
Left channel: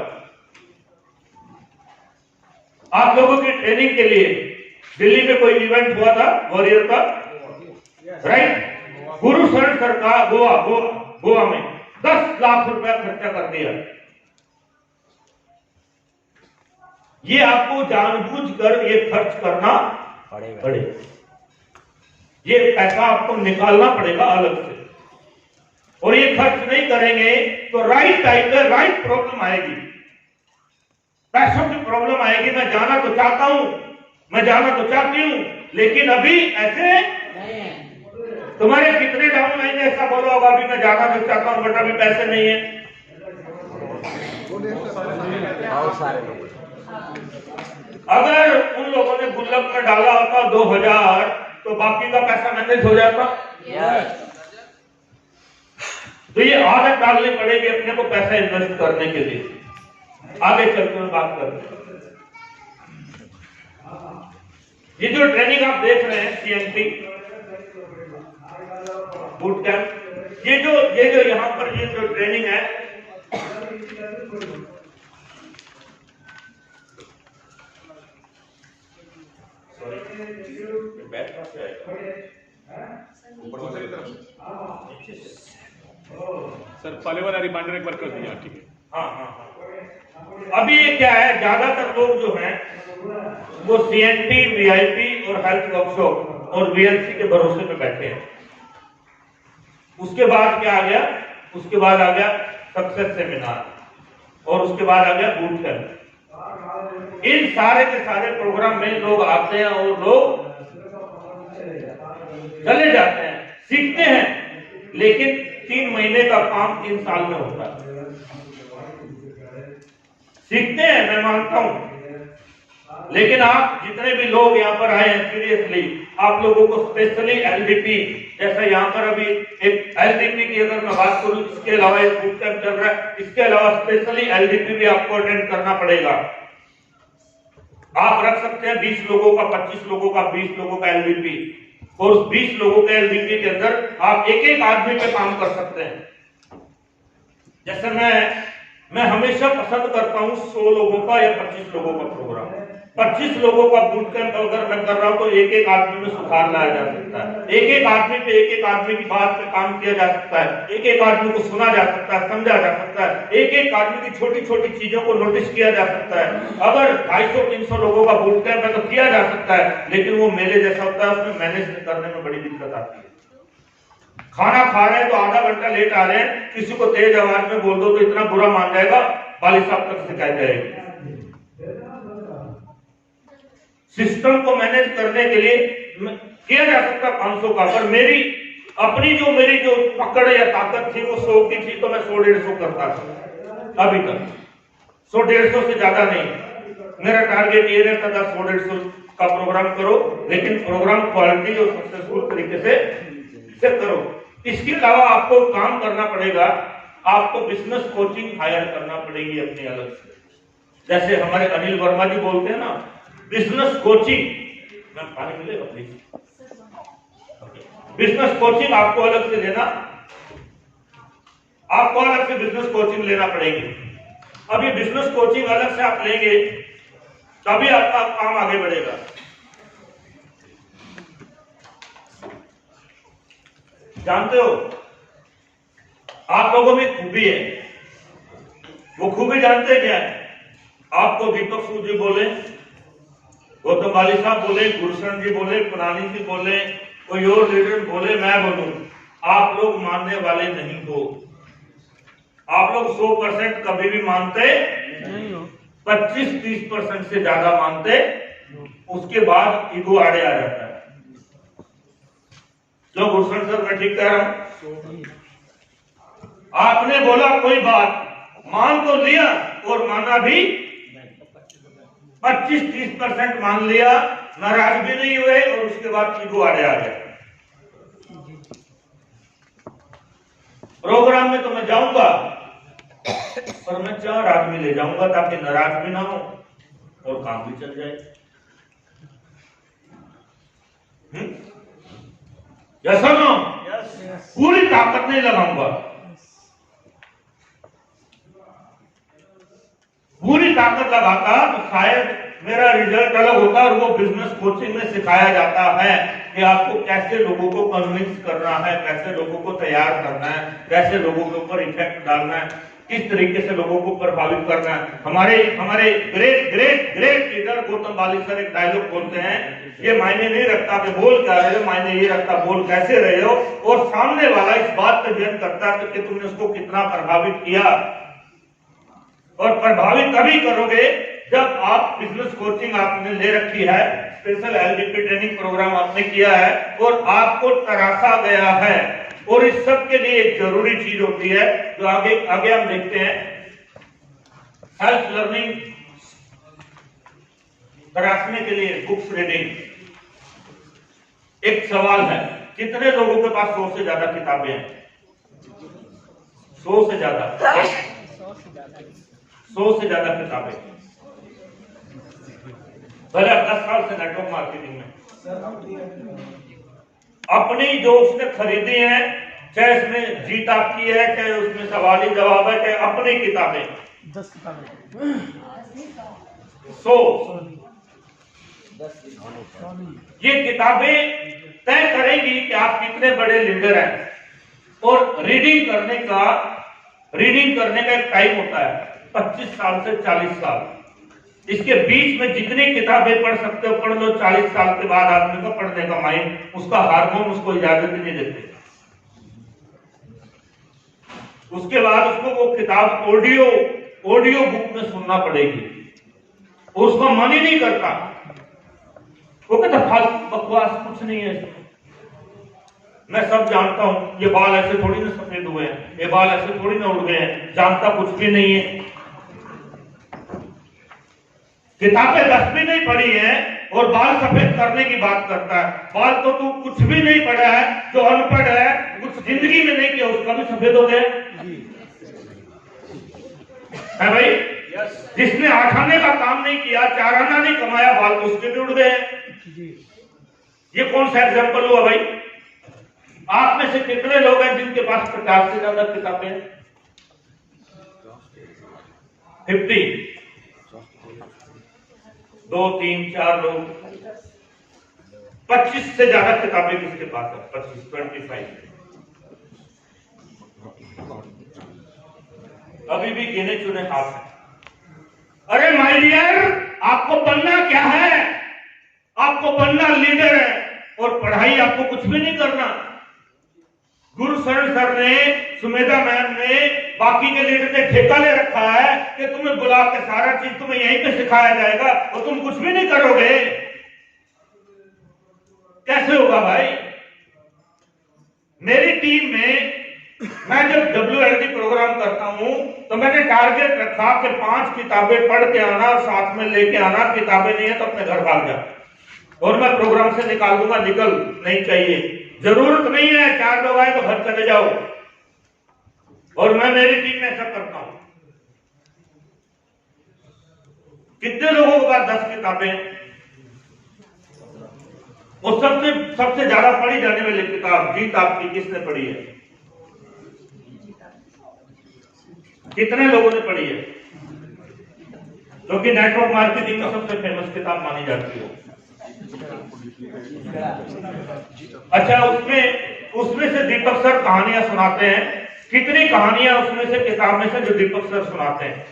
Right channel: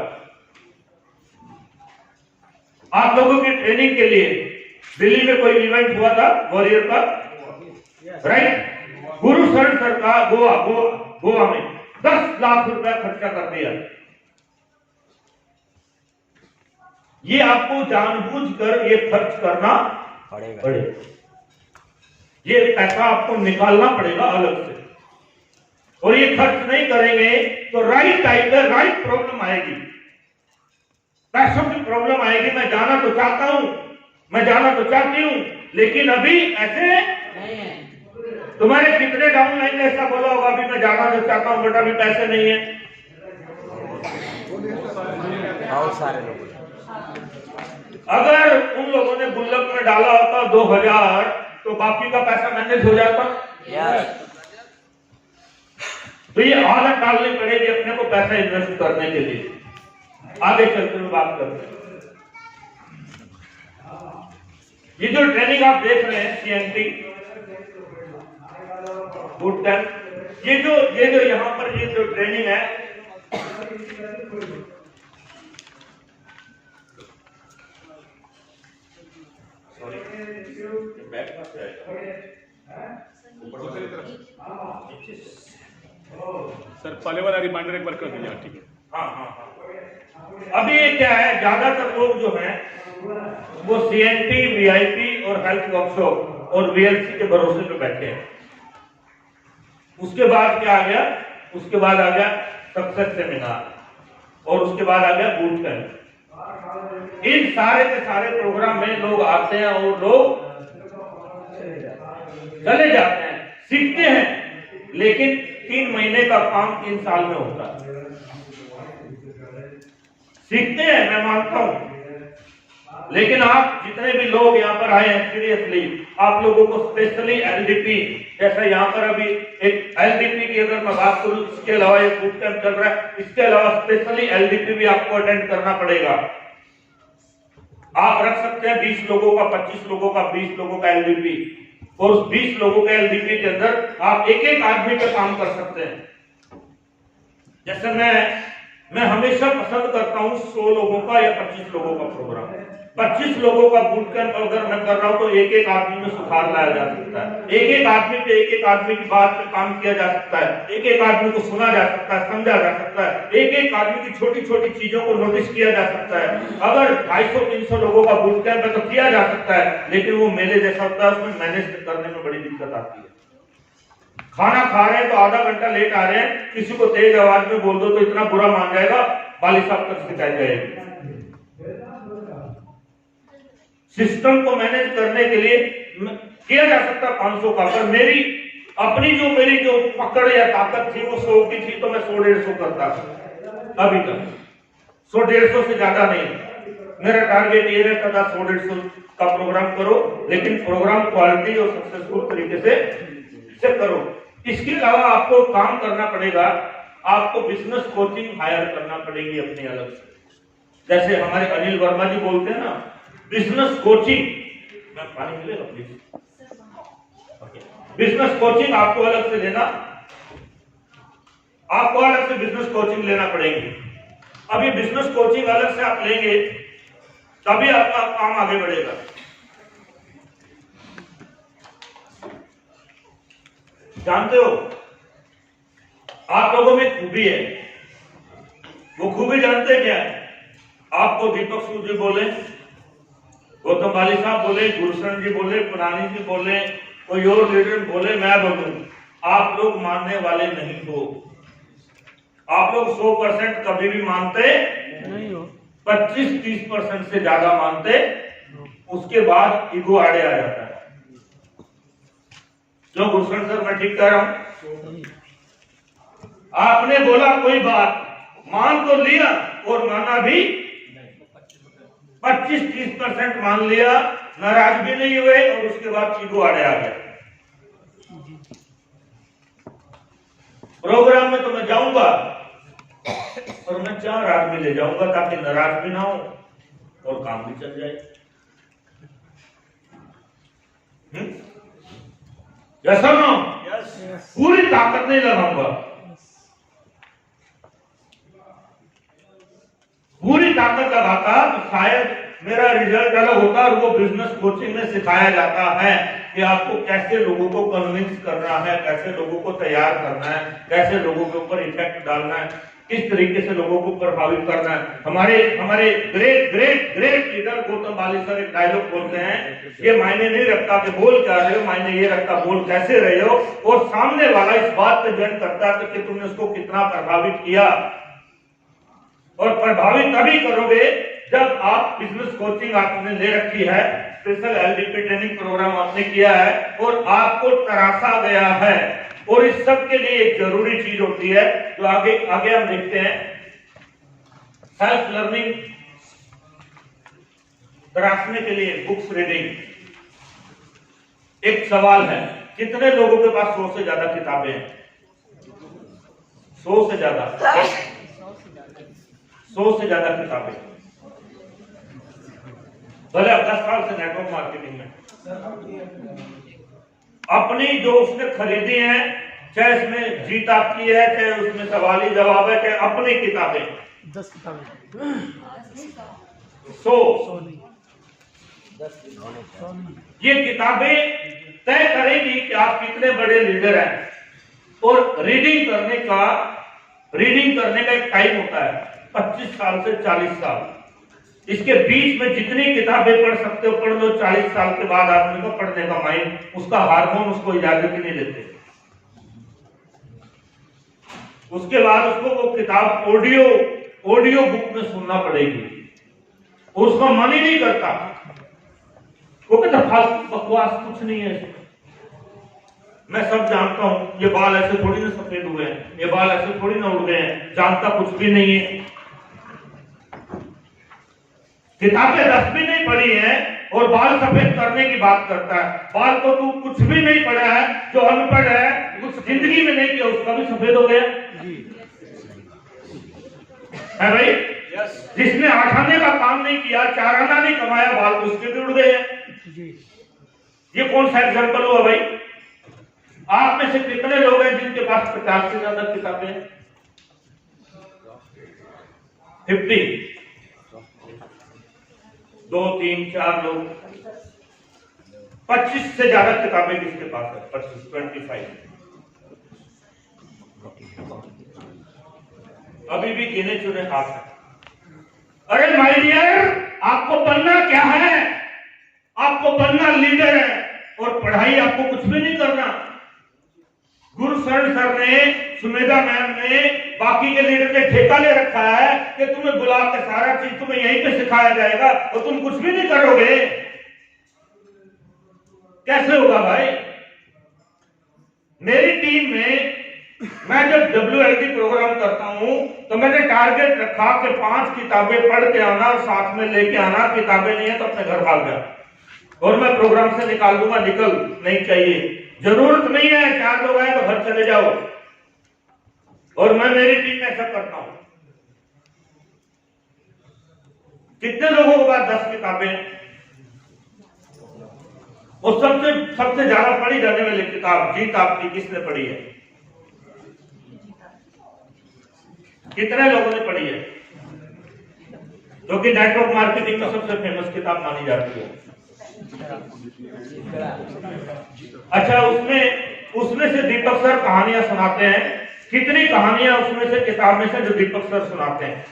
आप लोगों की ट्रेनिंग के लिए। दिल्ली में कोई इवेंट हुआ था वॉरियर का, राइट। गुरसर सर का गोवा में 10 लाख रुपया खर्चा कर दिया। ये आपको जानबूझकर ये खर्च करना पड़ेगा। ये पैसा आपको निकालना पड़ेगा अलग से, और ये खर्च नहीं करेंगे तो राइट टाइम पे राइट प्रॉब्लम आएगी, पैसों की प्रॉब्लम आएगी। मैं जाना तो चाहता हूं, मैं जाना तो चाहती हूं, लेकिन अभी ऐसे तुम्हारे कितने डाउनलाइन ने ऐसा बोला होगा अभी मैं जाना तो चाहता हूं बट अभी पैसे नहीं है। अगर उन लोगों ने गुल्लक में डाला होता 2000 तो बाकी का पैसा मैनेज हो जाता। तो ये आदत डालनी पड़ेगी अपने को पैसा इन्वेस्ट करने के लिए। आगे चलते हुए बात करते हैं। ये जो ट्रेनिंग आप देख रहे हैं CNT बूट कैंप, ये जो यहाँ पर ये जो ट्रेनिंग है, सर पहले वाला रिमाइंडर एक बार कर दिया, ठीक है। हाँ। अभी क्या है, ज्यादातर लोग जो हैं वो CNT, VIP और हेल्थ वर्कशॉप और VLC के भरोसे पे बैठे हैं। उसके बाद क्या आ गया, उसके बाद आ गया सक्सेस सेमिनार, और उसके बाद आ गया बूट कैंप। इन सारे के सारे प्रोग्राम में लोग आते हैं और लोग चले जाते हैं, सीखते हैं, लेकिन 3 महीने का काम 3 साल में होता है। सीखते हैं, मैं मानता हूं, लेकिन आप जितने भी लोग यहाँ पर आए हैं सीरियसली आप लोगों को स्पेशली एलडीपी, जैसा यहाँ पर अभी एक एलडीपी की अगर मैं बात करूं, इसके अलावा एक बुक कैंप चल रहा है, इसके अलावा स्पेशली एलडीपी भी आपको अटेंड करना पड़ेगा। आप रख सकते हैं 20 लोगों का, 25 लोगों का, 20 लोगों का एलडीपी, और उस 20 लोगों के एलडीपी के अंदर आप एक एक आदमी पे काम कर सकते हैं। जैसे मैं हमेशा पसंद करता हूं 100 लोगों का या 25 लोगों का प्रोग्राम। 25 लोगों का बूट कैंप अगर मैं कर रहा हूं तो एक एक आदमी में सुधार लाया जा सकता है, एक एक आदमी पे एक एक आदमी की बात पे काम किया जा सकता है, एक एक आदमी को सुना जा सकता है, समझा जा सकता है, एक एक आदमी की छोटी छोटी चीजों को नोटिस किया जा सकता है। अगर 250-300 लोगों का बूट कैंप है तो किया जा सकता है, लेकिन वो मेले जैसा होता है, उसमें मैनेज करने में बड़ी दिक्कत आती है। खाना खा रहे हैं तो आधा घंटा लेट आ रहे हैं, किसी को तेज आवाज में बोल दो तो इतना बुरा मान जाएगा, वाली साहब तक शिकायत जाएगी। सिस्टम को मैनेज करने के लिए किया जा सकता 500 का, पर मेरी अपनी जो पकड़ या ताकत थी वो 100 की थी, तो मैं 100-150 करता था अभी तक। 100-150 से ज्यादा नहीं। मेरा टारगेट ये रहता था 100-150 का प्रोग्राम करो, लेकिन प्रोग्राम क्वालिटी और सक्सेसफुल तरीके से करो। इसके अलावा आपको काम करना पड़ेगा, आपको बिजनेस कोचिंग हायर करना पड़ेगी अपनी अलग से। जैसे हमारे अनिल वर्मा जी बोलते हैं ना, बिजनेस कोचिंग, पानी मिलेगा प्लीज, बिजनेस कोचिंग आपको अलग से लेना, आपको अलग से बिजनेस कोचिंग लेना पड़ेगी। अब ये बिजनेस कोचिंग अलग से आप लेंगे तभी आपका काम आगे बढ़ेगा। जानते हो आप लोगों में खूबी है, वो खूबी जानते क्या है? आपको दीपक सूद जी बोले, गौतम बाली साहब बोले, गुरशरण जी बोले, पुरानी जी बोले, कोई और लीडर बोले, मैं बोलूं, आप लोग मानने वाले नहीं हो। आप लोग 100% कभी भी मानते नहीं हो, 25-30% से ज्यादा मानते, उसके बाद ईगो आड़े आ जाता है। जो गुरशरण सर मैं ठीक कह रहा हूं? आपने बोला कोई बात, मान तो लिया और माना भी 25-30% मान लिया, नाराज भी नहीं हुए, और उसके बाद ईगो आड़े आ गया। प्रोग्राम में तो मैं जाऊंगा और मैं 4 आदमी ले जाऊंगा ताकि नाराज भी ना हो और काम भी चल जाए। यस और नो? पूरी ताकत नहीं लगाऊंगा, पूरी ताकत लगाता तो शायद मेरा रिजल्ट अलग होता। और वो बिजनेस कोचिंग में सिखाया जाता है कि आपको कैसे लोगों को कन्विंस करना है, कैसे लोगों को तैयार करना है, कैसे लोगों के ऊपर इफेक्ट डालना है, किस तरीके से लोगों को प्रभावित करना है। हमारे great great great leader Gautam Bali sir एक डायलॉग बोलते हैं, ये मायने नहीं रखता कि बोल क्या रहे हो, मायने ये रखता बोल कैसे रहे हो, और सामने वाला इस बात पे डिपेंड करता है कि तुमने उसको कितना प्रभावित किया। और प्रभावित तभी करोगे जब आप बिजनेस कोचिंग आपने ले रखी है, स्पेशल एलडीपी ट्रेनिंग प्रोग्राम आपने किया है और आपको तराशा गया है। और इस सब के लिए एक जरूरी चीज होती है जो आगे हम देखते हैं, सेल्फ लर्निंग तराशने के लिए बुक्स रीडिंग। एक सवाल है, कितने लोगों के पास 100 से ज्यादा किताबें हैं? 100 से ज्यादा, 100 से ज्यादा किताबें। पहले 10 साल से नेटवर्क मार्केटिंग में अपनी जो उसने खरीदी है, चाहे उसमें जीत आपकी है, चाहे उसमें सवाल ही जवाब है, चाहे अपनी किताबें 10 किताबें, 100 ये किताबें तय करेगी कि आप कितने बड़े लीडर हैं। और रीडिंग करने का एक टाइम होता है, 25 साल से 40 साल। इसके बीच में जितनी किताबें पढ़ सकते हो पढ़ लो। 40 साल के बाद आदमी का पढ़ने का माइंड, उसका हार्मोन उसको इजाजत ही नहीं देते। उसके बाद उसको वो किताब ऑडियो बुक में सुनना पड़ेगी, उसका मन ही नहीं करता। वो कहता फालतू बकवास, कुछ नहीं है इसमें, मैं सब जानता हूं, ये बाल ऐसे थोड़ी ना सफेद हुए हैं, ये बाल ऐसे थोड़ी ना उड़ गए हैं, जानता कुछ भी नहीं है। किताबें 10 भी नहीं पढ़ी है और बाल सफेद करने की बात करता है। बाल तो तू कुछ भी नहीं पढ़ा है, जो अनपढ़ है, कुछ जिंदगी में नहीं किया, उसका भी सफेद हो गया है भाई। जिसने 8 आने का काम नहीं किया, 4 आना नहीं कमाया, बाल तो उसके भी उड़ गए। ये कौन सा एग्जाम्पल हुआ भाई? आप में से कितने लोग हैं जिनके पास 50 से ज्यादा किताबें हैं? 50, 2, 3, 4 लोग। 25 से ज्यादा किताबें किसके पास है? 25, 25। अभी भी गिने चुने हाथ है। अरे माय डियर, आपको बनना क्या है? आपको बनना लीडर है, और पढ़ाई आपको कुछ भी नहीं करना। गुरुशरण सर ने, सुमेधा मैम ने, बाकी के लीडर ने ठेका ले रखा है कि तुम्हें बुला के सारा चीज तुम्हें यहीं पे सिखाया जाएगा और तुम कुछ भी नहीं करोगे। कैसे होगा भाई? मेरी टीम में मैं जब WLD प्रोग्राम करता हूं तो मैंने टारगेट रखा कि 5 किताबें पढ़ के आना, साथ में लेके आना। किताबें नहीं है तो अपने घर भाग जा, और मैं प्रोग्राम से निकाल दूंगा। निकल नहीं चाहिए, जरूरत नहीं है। 4 लोग आए तो घर चले जाओ। और मैं मेरी टीम में ऐसा करता हूं। कितने लोगों के पास 10 किताबें? और सबसे ज्यादा पढ़ी जाने वाली किताब जीत आपकी किसने पढ़ी है? कितने लोगों ने पढ़ी है? जो कि नेटवर्क मार्केटिंग में सबसे फेमस किताब मानी जाती है। अच्छा, उसमें से दीपक सर कहानियां सुनाते हैं। कितनी कहानियां उसमें से, किताब में से, जो दीपक सर सुनाते हैं?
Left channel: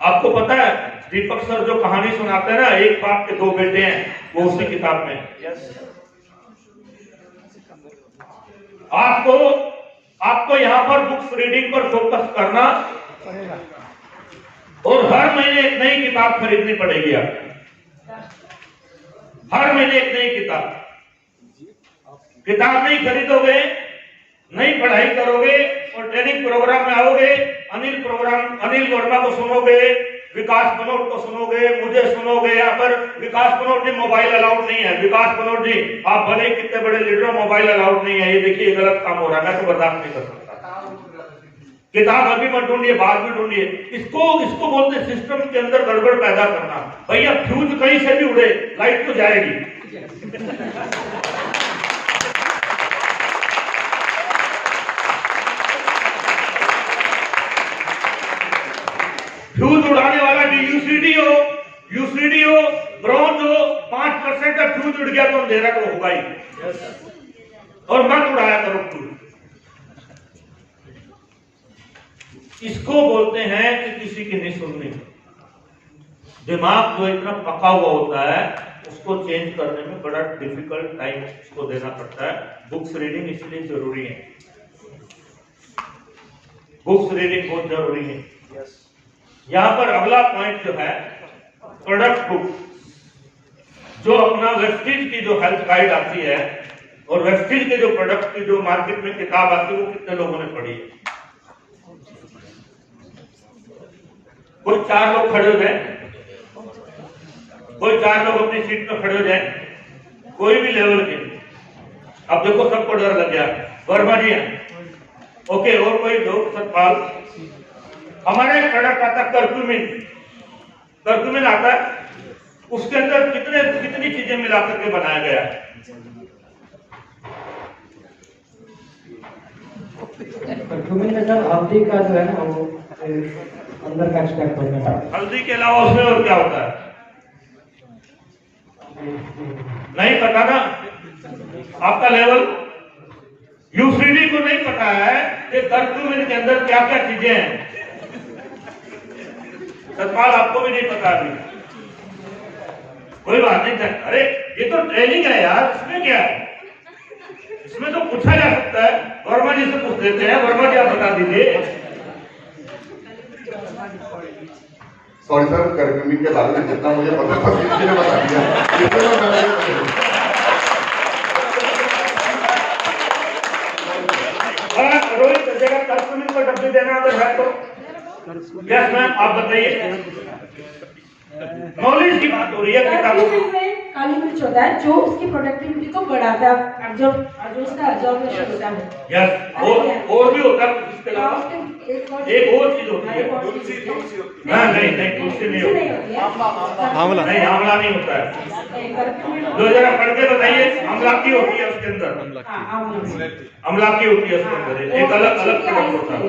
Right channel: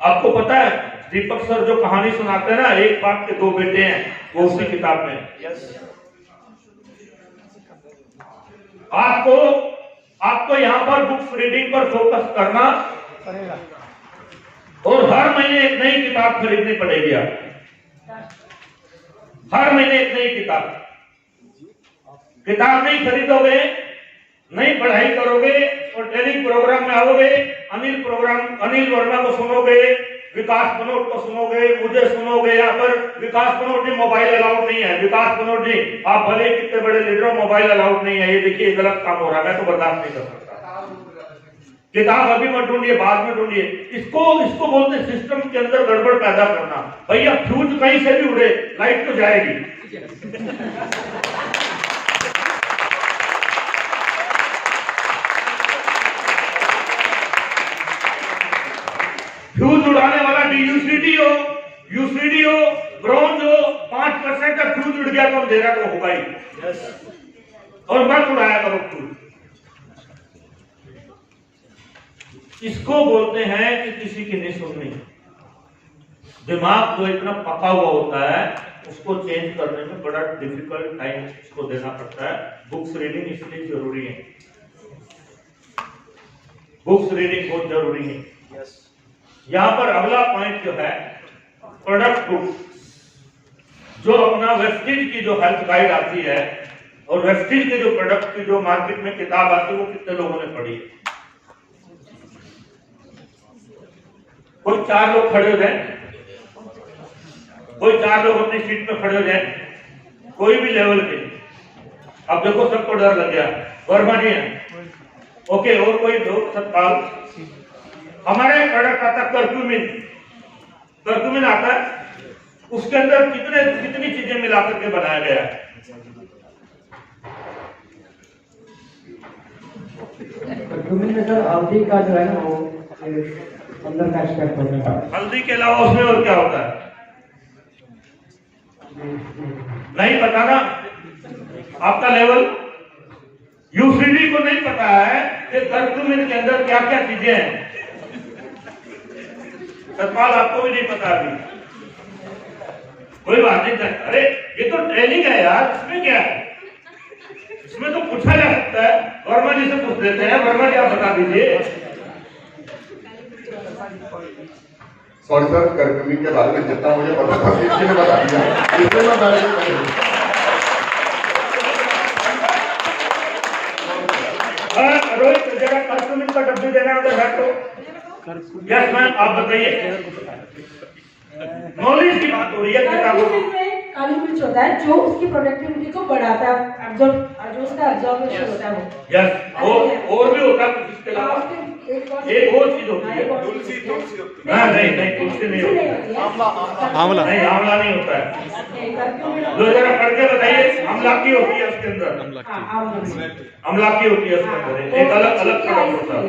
आपको पता है दीपक सर जो कहानी सुनाते हैं ना, एक बाप के 2 बेटे हैं, वो उसी किताब में। आपको यहाँ पर बुक्स रीडिंग पर फोकस करना पड़ेगा, और हर महीने एक नई किताब खरीदनी पड़ेगी। हर महीने एक नई किताब नहीं खरीदोगे, नई पढ़ाई करोगे और ट्रेनिंग प्रोग्राम में आओगे, अनिल वर्मा को सुनोगे, विकास बनोट को सुनोगे, मुझे सुनोगे। यहाँ पर विकास बनोट जी मोबाइल अलाउड नहीं है। विकास बनोट जी, आप भले कितने बड़े लीडर हो, मोबाइल अलाउड नहीं है। ये देखिए गलत काम हो रहा है, मैं तो बर्दाश्त नहीं कर सकता। किताब अभी मत ढूंढिए, बाद में ढूंढिए। इसको बोलते सिस्टम के अंदर गड़बड़ पैदा करना। भैया फ्यूज कहीं से भी उड़े, लाइट तो जाएगी। फ्यूज उड़ाने वाला यूसीडी हो, ब्रॉन्ज हो, 5% का फ्यूज उड़ गया तो अंधेरा तो होगा ही। और मत उड़ाया करो फ्यूज। इसको बोलते हैं कि किसी की नहीं सुननी। दिमाग जो इतना पका हुआ होता है, उसको चेंज करने में बड़ा डिफिकल्ट टाइम उसको देना पड़ता है। बुक्स रीडिंग इसलिए जरूरी है। बुक्स रीडिंग बहुत जरूरी है। यहाँ पर अगला पॉइंट जो है, प्रोडक्ट बुक। जो अपना वेस्टेज की जो हेल्थ गाइड आती है और वेस्टेज के जो प्रोडक्ट की जो मार्केट में किताब आती है, वो कितने लोगों ने पढ़ी है? कोई 4 लोग खड़े हो जाए, कोई 4 लोग अपनी सीट पे खड़े हो जाए, कोई भी लेवल के। अब देखो सबको डर लग गया। वर्मा जी हैं, ओके। और कोई लोग? सतपाल। हमारे प्रोडक्ट आता है कर्क्यूमिन आता है। उसके अंदर कितनी चीजें मिला करके बनाया गया है? कर्क्यूमिन में सर हल्दी का जो है ना, वो अंदर का एक्सट्रैक्ट होता है। हल्दी के अलावा उसमें और क्या होता है? नहीं पता ना आपका लेवल। यूसीडी को नहीं पता है कि कर्क्यूमिन के अंदर क्या क्या चीजें हैं। सतपाल, आपको भी नहीं पता अभी। कोई बात नहीं। अरे ये तो ट्रेनिंग है यार, इसमें क्या है? इसमें तो पूछा जा सकता है। वर्मा जी से पूछ देते हैं। वर्मा जी आप बता दीजिए। सॉरी सर, कर्क्यूमिन के बारे में जितना मुझे पता था किसी ने बता दिया। रोहित, जरा कर्क्यूमिन का डब्बी देना अगर है तो। यस मैम, आप बताइए। नॉलेज की बात हो रही है किताबों में। काली मिर्च होता है जो उसकी प्रोडक्टिविटी को बढ़ाता है, जो उसका ऑब्जर्वेशन होता है। यस, और भी होता है कुछ इसके अलावा, एक और चीज होती है। नहीं नहीं, तुलसी नहीं होती है, आंवला नहीं, आंवला नहीं होता है। जो जरा करके बताइए, आंवला की होती है उसके अंदर, आंवला की होती है उसके अंदर, एक अलग अलग प्रोडक्ट होता है।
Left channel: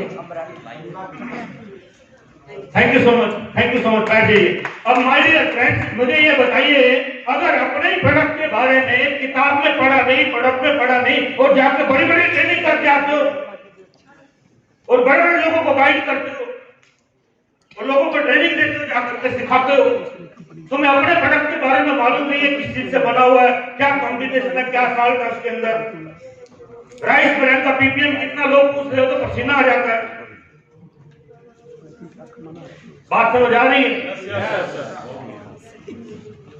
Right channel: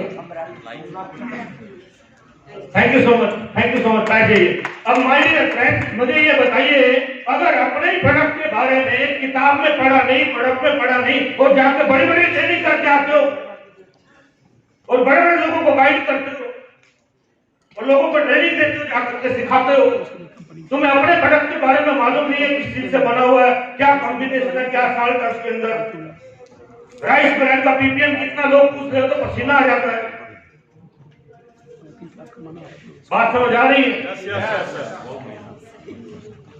थैंक यू सो मच, बैठिए। अब माय डियर फ्रेंड्स, मुझे ये बताइए, अगर अपने ही प्रोडक्ट के बारे में किताब में पढ़ा नहीं, प्रोडक्ट में पढ़ा नहीं, और जाकर बड़ी बड़ी ट्रेनिंग करके आते हो और बड़े बड़े लोगों को गाइड करते हो और लोगों को ट्रेनिंग देते हो, जाकर के सिखाते हो, तुम्हें अपने प्रोडक्ट के बारे में मालूम नहीं है किस चीज से बना हुआ है, क्या कॉम्बिनेशन है, क्या साल्ट है उसके अंदर, राइस ब्रांड का पीपीएम कितना, लोग पूछ रहे हो तो पसीना आ जाता है। बात समझ आ रही है?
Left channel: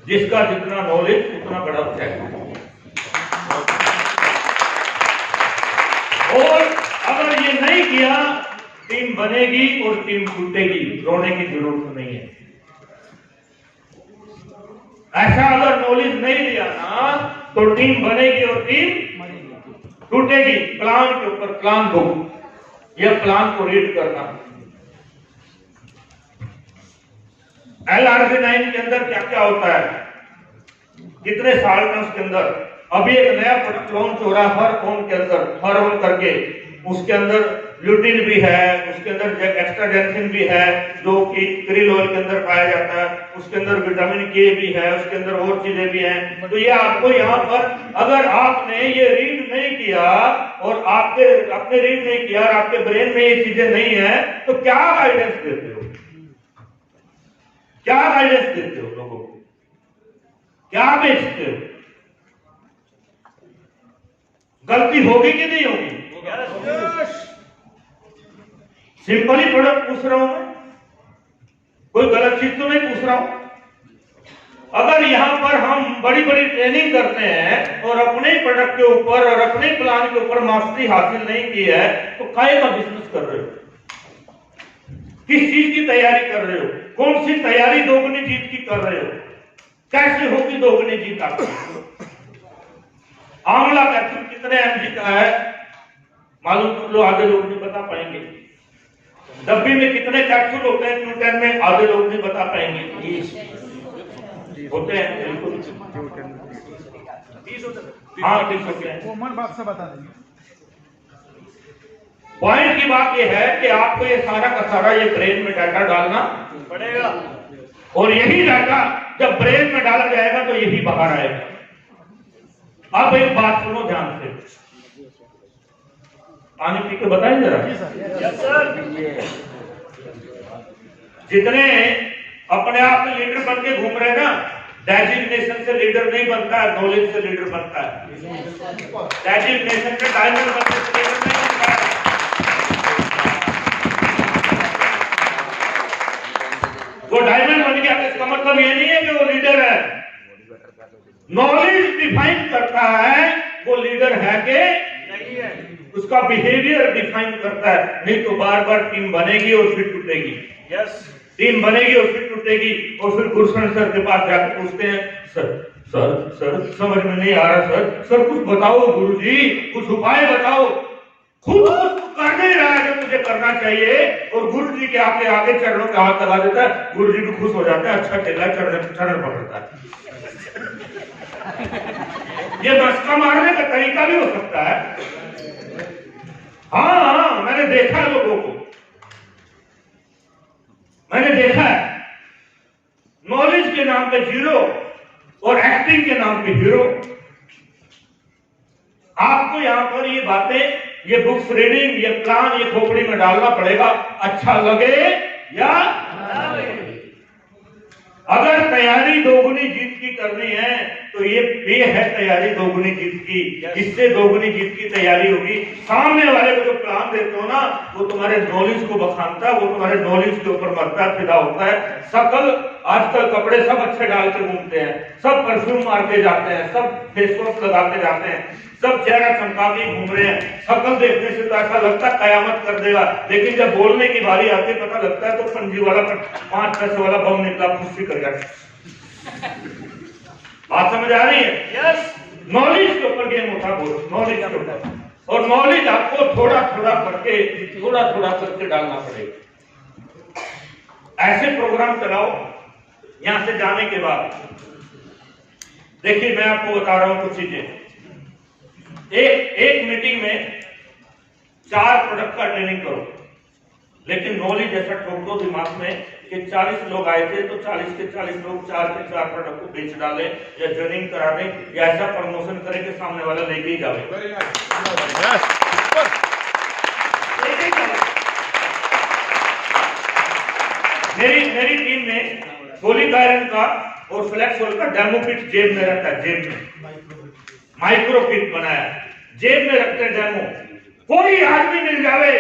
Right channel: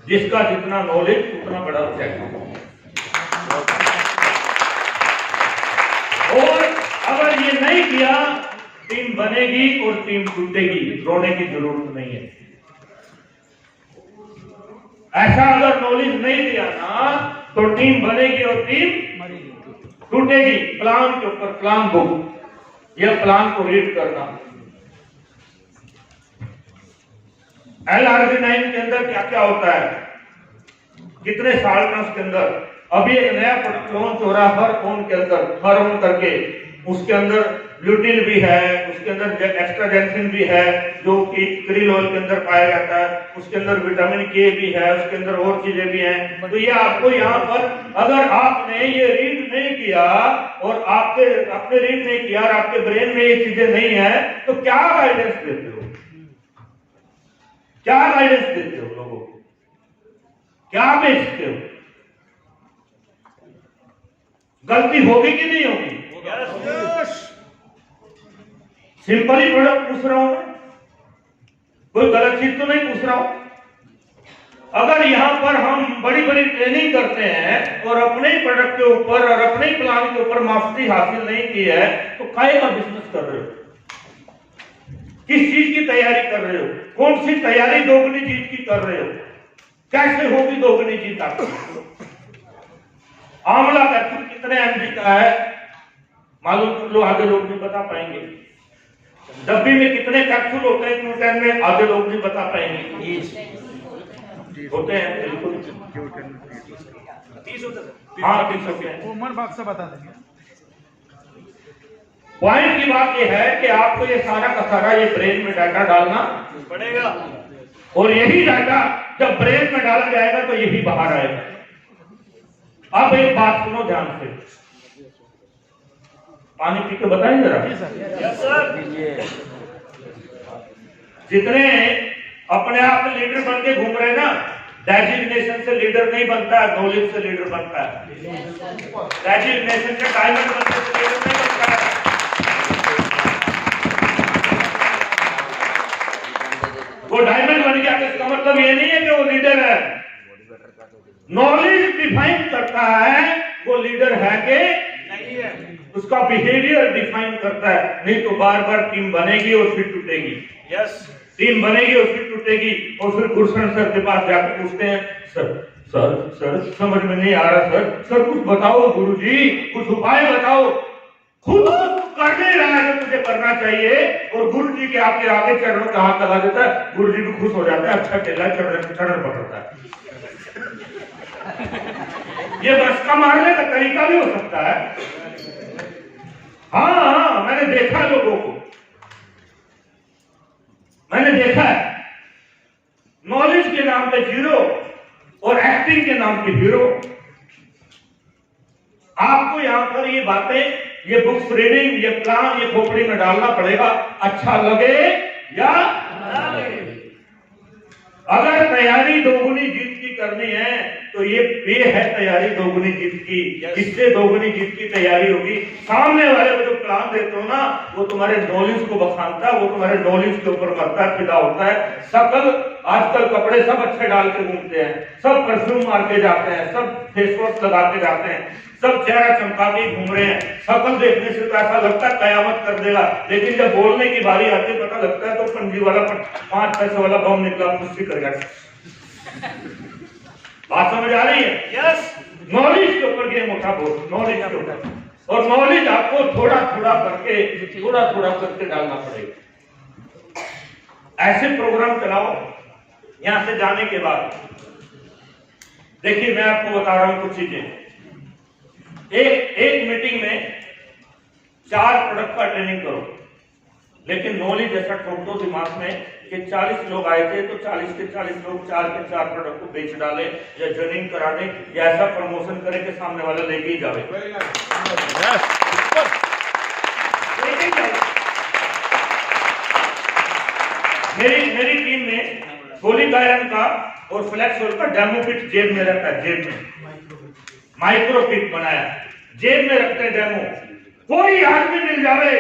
जिसका जितना नॉलेज उतना बड़ा चेक। और अगर ये नहीं किया, टीम बनेगी और टीम टूटेगी, रोने की जरूरत नहीं है। ऐसा अगर नॉलेज नहीं दिया ना, तो टीम बनेगी और टीम टूटेगी। प्लान के ऊपर प्लान बुक, यह प्लान को रीड करना। LRB9 के अंदर क्या क्या होता है, कितने साल में उसके अंदर, अभी एक नया प्रोडक्ट लॉन्च हो रहा है हर ओन के अंदर, हर ओन करके, उसके अंदर ब्यूटिन भी है, उसके अंदर एक्स्ट्राजेंसिन भी है जो कि क्रिल ऑयल के अंदर पाया जाता है, उसके अंदर विटामिन के भी है, उसके अंदर और चीजें भी हैं। तो ये आपको यहाँ पर, अगर आपने ये रीड नहीं किया और आपने रीड नहीं किया और आपके ब्रेन में ये चीजें नहीं है, तो क्या गाइडेंस देते हो, क्या गाइडेंस देते हो लोगों को, क्या बेचते हो? गलती होगी कि नहीं होगी? सिंपली प्रोडक्ट पूछ रहा हूं मैं, कोई गलत चीज तो नहीं पूछ रहा हूं। अगर यहां पर हम बड़ी बड़ी ट्रेनिंग करते हैं और अपने ही प्रोडक्ट के ऊपर और अपने ही प्लान के ऊपर मास्टरी हासिल नहीं की है, तो काहे का बिजनेस कर रहे हो? किस चीज की तैयारी कर रहे हो? कौन सी तैयारी दोगुनी जीत की कर रहे हो? कैसे होगी दोगुनी जीत आपकी? आंवला कैप्सूल कितने एमजी का है मालूम कर लो, आधे लोग नहीं बता पाएंगे। डब्बी में कितने कैप्सूल होते हैं Q10 में, आधे लोग नहीं बता पाएंगे। होते हैं बिल्कुल, हाँ 30 होते हैं। पॉइंट की बात यह है कि आपको ये सारा का सारा ये ब्रेन में डाटा डालना पड़ेगा, और यही डाटा जब ब्रेन में डाला जाएगा तो यही बाहर आएगा। अब एक बात सुनो ध्यान से, पानी पी के बताएं जरा। जितने अपने आप में लीडर बन के घूम रहे हैं ना, डेजिग्नेशन से लीडर नहीं बनता है, नॉलेज से लीडर बनता है। डेजिग्नेशन से डायमंड बनने से लीडर नहीं बनता है। वो डायमंड बन गया, इसका मतलब ये नहीं है कि वो लीडर है। नॉलेज डिफाइन करता है वो लीडर है कि नहीं है, उसका बिहेवियर डिफाइन करता है। नहीं तो बार बार टीम बनेगी और फिर टूटेगी। टीम बनेगी और फिर टूटेगी, और फिर गुरशन सर के पास जाकर पूछते हैं, सर समझ में नहीं आ रहा सर कुछ बताओ गुरुजी, कुछ उपाय बताओ। खुद कर नहीं रहा है जो मुझे करना चाहिए, और गुरु जी के आगे चरणों के हाथ लगा देता है, गुरु जी भी खुश हो जाता है, अच्छा केला चरण पकड़ता है। ये बसका मारने का तरीका भी हो सकता है। हाँ, मैंने देखा लोगों को, मैंने देखा है नॉलेज के नाम पे जीरो और एक्टिंग के नाम पे हीरो। आपको यहां पर ये बातें, ये बुक्स रीडिंग, ये प्लान, ये खोपड़ी में डालना पड़ेगा, अच्छा लगे या ना लगे। अगर तैयारी दोगुनी जीत की करनी है तो ये है तैयारी दोगुनी जीत की। इससे दोगुनी जीत की तैयारी होगी। सामने वाले को जो प्लान देते हो ना, वो तुम्हारे नॉलेज को बखानता है, वो तुम्हारे नॉलेज के ऊपर मरता है, फिदा होता है। सकल आजकल कपड़े सब अच्छे डाल के घूमते हैं, सब परफ्यूम मार के जाते हैं, सब फेस वॉश लगा के जाते हैं, सब चेहरा चमका के घूम रहे हैं। शक्ल देखने से तो ऐसा लगता है कयामत कर देगा, लेकिन जब बोलने की बारी आती है पता लगता है तो पंजी वाला 5 पैसे वाला बम निकला खुशी कर गया। बात समझ आ रही है? यस। नॉलेज के ऊपर गेम उठा बोल, नॉलेज के ऊपर, और नॉलेज आपको थोड़ा थोड़ा करके डालना पड़ेगा। ऐसे प्रोग्राम चलाओ। यहां से जाने के बाद देखिए मैं आपको बता रहा हूं कुछ चीजें। एक मीटिंग में 4 प्रोडक्ट का ट्रेनिंग करो, लेकिन नॉलेज ऐसा ठोक दो दिमाग में कि 40 लोग आए थे तो 40 के 40 लोग 4 के 4 प्रोडक्ट को बेच डाले या ट्रेनिंग करा दें या ऐसा प्रमोशन करें कि सामने वाला लेके ही जाए। मेरी टीम में सोलिक आयरन का और फ्लैक्सोल का डेमो किट जेब में रखता है, जेब में माइक्रो किट बनाया, जेब में रखते हैं डेमो। कोई आदमी मिल जावे,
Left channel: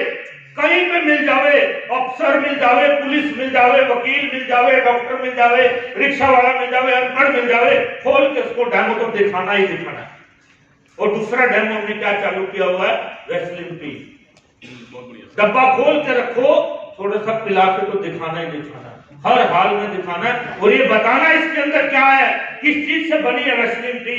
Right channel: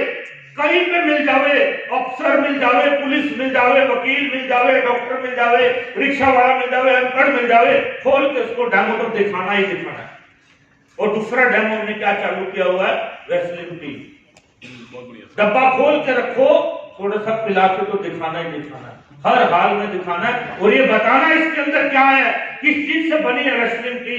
कहीं पे मिल जावे, अफसर मिल जावे, पुलिस मिल जावे, वकील मिल जावे, डॉक्टर मिल जावे, रिक्शा वाला मिल जावे, अनपढ़ मिल जावे, खोल के उसको डेमो तो दिखाना ही दिखाना है। और दूसरा डेमो हमने क्या चालू किया हुआ है, वैसलीन टी, डब्बा खोल के रखो, थोड़ा सा पिला के तो दिखाना ही दिखाना है, हर हाल में दिखाना है, और ये बताना इसके अंदर क्या है, किस चीज से बनी है वैसलीन टी,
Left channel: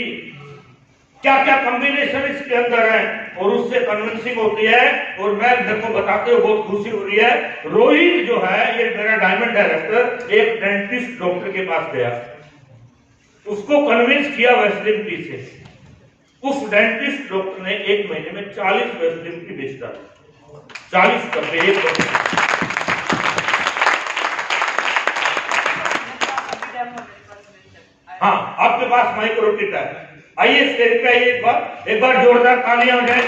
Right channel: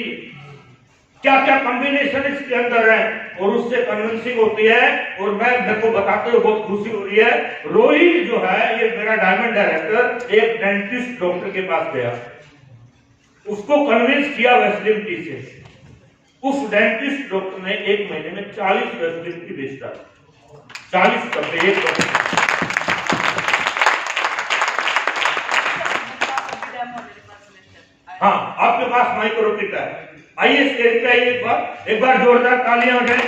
क्या क्या कॉम्बिनेशन इसके अंदर है, और उससे कन्विंसिंग होती है। और मैं देखो बताते हुए बहुत खुशी हो रही है, रोहित जो है ये मेरा डायमंड डायरेक्टर एक डेंटिस्ट डॉक्टर के पास गया, उसको कन्विंस किया वैसलीन टी से। उस डेंटिस्ट डॉक्टर ने 1 महीने में 40 वैसलीन टी बेच डाली, 40 डब्बे एक। हाँ, आपके पास माइक्रो किट है, आइए स्टेज पे आइए, एक बार जोरदार तालियां हो जाए,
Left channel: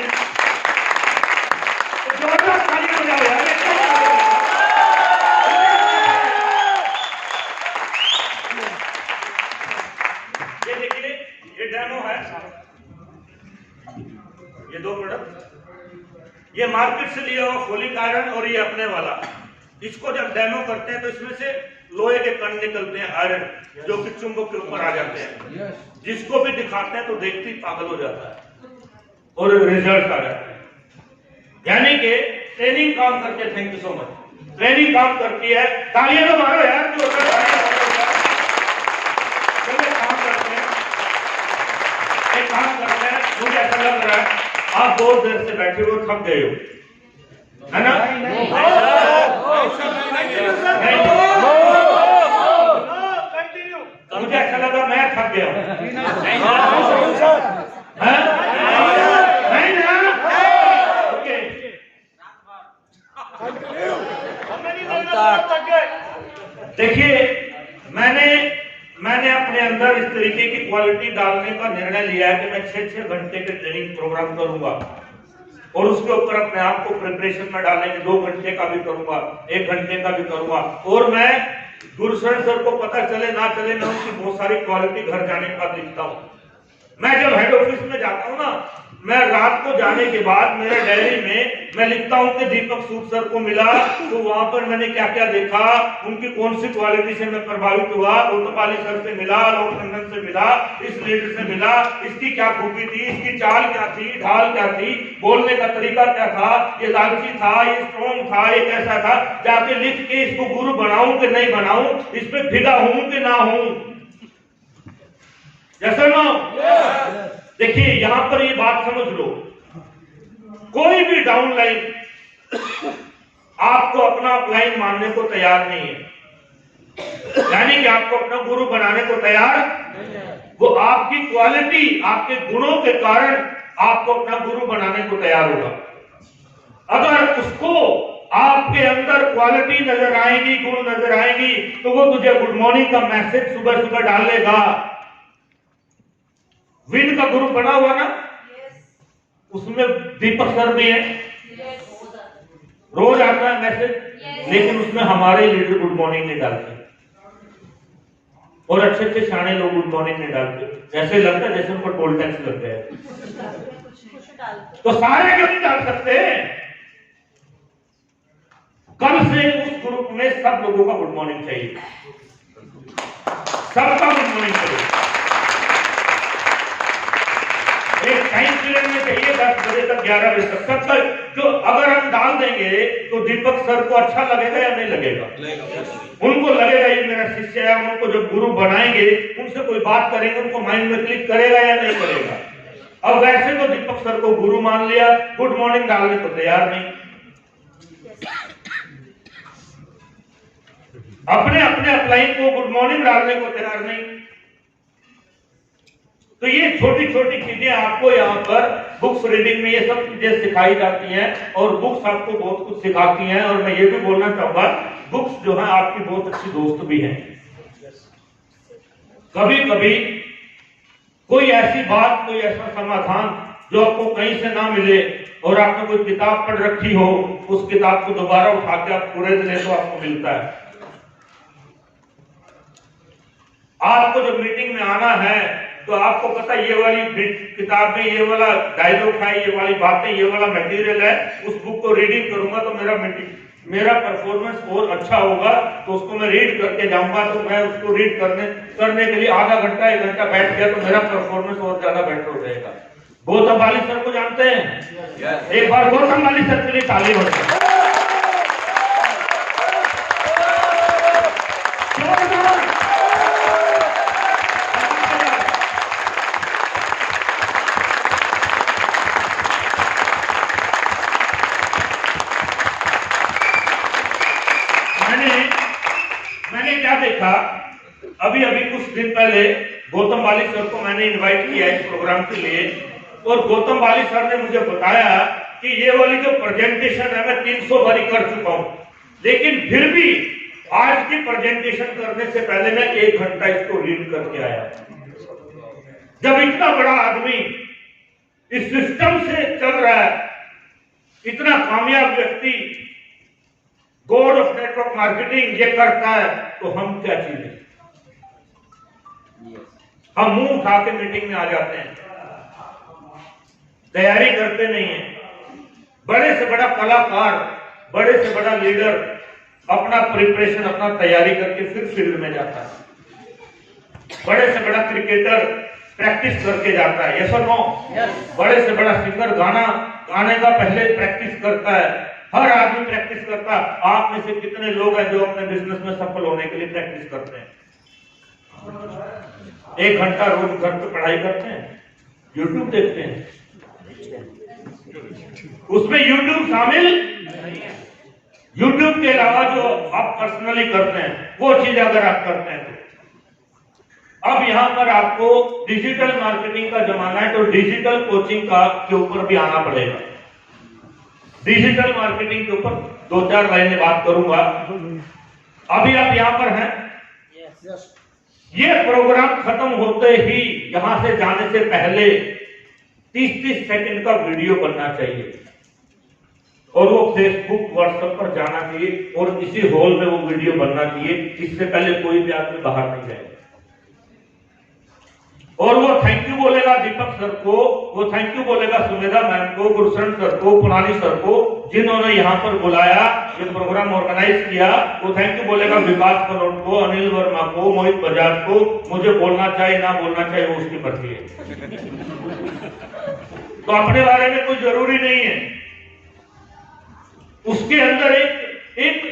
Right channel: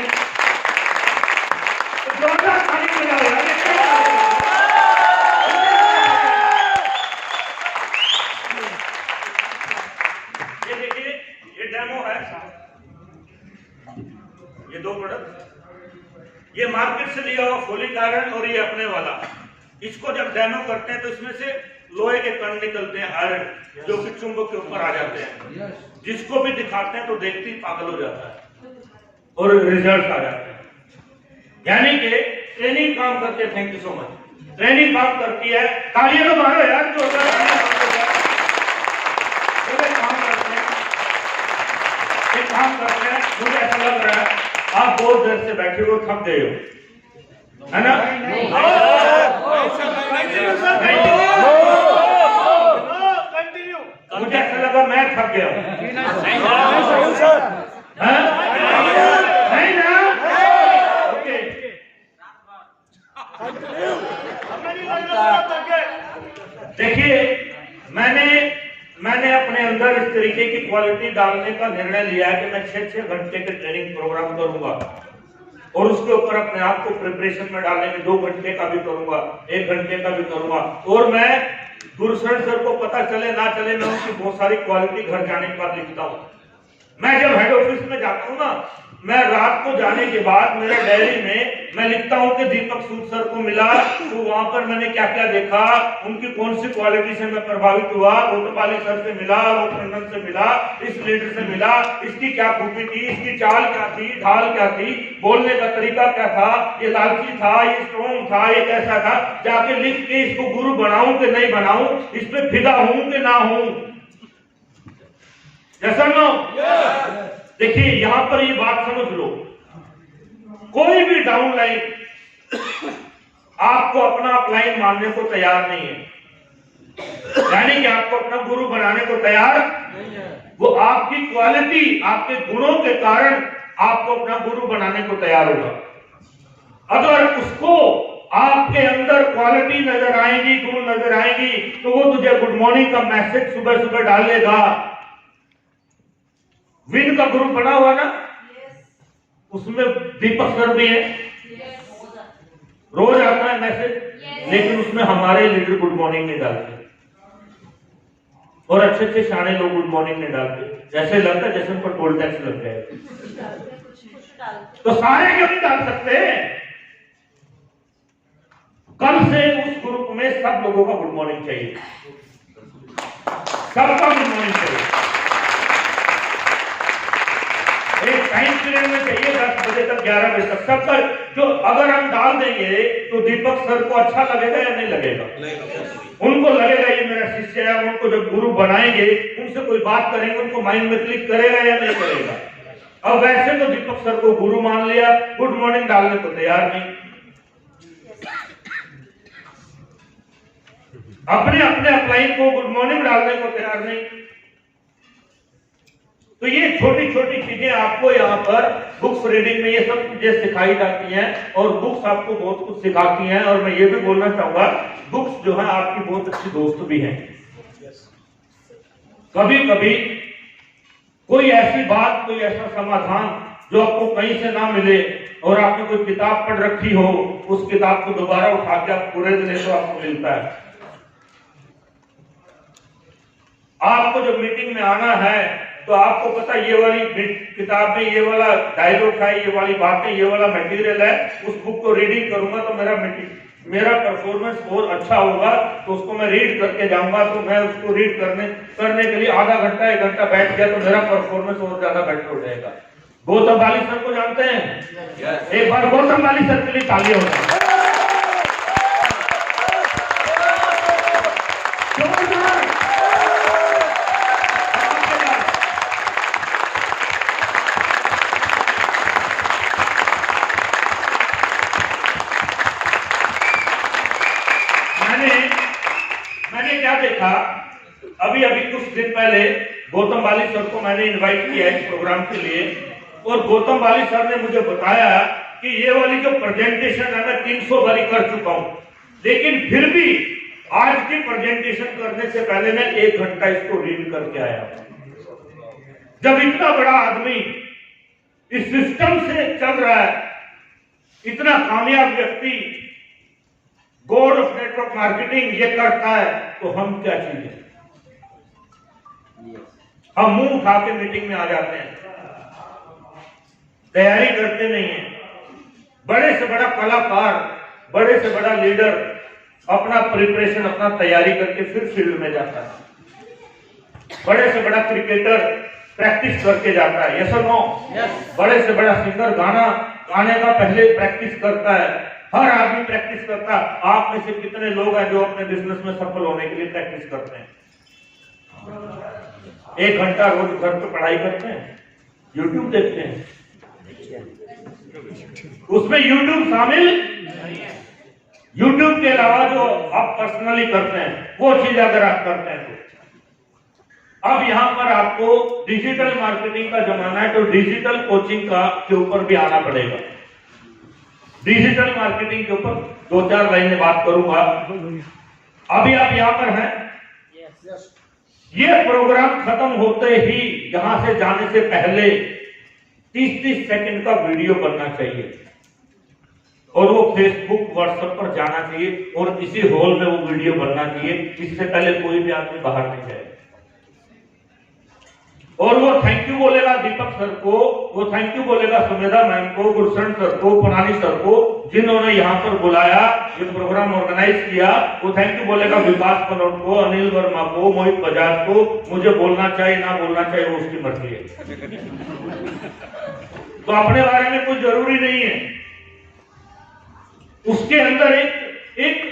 तो जोरदार तालियां हो जाए। ये देखिए, ये डेमो है, ये 2 प्रोडक्ट, ये मार्केट से लिया हुआ फोलिक आयरन और ये अपने वाला। इसको जब डेमो करते हैं तो इसमें से लोहे के कण निकलते हैं, आयरन, जो कि चुंबक के ऊपर आ जाते हैं, जिसको भी दिखाते हैं तो देखते ही पागल हो जाता है और रिजल्ट आ जाते हैं। यानी कि ट्रेनिंग काम करती है। Thank you so much. Training काम करती है, तालियां तो मारो यार, जो काम करते हैं, एक काम करते हैं। मुझे ऐसा लग रहा है आप बहुत देर से बैठे हो, थक गए हो, है ना? मुझे ऐसा लगा मैं थक गया, नहीं ना? ओके, देखिए मैंने अपने अंदर इस तरीके की क्वालिटी डालने का निर्णय लिया है कि मैं 6-6 घंटे के ट्रेनिंग प्रोग्राम करूंगा, और उसके ऊपर अपने आप को प्रिपरेशन में डालेंगे। 2 घंटे का भी करूंगा, 1 घंटे का भी करूंगा, और मैं गुरशरण सर को पता चले ना चले, मैं उनकी बहुत सारी क्वालिटी घर जाने के बाद लिखता हूँ। मैं जब हेड ऑफिस में जाता हूँ ना, मैं रात को जाने के बाद मेरे डायरी में मैं लिखता हूँ कि दीपक सूद सर को मिला तो वहां पर मैंने क्या क्या देखा, उनकी कौन सी क्वालिटी से मैं प्रभावित हुआ, कोतवाली सर से मिला, लोक टंडन से मिला, इस लीडर से मिला, इसकी क्या खूबी थी, इसकी चाल क्या थी, ढाल क्या थी, बोलने का तरीका क्या था, ये लालची था, ये स्ट्रॉन्ग था, ये कैसा था, जाके लिख के इसको गुरु बनाऊं कि नहीं बनाऊं, इस पे फिदा हूं कि ना हूं। जैसा ना देखिए यहां पर ये बात समझ लो, कोई भी डाउन लाइन आपको अपना अपलाइन मानने को तैयार नहीं है, यानी कि आपको अपना गुरु बनाने को तैयार, वो आपकी क्वालिटी, आपके गुणों के कारण आपको अपना गुरु बनाने को तैयार होगा। अगर उसको आपके अंदर क्वालिटी नजर आएगी, गुण नजर आएगी, तो वो तुझे गुड मॉर्निंग का मैसेज सुबह सुबह डालेगा। विन का ग्रुप बना हुआ ना, उसमें दीपक सर भी है, रोज आता है मैसेज, लेकिन उसमें हमारे लीडर गुड मॉर्निंग नहीं डालते, और अच्छे अच्छे शाणे लोग गुड मॉर्निंग नहीं डालते। ऐसे लगता है जैसे उन पर टोल टैक्स लग गया है। तो सारे क्यों नहीं डाल सकते? कल से उस ग्रुप में सब लोगों का गुड मॉर्निंग चाहिए। सबका गुड मॉर्निंग करें। एक टाइम पीरियड में चाहिए 10 बजे तक 11 बजे तक सबका, जो अगर हम डाल देंगे तो दीपक सर को अच्छा लगेगा या नहीं लगेगा? उनको लगेगा ये मेरा शिष्य है, उनको जब गुरु बनाएंगे उनसे कोई बात करेंगे उनको माइंड में क्लिक करेगा या नहीं करेगा? अब वैसे तो दीपक सर को गुरु मान लिया, गुड मॉर्निंग डालने को तैयार नहीं, अपने अपने अपलाइन को गुड मॉर्निंग डालने को तैयार नहीं। तो ये छोटी छोटी चीजें आपको यहाँ पर बुक्स रीडिंग में ये सब चीजें सिखाई जाती हैं और बुक्स आपको बहुत कुछ सिखाती हैं। और मैं ये भी बोलना चाहूंगा बुक्स जो है आपकी बहुत अच्छी दोस्त भी हैं। कभी कभी कोई ऐसी बात, कोई ऐसा समाधान जो आपको कहीं से ना मिले और आपने कोई किताब पढ़ रखी हो, उस किताब को दोबारा उठा के आप पूरे दिन तो आपको मिलता है। आपको जब मीटिंग में आना है तो आपको पता ये वाली किताब में ये वाला डायलॉग है, ये वाली बातें, ये वाला मटेरियल है, उस बुक को रीडिंग करूंगा तो मेरा परफॉर्मेंस बहुत अच्छा होगा, तो उसको मैं रीड करके जाऊंगा। तो मैं उसको रीड करने के लिए आधा घंटा 1 घंटा बैठ गया तो मेरा परफॉर्मेंस और ज्यादा बेटर हो जाएगा। गौतम वाली सर को जानते हैं? एक बार गौतम वाली सर के लिए ताली हो जाए। मैंने क्या देखा, अभी कुछ दिन पहले गौतम वाली सर को मैंने इनवाइट किया इस प्रोग्राम के लिए और गौतम वाली सर ने मुझे बताया कि ये वाली जो प्रेजेंटेशन है मैं 300 बारी कर चुका हूं, लेकिन फिर भी आज की प्रेजेंटेशन करने से पहले मैं 1 घंटा इसको रीड करके आया। जब इतना बड़ा आदमी इस सिस्टम से चल रहा है, इतना कामयाब व्यक्ति गॉड ऑफ नेटवर्क मार्केटिंग ये करता है, तो हम क्या चीज है? हम मुंह उठा के मीटिंग में आ जाते हैं, तैयारी करते नहीं है। बड़े से बड़ा कलाकार, बड़े से बड़ा लीडर अपना प्रिपरेशन, अपना तैयारी करके फिर फील्ड में जाता है। बड़े से बड़ा क्रिकेटर प्रैक्टिस करके जाता है, यस और नो? बड़े से बड़ा सिंगर गाने का पहले प्रैक्टिस करता है। हर आदमी प्रैक्टिस करता है। आप में से कितने लोग हैं जो अपने बिजनेस में सफल होने के लिए प्रैक्टिस करते हैं? 1 घंटा रोज घर पे पढ़ाई करते हैं, यूट्यूब देखते हैं, उसमें यूट्यूब शामिल, यूट्यूब के अलावा जो आप पर्सनली करते हैं वो चीज अगर आप करते हैं तो अब यहां पर आपको डिजिटल मार्केटिंग का जमाना है, तो डिजिटल कोचिंग के ऊपर भी आना पड़ेगा। डिजिटल मार्केटिंग के ऊपर 2-4 लाइनें बात करूंगा। अभी आप यहां पर हैं, ये प्रोग्राम खत्म होते ही यहां से जाने से पहले 30-30 सेकंड का वीडियो बनना चाहिए और वो फेसबुक व्हाट्सएप पर जाना चाहिए और इसी हॉल में वो वीडियो बनना चाहिए। इससे पहले कोई भी आदमी बाहर नहीं जाए। और वो थैंक यू बोलेगा दीपक सर को, वो थैंक यू बोलेगा सुमेधा मैम को, गुरशरण सर को, पुनानी सर को, जिन्होंने यहाँ पर बुलाया, ये प्रोग्राम ऑर्गेनाइज किया। वो थैंक यू बोलेगा विकास पलोट को, अनिल वर्मा को, मोहित बजाज को। मुझे बोलना चाहिए ना बोलना चाहिए वो उसकी मर्जी है, तो अपने बारे में कोई जरूरी नहीं है। उसके अंदर एक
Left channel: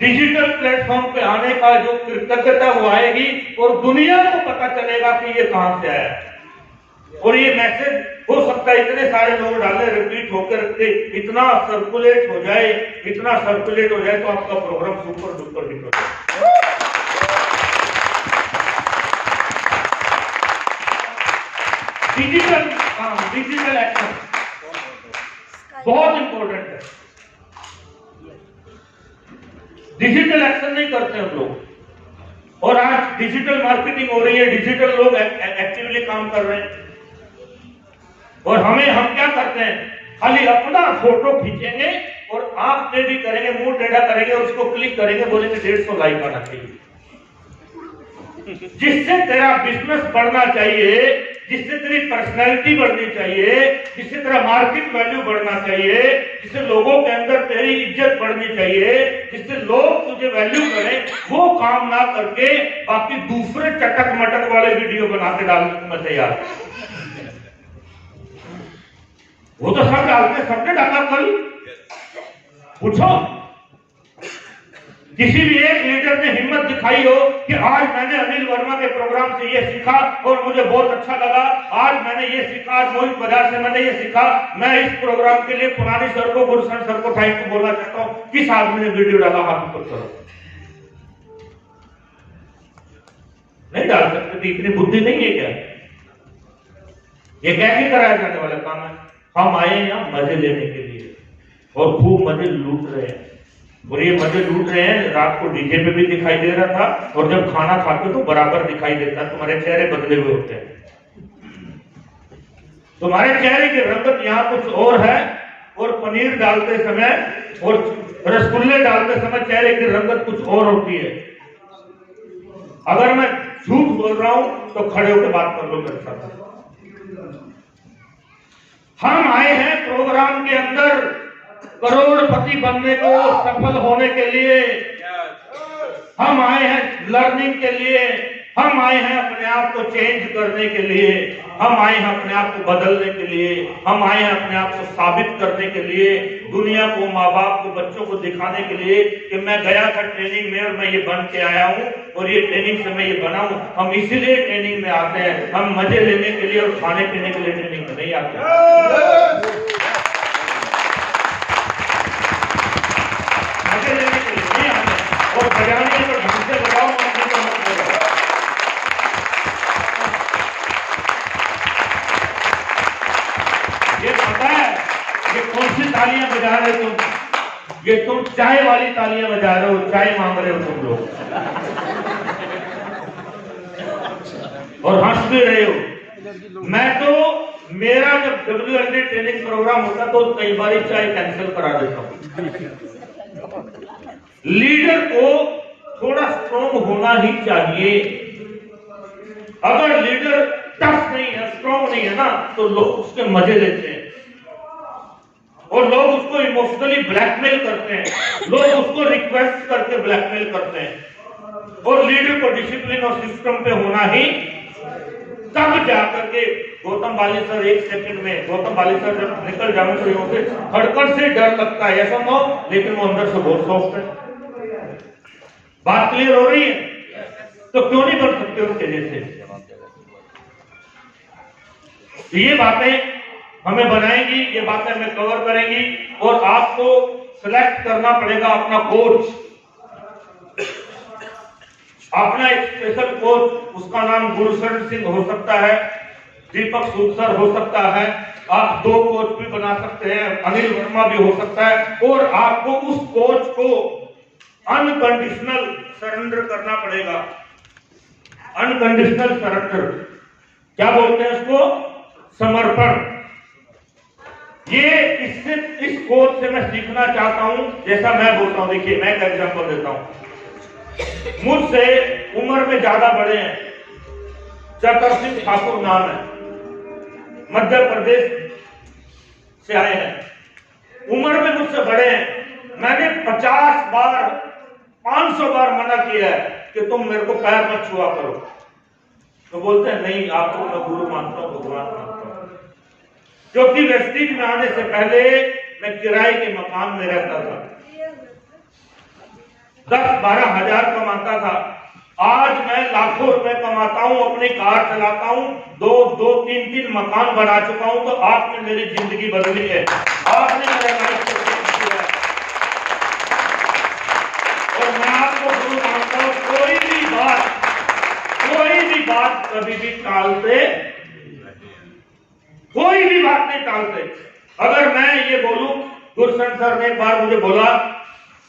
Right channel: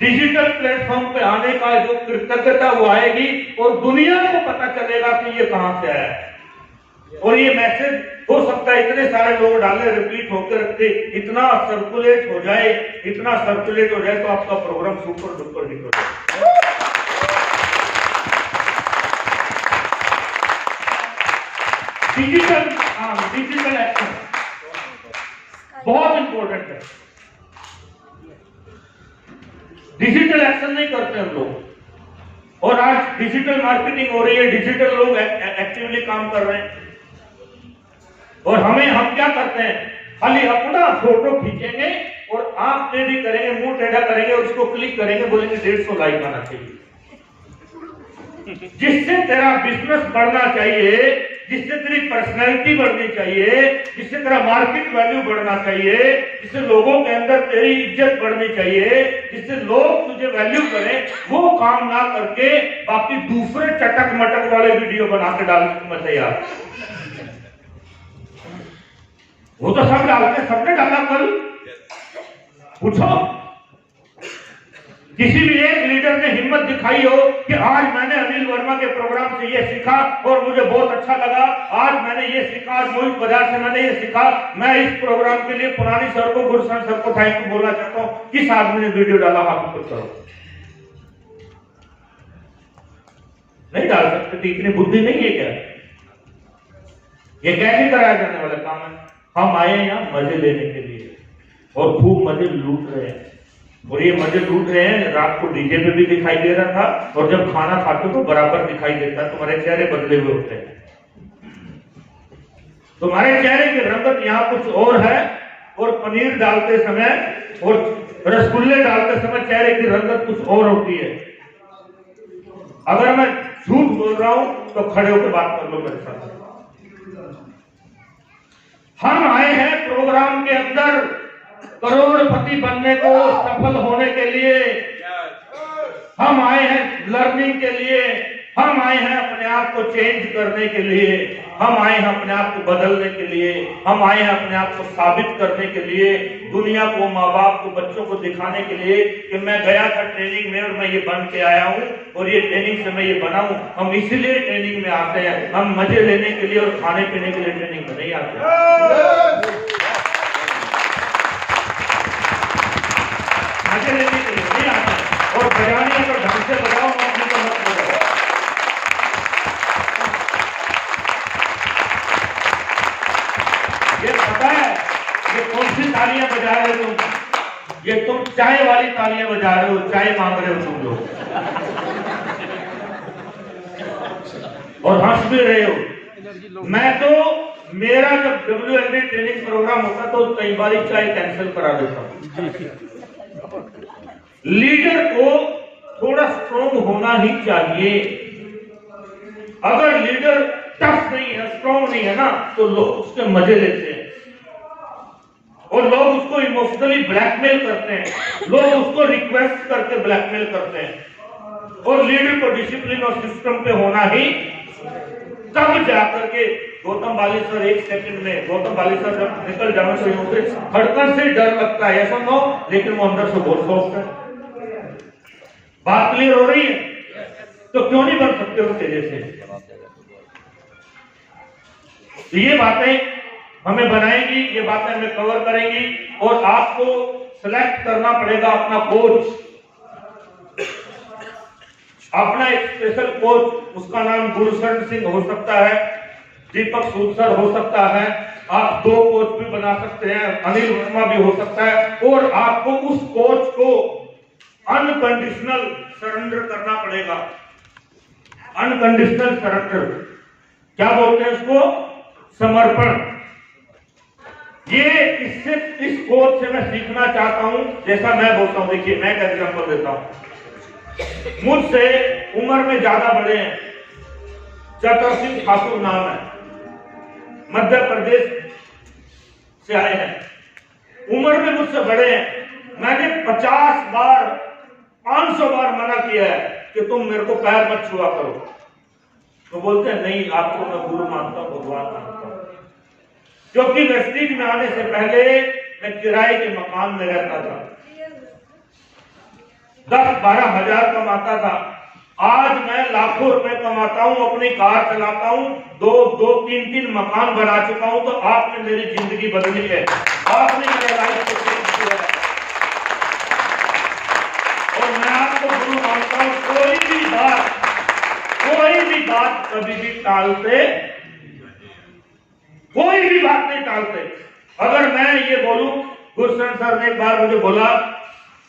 डिजिटल प्लेटफॉर्म पे आने का जो कृतज्ञता वो आएगी और दुनिया को पता चलेगा कि ये कहां से आया है। और ये मैसेज हो सकता है इतने सारे लोग डाले, रिपीट होकर रखते, इतना सर्कुलेट हो जाए, इतना सर्कुलेट हो जाए तो आपका प्रोग्राम सुपर डुपर हिट हो जाए। डिजिटल एक्शन बहुत इंपॉर्टेंट है। डिजिटल एक्शन नहीं करते हम लोग, और आज डिजिटल मार्केटिंग हो रही है, डिजिटल लोग एक्टिवली काम कर रहे हैं। और हम क्या करते हैं, खाली अपना फोटो खींचेंगे और आप टेढ़ी करेंगे, मुंह टेढ़ा करेंगे और उसको क्लिक करेंगे, बोलेंगे 150 लाइक आना चाहिए। जिससे तेरा बिजनेस बढ़ना चाहिए, जिससे तेरी पर्सनैलिटी बढ़नी चाहिए, जिससे तेरा मार्केट वैल्यू बढ़ना चाहिए, जिससे लोगों के अंदर तेरी इज्जत बढ़नी चाहिए, जिससे लोग तुझे वैल्यू करें, वो काम ना करके बाकी दूसरे चटक मटक वाले वीडियो बना के डालने को मैं तैयार। वो तो सब डालते, सबने डाला कल। पूछो किसी भी एक लीडर ने हिम्मत दिखाई हो कि आज मैंने अनिल वर्मा के प्रोग्राम से ये सीखा और मुझे बहुत अच्छा लगा, आज मैंने ये सीखा, आज मोहित बजाज से मैंने ये सीखा, मैं इस प्रोग्राम के लिए पुरानी सर को, गुरसन सर को थैंक यू बोलना चाहता हूं। किस आदमी ने वीडियो डाला? हाथ ऊपर करो। नहीं डाल सकते, इतनी बुद्धि नहीं है क्या? ये कैसे कराया जाने वाला काम है? हम आए यहाँ मजे लेने के लिए और खूब मजे लूट रहे हैं, और ये मजे लूट रहे हैं। रात को डीजे पे भी दिखाई दे रहा था, और जब खाना खाते तो बराबर दिखाई देता, तुम्हारे चेहरे बदले हुए होते हैं। तुम्हारे चेहरे की रंगत यहाँ कुछ और है, और पनीर डालते समय और रसगुल्ले डालते समय चेहरे की रंगत कुछ और होती है। अगर मैं झूठ बोल रहा हूं तो खड़े होकर बात कर लो मेरे साथ। हम आए हैं प्रोग्राम के अंदर करोड़पति बनने को, सफल होने के लिए। हम आए हैं लर्निंग के लिए, हम आए हैं अपने आप को चेंज करने के लिए, हम आए हैं अपने आप को बदलने के लिए, हम आए हैं अपने आप को साबित करने के लिए, दुनिया को, माँ बाप को, बच्चों को दिखाने के लिए कि मैं गया था ट्रेनिंग में और मैं ये बन के आया हूँ, और ये ट्रेनिंग से मैं ये बना हूँ। हम इसीलिए ट्रेनिंग में आते हैं, हम मजे लेने के लिए और खाने पीने के लिए ट्रेनिंग में नहीं आते। मजे लेने के लिए नहीं आते, और बजाने को ढंग से बजाओ, मत बजाओ। ये पता है ये कौन सी तालियां बजा रहे हो तुम? ये तुम चाय वाली तालियां बजा रहे हो, चाय मांग रहे हो तुम लोग, और हंस भी रहे हो। मैं तो, मेरा जब WND ट्रेनिंग प्रोग्राम होता तो कई बार चाय कैंसिल करा देता हूं। लीडर को थोड़ा स्ट्रॉन्ग होना ही चाहिए। अगर लीडर टफ नहीं है, स्ट्रॉन्ग नहीं है ना, तो लोग उसके मजे लेते हैं, और लोग उसको इमोशनली ब्लैकमेल करते हैं, लोग उसको रिक्वेस्ट करके ब्लैकमेल करते हैं। और लीडर को डिसिप्लिन और सिस्टम पे होना ही, तब जाकर के गौतम बालेश्वर 1 सेकंड में, गौतम बालेश्वर जब निकल जाऊं से धड़कन से डर लगता है, ऐसा ना, लेकिन वो अंदर से बहुत सॉफ्ट है। बात क्लियर हो रही है? तो क्यों नहीं बन सकते उसके जैसे? तो ये बातें हमें बनाएंगी, ये बातें हमें कवर करेंगी, और आपको सिलेक्ट करना पड़ेगा अपना कोच, अपना एक स्पेशल कोच। उसका नाम गुरशरण सिंह हो सकता है, दीपक सूद सर हो सकता है, आप 2 कोच भी बना सकते हैं, अनिल वर्मा भी हो सकता है, और आपको उस कोच को अनकंडीशनल सरेंडर करना पड़ेगा। अनकंडीशनल सरेंडर क्या बोलते हैं उसको? समर्पण। ये इससे, इस कोच से मैं सीखना चाहता हूं, जैसा मैं बोलता हूं। देखिए मैं एक एग्जांपल देता हूं। मुझसे उम्र में ज्यादा बड़े हैं, चतर सिंह ठाकुर नाम है, मध्य प्रदेश से आए हैं, उम्र में मुझसे बड़े हैं। मैंने 50 बार 500 बार मना किया है कि तुम मेरे को पैर मत छुआ करो, तो बोलते हैं नहीं, आपको मैं गुरु मानता हूं, भगवान मानता हूं। क्योंकि वेस्टिज में आने से पहले मैं किराए के मकान में रहता था, 10-12 हजार कमाता था। आज मैं लाखों रुपए कमाता हूं, अपनी कार चलाता हूं, 2-3 मकान बना चुका हूं। तो आपने मेरी जिंदगी बदली है, आपने मेरे लाइफ को चेंज किया है, और मैं आपको गुरु मानता हूं। कोई भी बात कभी भी टालते, कोई भी बात नहीं टालते। अगर मैं ये बोलूं, गुरशन सर ने एक बार मुझे बोला,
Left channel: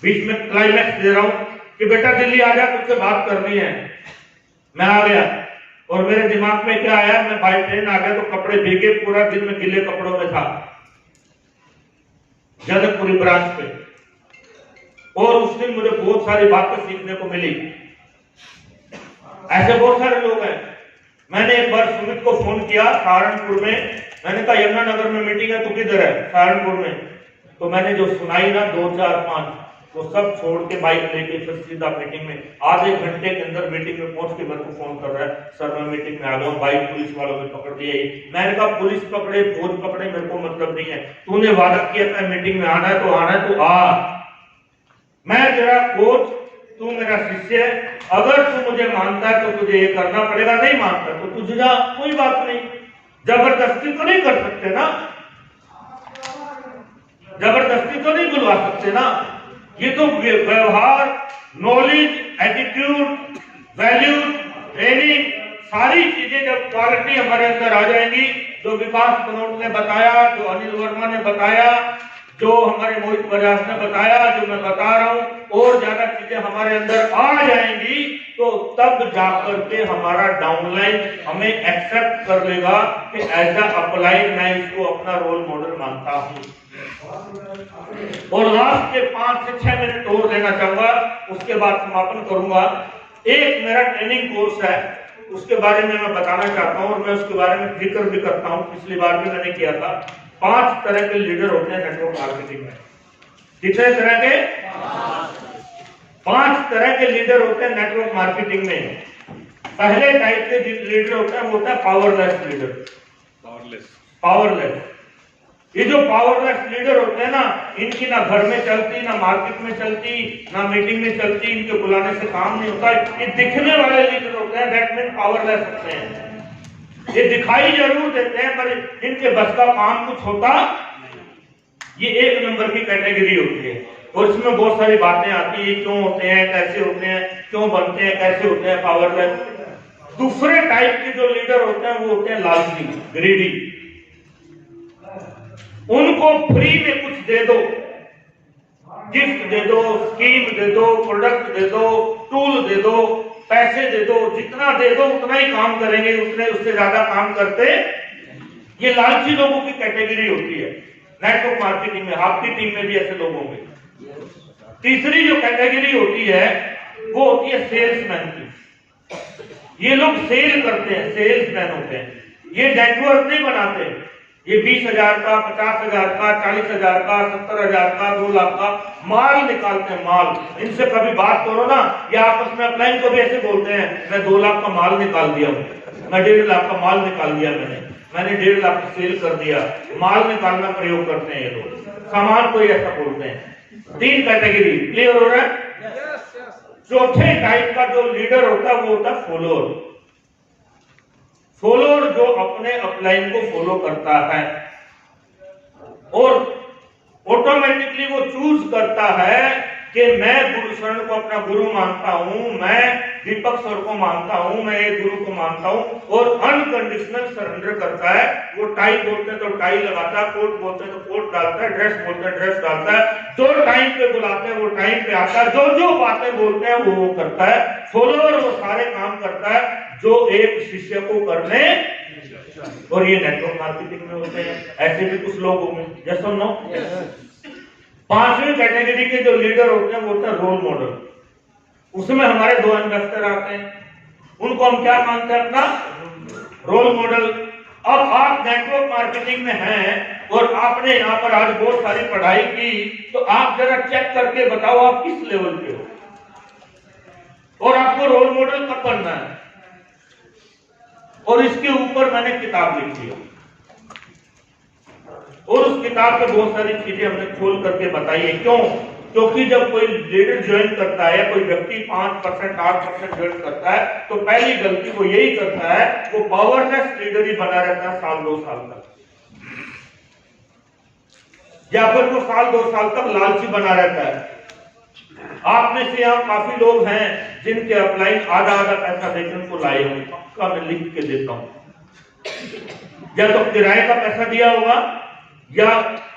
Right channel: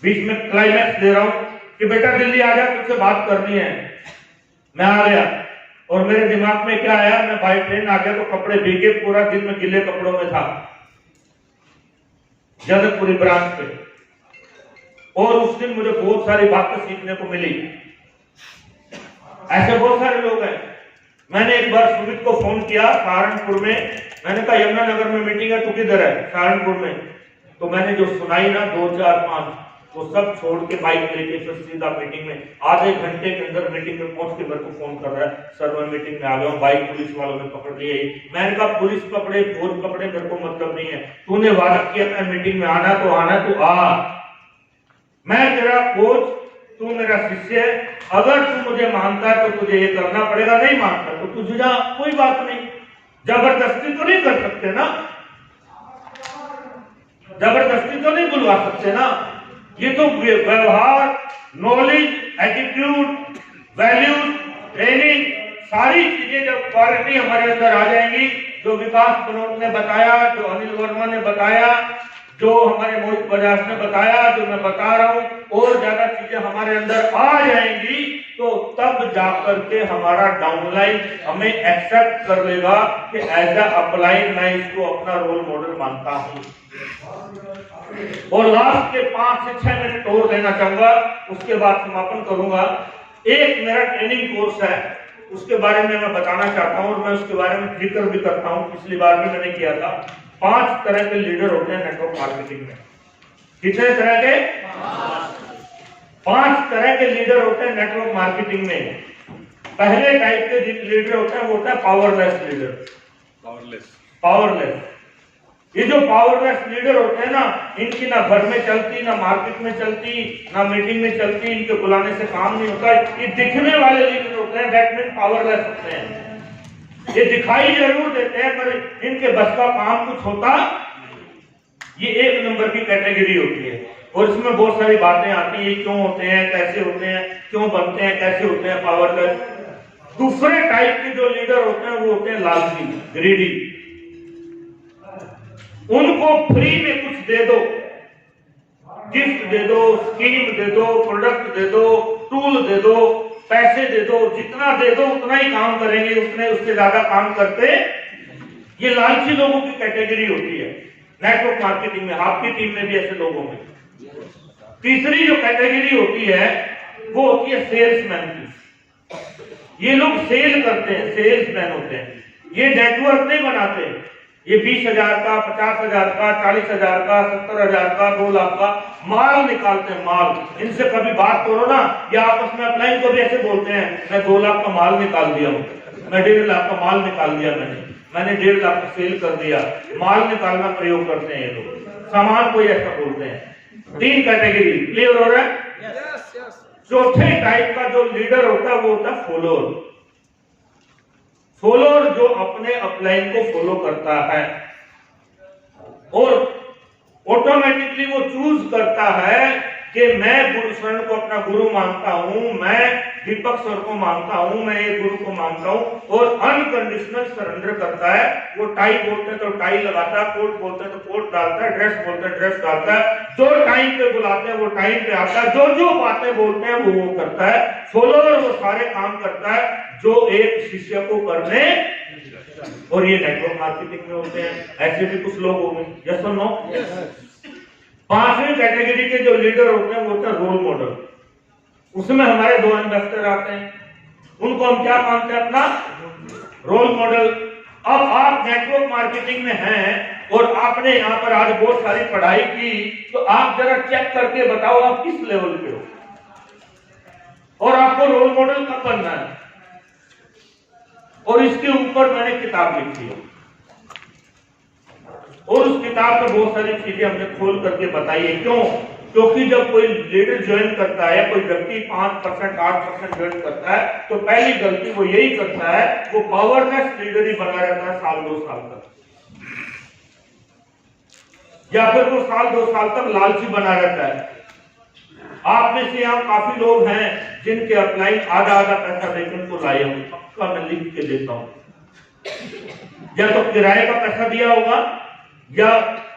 बीच में क्लाइमैक्स दे रहा हूं, कि बेटा दिल्ली आ जा, तुझसे बात करनी है। मैं आ गया, और मेरे दिमाग में क्या आया, मैं बाई ट्रेन आ गया तो कपड़े भीगे, पूरा दिन में गीले कपड़ों में था जनकपुरी ब्रांच पे। और उस दिन मुझे बहुत सारी बातें सीखने को मिली। ऐसे बहुत सारे लोग हैं, मैंने एक बार सुमित को फोन किया सहारनपुर में, मैंने कहा यमुनानगर में मीटिंग है, तू किधर है? सहारनपुर में। तो मैंने जो सुनाई ना 2, 4, 5 तो सब छोड़ के बाइक लेके फिर सीधा मीटिंग में, आधे घंटे के अंदर मीटिंग में पहुंच के मेरे को फोन कर रहा है, सर मैं मीटिंग में आ गया हूँ, बाइक पुलिस वालों ने पकड़ ली है। मैंने कहा पुलिस पकड़े फौज पकड़े मेरे को मतलब नहीं है, तूने वादा किया था मीटिंग में आना है तो आना है, तो आ, मैं तेरा कोच, तू मेरा शिष्य है, अगर तू मुझे मानता है तो तुझे ये करना पड़ेगा, नहीं मानता तो तुझे जा, कोई बात नहीं। जबरदस्ती तो नहीं कर सकते ना, जबरदस्ती तो नहीं बुलवा सकते ना। ये तो व्यवहार, नॉलेज, एटीट्यूड, वैल्यूज, ट्रेनिंग, सारी चीजें जब क्वालिटी हमारे अंदर आ जाएंगी, जो विकास बनोट ने बताया, जो अनिल वर्मा ने बताया, जो हमारे मोहित बजाज ने बताया, जो मैं बता रहा हूं, और ज्यादा चीजें हमारे अंदर आ जाएंगी तो तब जाकर के हमारा डाउनलाइन हमें एक्सेप्ट कर लेगा कि एज अ अपलाइन मैं इसको अपना रोल मॉडल मानता हूं। और लास्ट के 5 से 6 मिनट और देना चाहूंगा, उसके बाद समापन करूंगा। एक मेरा ट्रेनिंग कोर्स है, उसके बारे में मैं बताना चाहता हूं और मैं उसके बारे में जिक्र भी करता हूं, पिछली बार भी मैंने किया था। 5 तरह के लीडर होते हैं नेटवर्क मार्केटिंग में। कितने तरह के? 5 तरह के लीडर होते हैं नेटवर्क मार्केटिंग में। पहले टाइप के लीडर होते हैं वो होता है पावरलेस लीडर। पावरलेस, ये जो पावरलेस लीडर होते हैं ना, इनकी ना घर में चलती, ना मार्केट में चलती, ना मीटिंग में चलती, इनके बुलाने से काम नहीं होता। ये दिखने वाले लीडर होते हैं, दैट मीन पावरलेस होते हैं। ये दिखाई जरूर देते हैं पर इनके बस का काम कुछ होता, ये 1 नंबर की कैटेगरी होती है। और इसमें बहुत सारी बातें आती है, क्यों होते हैं, कैसे होते हैं, क्यों बनते हैं, कैसे होते हैं पावरलेस। दूसरे टाइप के जो लीडर होते हैं वो होते हैं लालची, ग्रीडी। उनको फ्री में कुछ दे दो, गिफ्ट दे दो, स्कीम दे दो, प्रोडक्ट दे दो, टूल दे दो, पैसे दे दो, जितना दे दो उतना ही काम करेंगे, उतने उससे ज्यादा काम करते। ये लालची लोगों की कैटेगरी होती है नेटवर्क मार्केटिंग में, आपकी टीम में भी ऐसे लोगों में। तीसरी जो कैटेगरी होती है वो होती है सेल्समैन की। ये लोग सेल करते हैं, सेल्समैन होते हैं। ये नेटवर्क नहीं बनाते, ये 20,000 का, 50,000 का, 40,000 का, 70,000 का, 2 लाख का माल निकालते हैं, माल। इनसे कभी बात करो ना, ये आपस में अपलाइन को भी ऐसे बोलते हैं, मैं 2 लाख का माल निकाल दिया हूँ, मैं 1.5 लाख का माल निकाल दिया, मैंने 1.5 लाख का सेल कर दिया। माल निकालना प्रयोग करते हैं ये लोग, सामान को ऐसा बोलते हैं। 3 कैटेगरी क्लियर हो रहा है। चौथे टाइप का जो लीडर होता है वो होता है फॉलोअर। फॉलोअर जो अपने अपलाइन को फॉलो करता है और ऑटोमेटिकली वो चूज करता है कि मैं गुरुशरण को अपना गुरु मानता हूं, मैं दीपक सर को मानता हूं, मैं एक गुरु को मानता हूं, और अनकंडीशनल सरेंडर करता है। वो टाई बोलते हैं तो टाई लगाता है, कोट बोलते हैं तो कोट डालता है, ड्रेस बोलते हैं ड्रेस डालता है, जो टाइम पे बुलाते हैं वो टाइम पे आता है, जो बातें बोलते हैं वो करता है। फॉलोअर वो सारे काम करता है जो एक शिष्य को करने। और ये नेटवर्क मार्केटिंग में होते हैं, ऐसे भी कुछ लोग होंगे। यस और नो? 5वीं कैटेगरी के जो लीडर होते हैं वो होता है रोल मॉडल। उसमें हमारे 2 इन्वेस्टर आते हैं, उनको हम क्या मानते हैं? अपना रोल मॉडल। अब आप नेटवर्क मार्केटिंग में हैं और आपने यहाँ पर आज बहुत सारी पढ़ाई की, तो आप जरा चेक करके बताओ आप किस लेवल पे हो और आपको रोल मॉडल कब बनना है। और इसके ऊपर मैंने किताब लिखी है और उस किताब में बहुत सारी चीजें हमने खोल करके बताई है। क्यों? क्योंकि जब कोई लीडर ज्वाइन करता है, कोई व्यक्ति 5%, 8% ज्वाइन करता है, तो पहली गलती वो यही करता है, वो पावरलेस लीडर ही बना रहता है साल 2 साल तक, या फिर वो साल 2 साल तक लालची बना रहता है। आप में से यहाँ काफी लोग हैं जिनके अपलाइन आधा पैसा देकर को लाए होंगे, पक्का मैं लिख के देता हूं। या तो किराए का पैसा दिया होगा, या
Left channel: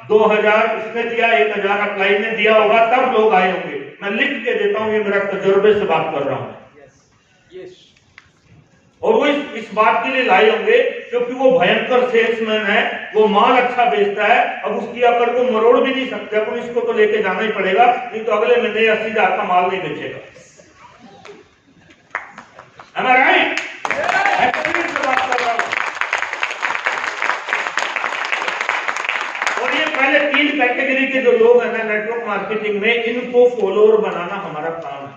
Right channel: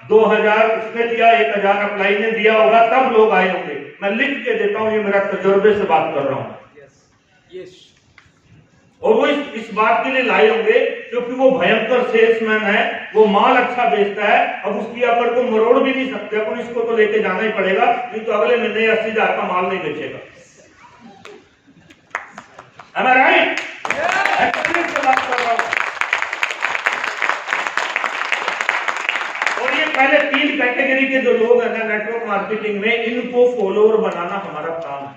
2000 उसने दिया, 1000 अपलाइन ने दिया होगा, तब लोग आए होंगे। मैं लिख के देता हूं, ये मेरा तजुर्बे से बात कर रहा हूं। और वो इस बात के लिए लाए होंगे क्योंकि वो भयंकर सेल्समैन है, वो माल अच्छा बेचता है। अब उसकी अकड़ को मरोड़ भी नहीं सकते, अपन इसको तो लेके जाना ही पड़ेगा, नहीं तो अगले महीने 80,000 का माल नहीं बेचेगा। Am I right? एक्सपीरियंस से बात कर रहा हूं। और ये पहले 3 कैटेगरी के जो लोग हैं ना नेटवर्क मार्केटिंग में, इनको फॉलोअर बनाना हमारा काम है।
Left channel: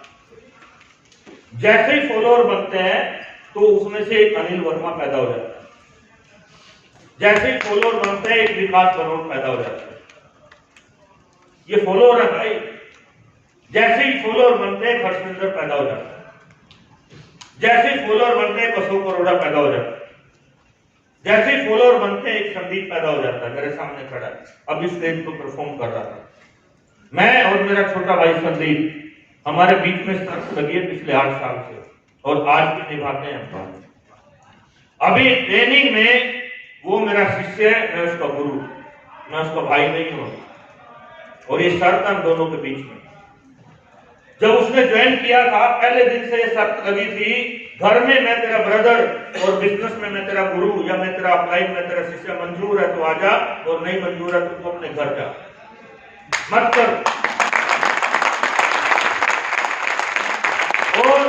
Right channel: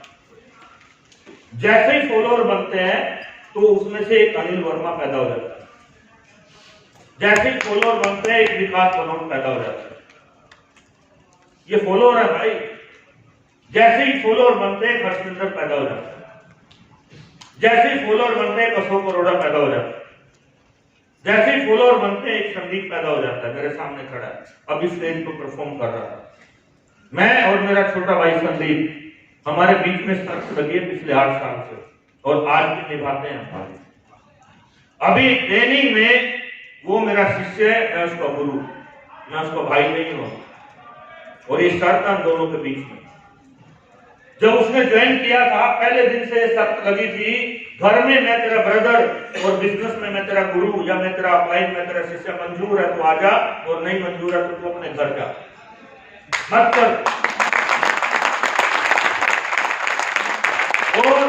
जैसे ही फॉलोअर बनते हैं तो उसमें से एक अनिल वर्मा पैदा हो जाता है, जैसे ही फॉलोअर बनते हैं एक विकास बनोट पैदा हो जाता है। ये फॉलोअर है भाई। जैसे ही फॉलोअर बनते हैं हर्षिंदर पैदा हो जाता है, जैसे ही फॉलोअर बनते हैं अशोक अरोड़ा पैदा हो जाता है, जैसे ही फॉलोअर बनते हैं एक संदीप पैदा हो जाता है, मेरे सामने खड़ा है, अभी स्टेज पर परफॉर्म कर रहा था। मैं और मेरा छोटा भाई संदीप, हमारे बीच में शर्त लगी है पिछले 8 साल से, और आज भी निभाते हैं। अभी ट्रेनिंग में वो मेरा शिष्य है, मैं उसका गुरु, मैं उसका भाई नहीं हूं, और ये शर्त हम दोनों के बीच में। जब उसने ज्वाइन किया था पहले दिन से ये शर्त लगी थी, घर में मैं तेरा ब्रदर और बिजनेस में मैं तेरा गुरु, या मैं तेरा अपलाइन, मैं तेरा शिष्य, मंजूर है तो आजा, और नहीं मंजूर है तो तू अपने घर जा, मत कर। और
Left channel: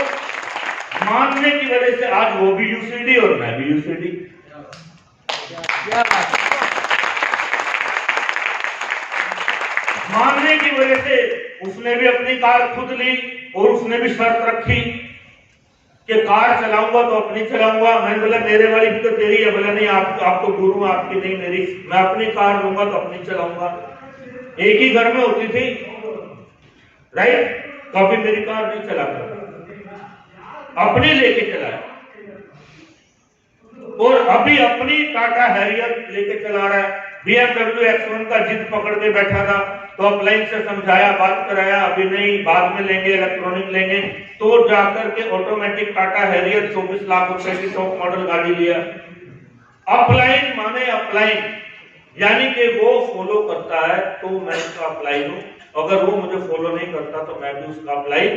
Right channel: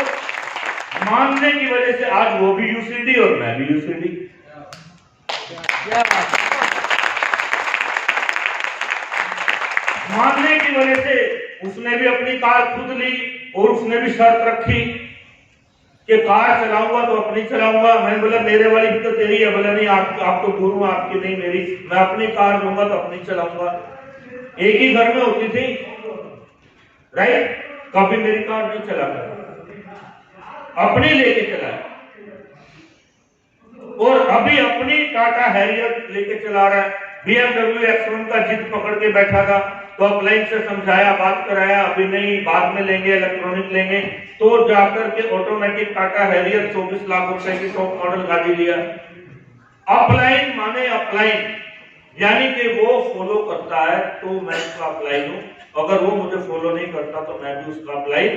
मानने की वजह से आज वो भी यूसीडी और मैं भी यूसीडी। मानने की वजह से उसने भी अपनी कार खुद ली, और उसने भी शर्त रखी कि कार चलाऊंगा तो अपनी चलाऊंगा। मैंने बोला मेरे वाली भी तो तेरी है। बोला नहीं, आप तो गुरु, आपकी नहीं मेरी, मैं अपनी कार लूंगा तो अपनी चलाऊंगा। एक ही घर में होती थी, राइट? कभी मेरी कार नहीं चलाता, अपनी लेके चला, और अभी अपनी टाटा हैरियर लेके चला रहा है। BMW X1 का जिद पकड़ के बैठा था, तो अपलाइन से समझाया, बात कराया, अभी नहीं, बाद में लेंगे, इलेक्ट्रॉनिक लेंगे, तो जाकर के ऑटोमेटिक टाटा हैरियर 24 लाख रुपए की टॉप मॉडल गाड़ी लिया। अपलाइन माने अपलाइन, यानी कि वो फॉलो करता है तो मैं उसका अपलाइन हूं, अगर वो मुझे फॉलो नहीं करता तो मैं भी उसका अपलाइन।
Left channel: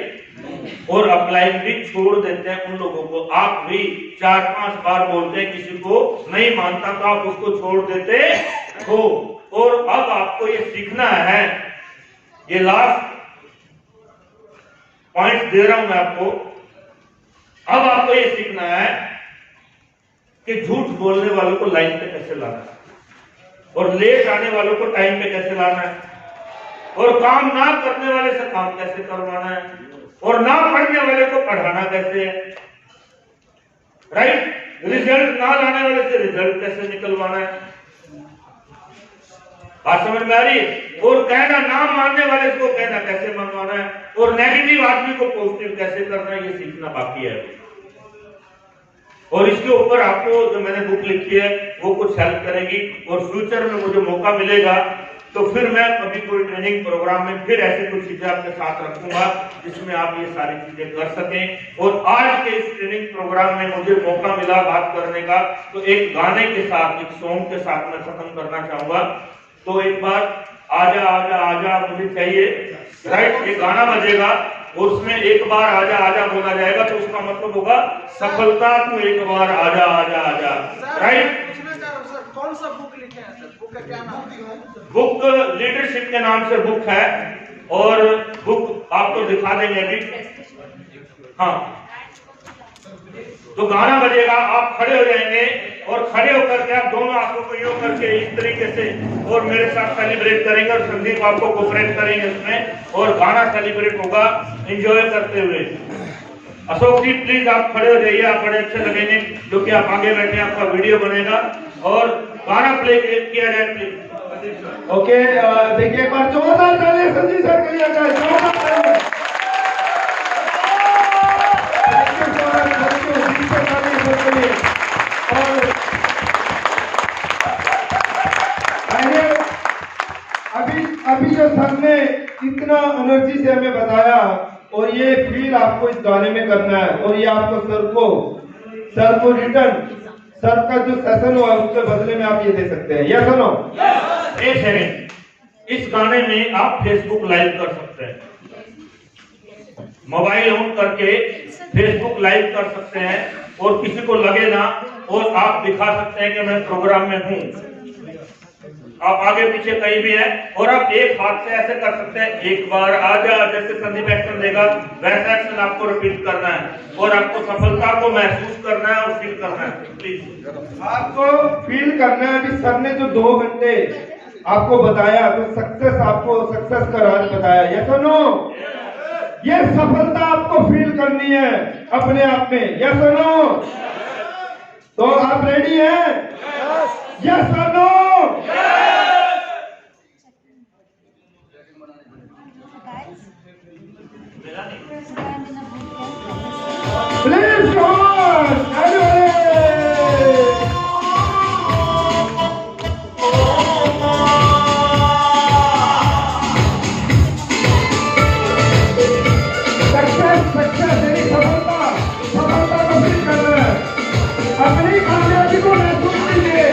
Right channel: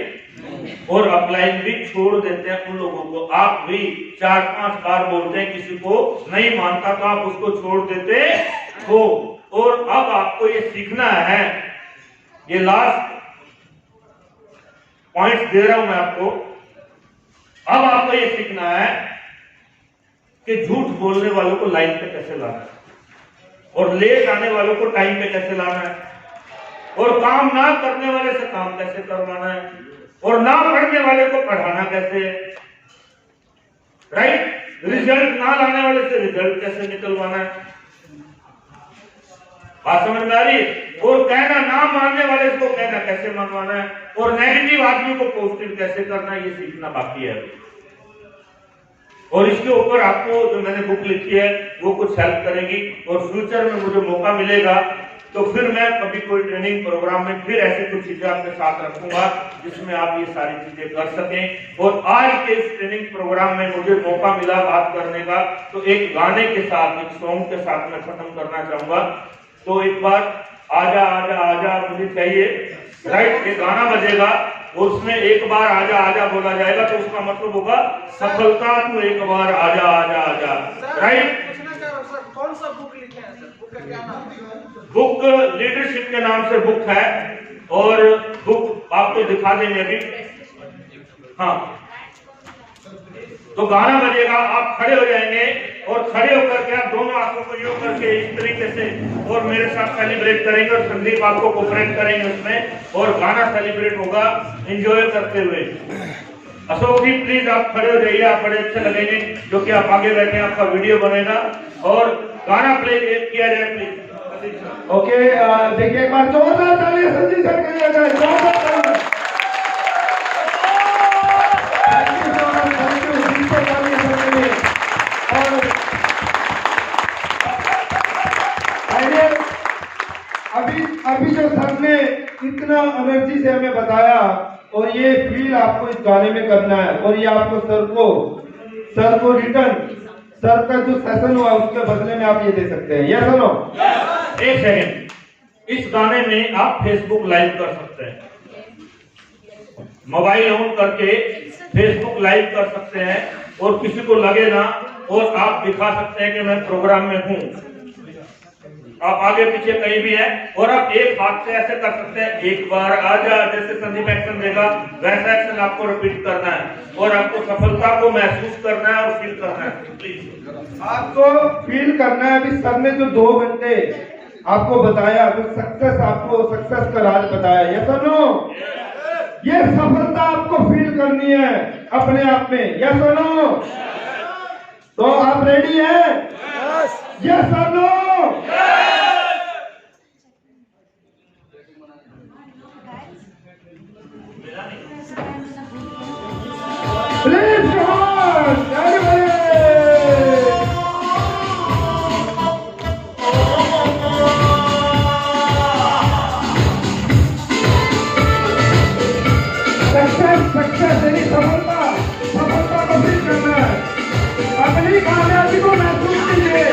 और अपलाइन भी छोड़ देते हैं उन लोगों को। आप भी 4-5 बार बोलते हैं, किसी को नहीं मानता तो आप उसको छोड़ देते हो। और अब आपको ये सीखना है, ये लास्ट पॉइंट दे रहा हूं मैं आपको। अब आपको ये सीखना है कि झूठ बोलने वालों को लाइन पे कैसे लाना है, और लेट आने वालों को टाइम पे कैसे लाना है, और काम ना करने वाले से काम कैसे करवाना है, और ना पढ़ने वाले को पढ़ाना कैसे है, राइट? रिजल्ट ना लाने वाले से रिजल्ट कैसे निकलवाना है। बात समझ में आ रही? और कहना ना मानने वाले को कहना कैसे मनवाना है, और नेगेटिव आदमी को पॉजिटिव कैसे करना है, ये सीखना बाकी है। और इसके ऊपर आपको जो मैंने बुक लिखी है वो कुछ हेल्प करेगी, और फ्यूचर में मुझे मौका मिलेगा तो फिर मैं कभी कोई ट्रेनिंग प्रोग्राम में फिर ऐसी कुछ चीजें आपके साथ रखूंगा जिसमें आप ये सारी चीजें कर सकें। और आज के इस ट्रेनिंग प्रोग्राम में मुझे मौका मिला बात करने का, तो एक गाने के साथ, एक सॉन्ग के साथ मैं खत्म करना चाहूंगा। तो एक बार आजा आजा आजा मुझे चाहिए, राइट? ये गाना बजेगा और उसमें एक बार आजा आजा बोला जाएगा, तो उसका मतलब होगा सफलता, तू एक बार आजा आजा आजा, राइट? कौन सा बुक लिखे हैं सर? बुक का क्या नाम है? बुक लीडरशिप के नाम से बुक है, और बुक आपको दिखा देंगे अभी। हाँ, तो गाना बजेगा, आप खड़े हो जाएंगे, और खड़े होकर के आप दोनों आंखों को यूं करके इस तरीके से और मेरे साथ सेलिब्रेट करेंगे, और संदीप आपको कोऑपरेट करेंगे उसमें, और गाना सेलिब्रेट होगा एंजॉय करते हुए। अशोक जी प्लीज आप खड़े हो जाइए, आप बड़े अच्छे लगेंगे, जो कि आप आगे बैठे आपका वीडियो बनेगा, और गाना प्ले किया जाए प्लीज। ओके, देखिए एक बार जोरदार तालियां संजीव सर के लिए आ जाए, जोरदार तालियां। Thank you so much, thank you Sanjeev sir के लिए। और अभी जो सर ने इतना एनर्जी से हमें बताया, और ये फील आपको इस गाने में करना है, और ये आपको सर को रिटर्न, सर का जो सेशन हुआ उसके बदले में आप ये दे सकते हैं। यस और नो? एक सेकंड, इस गाने में आप फेसबुक लाइव कर सकते हैं, मोबाइल ऑन करके फेसबुक लाइव कर सकते हैं, और किसी को लगे ना, और आप दिखा सकते हैं कि मैं प्रोग्राम में हूं। आप आगे पीछे कहीं भी है, और आप एक हाथ से ऐसे कर सकते हैं, एक बार आजा, जैसे संदीप एक्शन देगा वैसा एक्शन आपको रिपीट करना है, और आपको सफलता को महसूस करना है और फील करना है। प्लीज आपको फील करना है। अभी सर ने जो 2 घंटे आपको बताया, तो सक्सेस का राज बताया, यस और नो? ये सफलता आपको फील करनी है अपने आप में, यस और नो? तो आप रेडी हैं? यस और no? Please come on everybody. Success यानी सफलता को फील करना है, अपनी कामयाबी को महसूस कीजिए।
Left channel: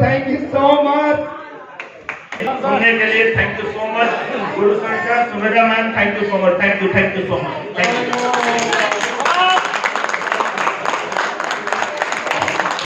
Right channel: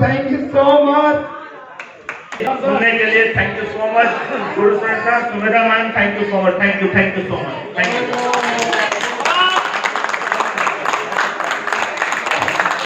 Thank you so much. सुनने के लिए thank you so much. Guru sir, Sumedha ma'am, thank you so much, thank you so much, thank you.